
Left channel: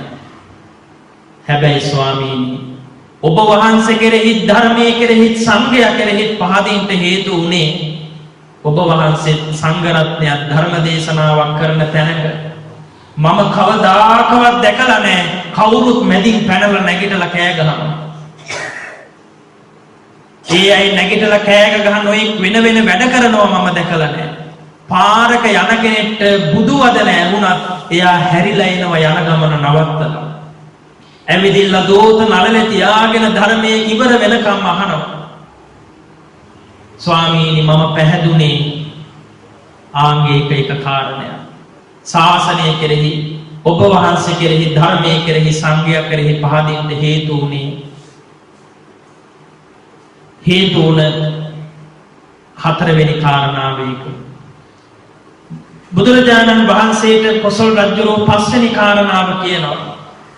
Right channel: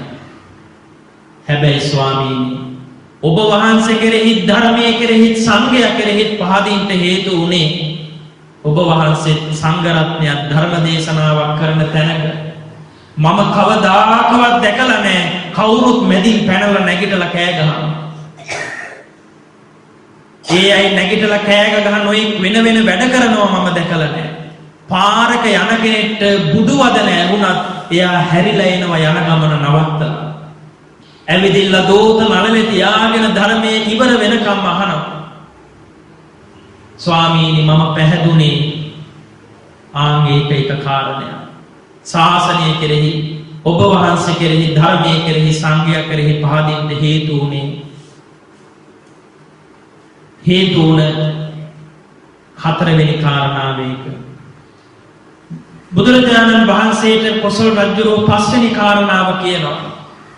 හැබැයි ස්වාමීනි ඔබ වහන්සේ කෙරෙහි ධර්මයේ කෙරෙහි සංඝයා කෙරෙහි පහදින්ට හේතු උනේ ඔබ වහන්සේ සංඝ රත්නයක් ධර්ම දේශනාවක් කරන තැනක මම කවදාකවත් දැකලා නැහැ කවුරුත් මැදින් පැනලා නැගිටලා කෑ ගහනවා. ඒ අය නැගිටලා කෑ ගහන නොයෙක් වෙන වෙන වැඩ කරනවා මම දැකලා නැහැ. පාරක යන කෙනෙක්ට බුදු වදන ඇහුණත් එයා හැරිලා එනවා යන ගමන නවත්තලා. ඇවිදින්න දෝත නළලේ තියාගෙන ධර්මයේ ඉවර වෙනකම් අහනවා. ස්වාමීනි මම පැහැදුනේ ආංගික එක කාරණයක්. ශාසනය කෙරෙහි ඔබ වහන්සේ කෙරෙහි ධර්මයේ කෙරෙහි සංඝයා කෙරෙහි පහදින්න හේතු උනේ හේතු උන හතරවෙනි කාරණාව ඒක. බුදුරජාණන් වහන්සේට කොසල් රජුරෝ පස්වෙනි කාරණාව කියනවා.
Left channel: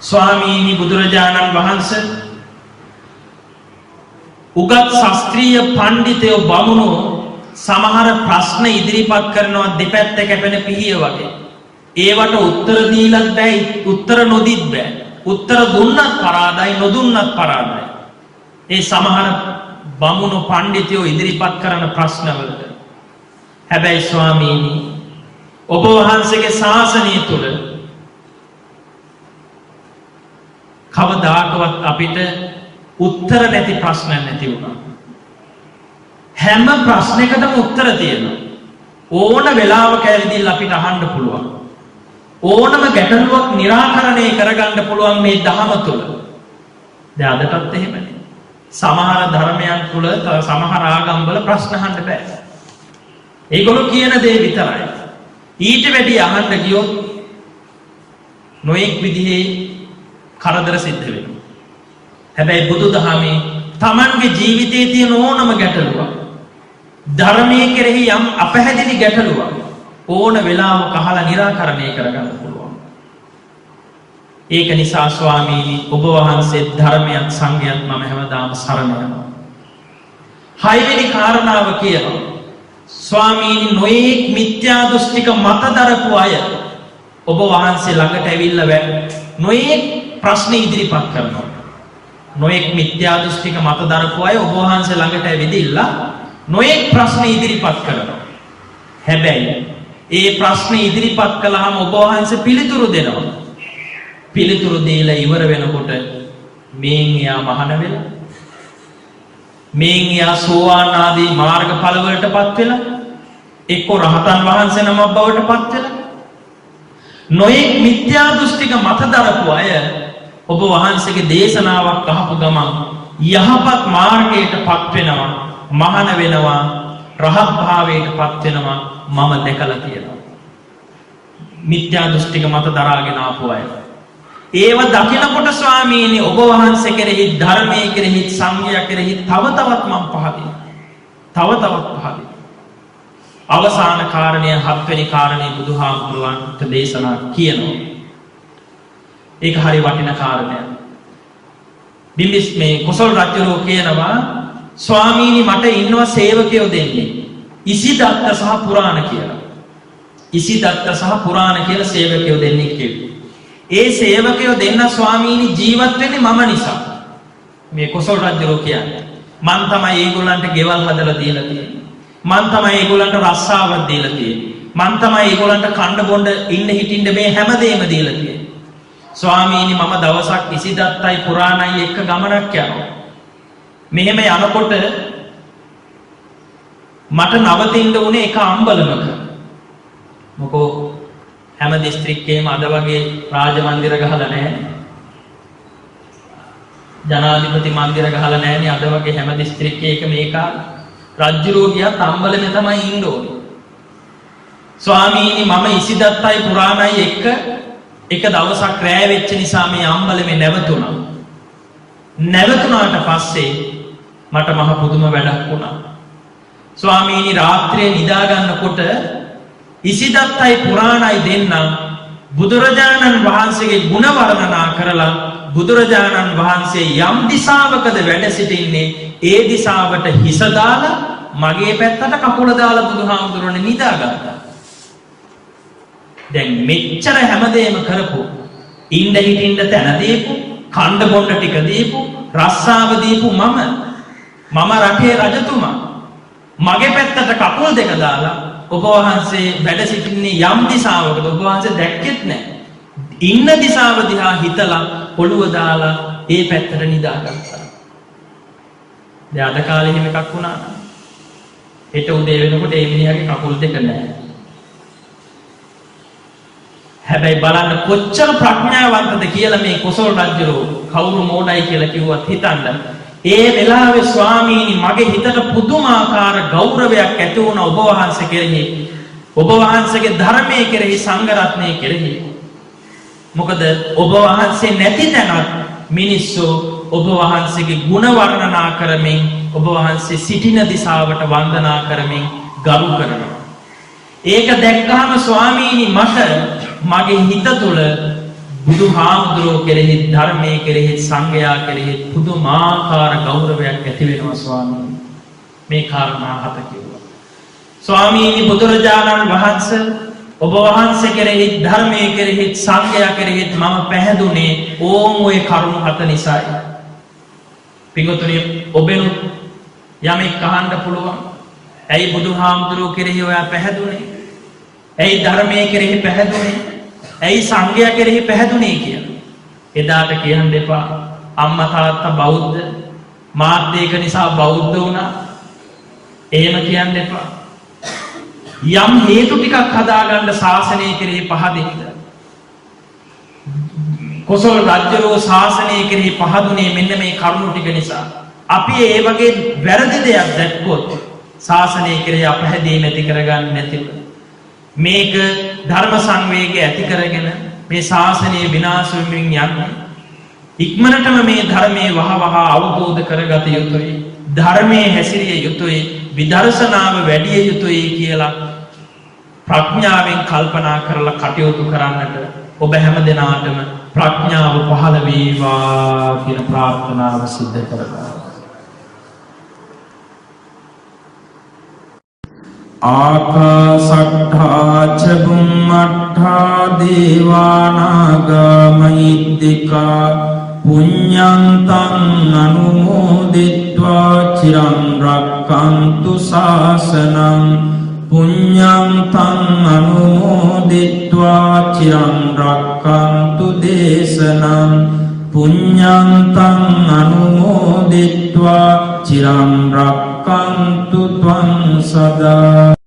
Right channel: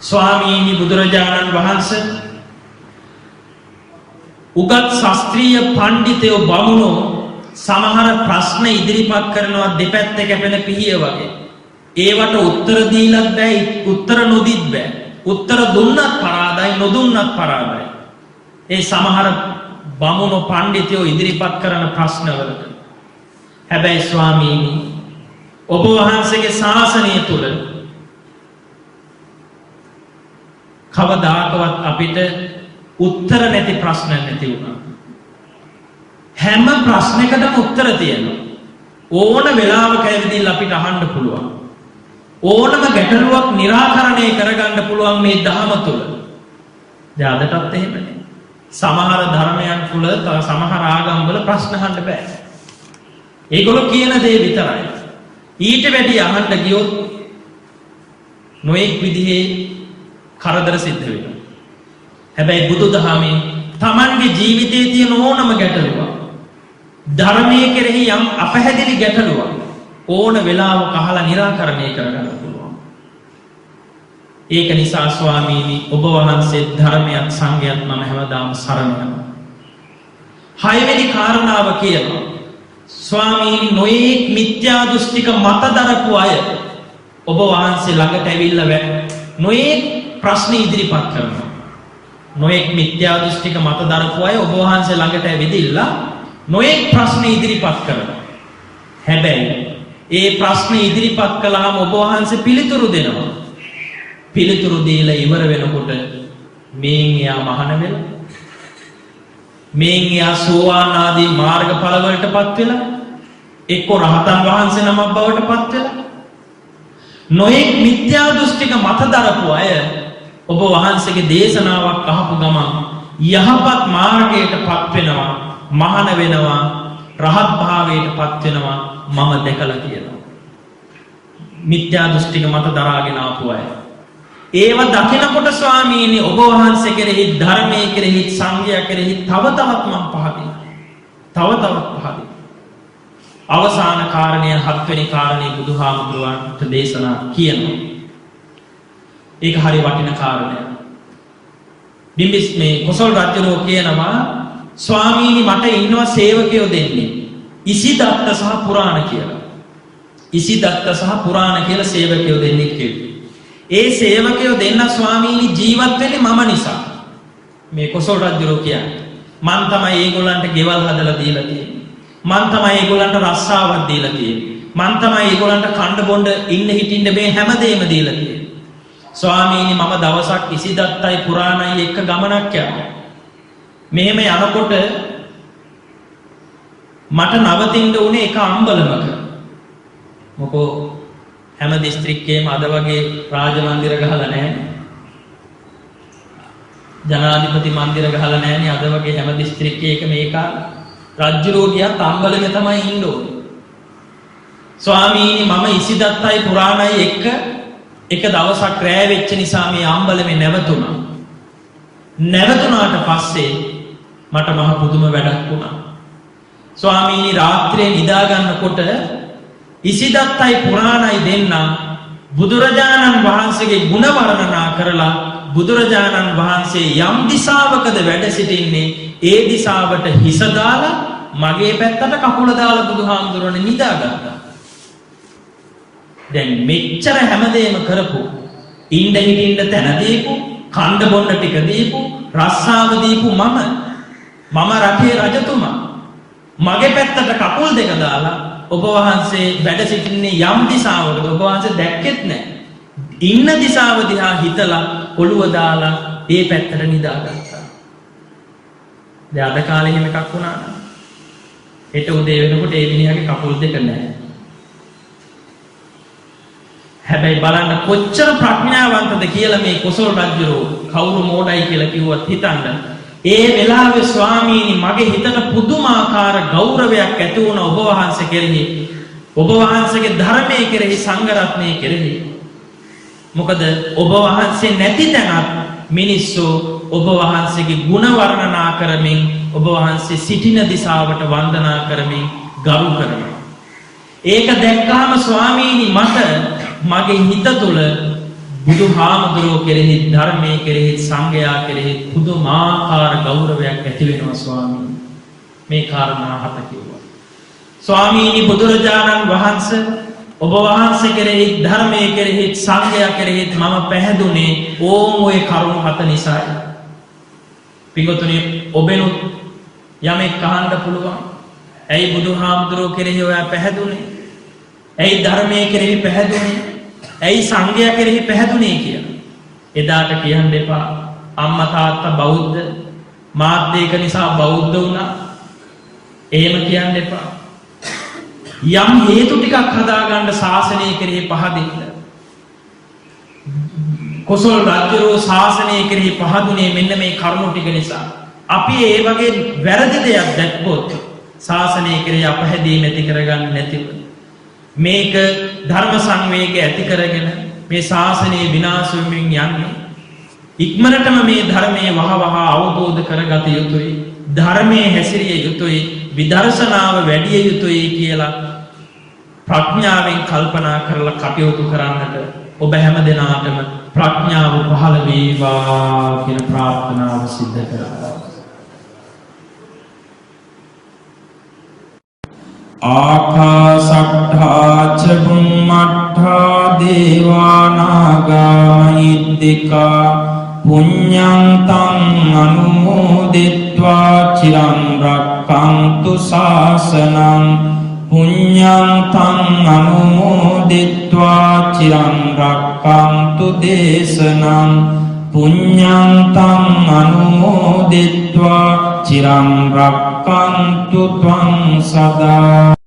ස්වාමීනි බුදුරජාණන් වහන්සේ උගත් ශාස්ත්‍රීය පඬිතයෝ බමුණෝ සමහර ප්‍රශ්න ඉදිරිපත් කරනවා දෙපැත්ත කැපෙන පිහිය වගේ. ඒවට උත්තර දීලත් බෑ, උත්තර නොදීත් බෑ. උත්තර දුන්නත් පරාදයි, නොදුන්නත් පරාදයි. ඒ සමහර බමුණෝ පඬිතයෝ ඉදිරිපත් කරන ප්‍රශ්නවලට. හැබැයි ස්වාමීනි, ඔබ වහන්සේගේ ශාසනය තුල කවදාකවත් අපිට උත්තර නැති ප්‍රශ්න නැති වුණා. හැම ප්‍රශ්නයකටම උත්තර තියෙනවා. ඕන වෙලාවක ඇවිදින්න අපිට අහන්න පුළුවන්. ඕනම ගැටලුවක් निराකරණය කරගන්න පුළුවන් මේ ධහම තුල. දැන් අදටත් එහෙමනේ. සමහර ධර්මයන් තුල සමහර ආගම්වල ප්‍රශ්න අහන්න බෑ. ඒගොල්ලෝ කියන දේ විතරයි. ඊට වැඩි අහන්න ගියොත් නොඑක් විදිහේ කරදර සිද්ධ වෙනවා. හැබැයි බුදුදහමේ Tamanගේ ජීවිතයේ තියෙන ඕනම ගැටලුවක්, ධර්මයේ කෙරෙහි යම් අපැහැදිලි ගැටලුවක් ඕන වෙලාවක අහලා निराකරණය කරගන්න පුළුවන්. ඒක නිසා ස්වාමීනි, ඔබ වහන්සේ ධර්මයක් සංඝයත් මම හැමදාම සරණ යනවා. හයවෙනි කාරණාව කියනවා, ස්වාමීනි, නොඑක් මිත්‍යා දෘෂ්ටික මත දරපු අය ඔබ වහන්සේ ළඟට ඇවිල්ලා නොඑක් ප්‍රශ්න ඉදිරිපත් කරනවා. නොඑක් මිත්‍යා දෘෂ්ටික මත දරපු අය ඔබ වහන්සේ ළඟට ඇවිදilla නොඑක් ප්‍රශ්න ඉදිරිපත් කරනවා. හැබැයි ඒ ප්‍රශ්න ඉදිරිපත් කළාම ඔබ වහන්සේ පිළිතුරු දෙනවා. පිළිතුරු දීලා ඉවර වෙනකොට මේන් එයා මහාන වෙලා, මේන් එයා සෝවාන් ආදී මාර්ගඵල වලටපත් වෙලා, එක්ක රහතන් වහන්සේ නමක් බවට පත් වෙලා, නොඑක් මිත්‍යා දෘෂ්ටික මත දරපු අය ඔබ වහන්සේගේ දේශනාවක් අහපු ගමන් යහපත් මාර්ගයටපත් වෙනවා, මහාන වෙනවා, රහත් භාවයටපත් වෙනවා. මම දැකලා තියෙනවා මිත්‍යා දෘෂ්ටික මත දරාගෙන ආපු අය. ඒව දකිනකොට ස්වාමීනි, ඔබ වහන්සේ කෙරෙහි, ධර්මයේ කෙරෙහි, සංඝයා කෙරෙහි තව තවත් මම පහදිනවා. තව තවත් පහදිනවා. අවසාන කාරණය, 7 වෙනි කාරණේ බුදුහාමුදුරුවන්ට දේශනා කියනවා. ඒක හරි වටින කාරණයක්. බිම්බිස් මේ කොසල් රජුරෝ කියනවා, ස්වාමීනි, මට ඉන්නවා සේවකයෝ දෙන්නේ, ඉසිදත්ත සහ පුරාණ කියලා. ඉසිදත්ත සහ පුරාණ කියලා සේවකයෝ දෙන්නෙක් කිව්වා. ඒ සේවකයෝ දෙන්න ස්වාමීනි ජීවත් වෙන්නේ මම නිසා. මේ කොසල් රජුරෝ කියන්නේ, මං තමයි ඒගොල්ලන්ට ගෙවල් හදලා දීලා තියෙන්නේ. මං තමයි ඒගොල්ලන්ට රස්සාවක් දීලා තියෙන්නේ. මං තමයි ඒගොල්ලන්ට කණ්ඩ බොණ්ඩ ඉන්න හිටින්න මේ හැමදේම දීලා තියෙන්නේ. ස්වාමීනි, මම දවසක් ඉසිදත්තයි පුරාණයි එක්ක ගමනක් යනවා. මෙහෙම යනකොට මට නවතින්න උනේ එක අම්බලමක. මොකෝ හැම දිස්ත්‍රික්කයේම අද වගේ රාජ මන්දිර ගහලා නැහැ. ජනාධිපති මන්දිර ගහලා නැහැනේ අද වගේ හැම දිස්ත්‍රික්කයකම ඒක රජුරෝ ගියත් අම්බලමේ තමයි ඉන්න ඕනේ. ස්වාමීනි, මම ඉසිදත්තයි පුරාණයි එක්ක එක දවසක් රැය වෙච්ච නිසා මේ අම්බලමේ නැවතුණා. නැවතුණාට පස්සේ මට මහ පුදුම වැඩක් වුණා. ස්වාමීනි, රාත්‍රියේ නිදා ගන්නකොට ඉසිදත්තයි පුරාණයි දෙන්න බුදුරජාණන් වහන්සේගේ ගුණ වර්ණනා කරලා, බුදුරජාණන් වහන්සේ යම් දිශාවකද වැඩ සිටින්නේ ඒ දිශාවට හිස දාලා මගේ පැත්තට කකුල දාලා බුදුහාමුදුරනේ නිදාගත්තා. දැන් මෙච්චර හැමදේම කරපු, ඉන්න හිටින්න තැන දීපු, කණ්ඩ බොණ්ඩ ටික දීපු, රස්සාව දීපු මම රටේ රජතුමා මගේ පැත්තට කකුල් දෙක දාලා ඔබ වහන්සේ වැඩ සිටින්නේ යම් දිශාවකද ඔබ වහන්සේ දැක්කෙත් නැහැ. ඉන්න දිශාව දිහා හිතලා ඔළුව දාලා ඒ පැත්තට නිදාගත්තා. දැන් අද කාලේ එහෙම එකක් වුණා නම් හෙට උදේ වෙනකොට ඒ මිනිහාගේ කකුල් දෙක නැහැ. හැබැයි බලන්න කොච්චර ප්‍රඥාවන්තද කියලා මේ කොසල් රජුරෝ. කවුරු මෝඩයි කියලා කිව්වත් හිතන්න. ඒ වෙලාවේ ස්වාමීනි මගේ හිතට පුදුමාකාර ගෞරවයක් ඇති වුණා ඔබ වහන්සේ කෙරෙහි, ඔබ වහන්සේගේ ධර්මයේ කෙරෙහි, සංඝ රත්නයේ කෙරෙහි. මොකද ඔබ වහන්සේ නැති තැනත් මිනිස්සු ඔබ වහන්සේගේ ගුණ වර්ණනා කරමින්, ඔබ වහන්සේ සිටින දිශාවට වන්දනා කරමින් ගරු කරනවා. ඒක දැක්කාම ස්වාමීනි මට මගේ හිත තුළ බුදුහාමුදුරුවෝ කෙරෙහි ධර්මයේ කෙරෙහි සංඝයා කෙරෙහි පුදුමාකාර ගෞරවයක් ඇති වෙනවා ස්වාමීනි. මේ කාරණා හත කිව්වා. ස්වාමීනි බුදුරජාණන් වහන්සේ ඔබ වහන්සේ කෙරෙහි ධර්මයේ කෙරෙහි සංඝයා කෙරෙහි මම පැහැදුනේ ඕම් ඔය කරුණු හත නිසායි. පින්වතුනි ඔබෙනුත් යමෙක් අහන්න පුළුවන්. ඇයි බුදුහාමුදුරුවෝ කෙරෙහි ඔයා පැහැදුනේ? ඇයි ධර්මයේ කෙරෙහි පැහැදුනේ? ඇයි සංඝයා කෙරෙහි පැහැදුනේ කියලා. එදාට කියන්න එපා අම්මා තාත්තා බෞද්ධ මාත් ඒක නිසා බෞද්ධ වුණා. එහෙම කියන්න එපා. යම් හේතු ටිකක් හදාගන්න ශාසනය කෙරෙහි පහදින්න. කොසල් රජුරෝ ශාසනය කෙරෙහි පහදුනේ මෙන්න මේ කරුණු ටික නිසා. අපි ඒ වගේ වැරදි දෙයක් දැක්කොත් ශාසනය කෙරෙහි අපහැදීම ඇති කරගන්න නැතිව මේක ධර්ම සංවේගය ඇති කරගෙන මේ ශාසනය විනාශ වෙමින් යන්නේ. ඉක්මනටම මේ ධර්මයේ වහවහ අවබෝධ කරගත යුතුයි. ධර්මයේ හැසිරිය යුතුයි. විදර්ශනාව වැඩි යුතුයි කියලා ප්‍රඥාවෙන් කල්පනා කරලා කටයුතු කරන්නට ඔබ හැම දිනාටම ප්‍රඥාව පහළ වේවා කියන ප්‍රාර්ථනාව සිද්ධ කරගන්න. ආකාසට්ඨා ච බුම්මට්ඨා දේවානාගා මහිද්దికා පුඤ්ඤං තං අනුමෝදිත්වා චිරං රක්ඛන්තු ශාසනං පුඤ්ඤං තං අනුමෝදිත්වා චිරං රක්ඛන්තු දේශනං පුඤ්ඤං තං අනුමෝදිත්වා චිරං රක්ඛන්තු ත්වං සදා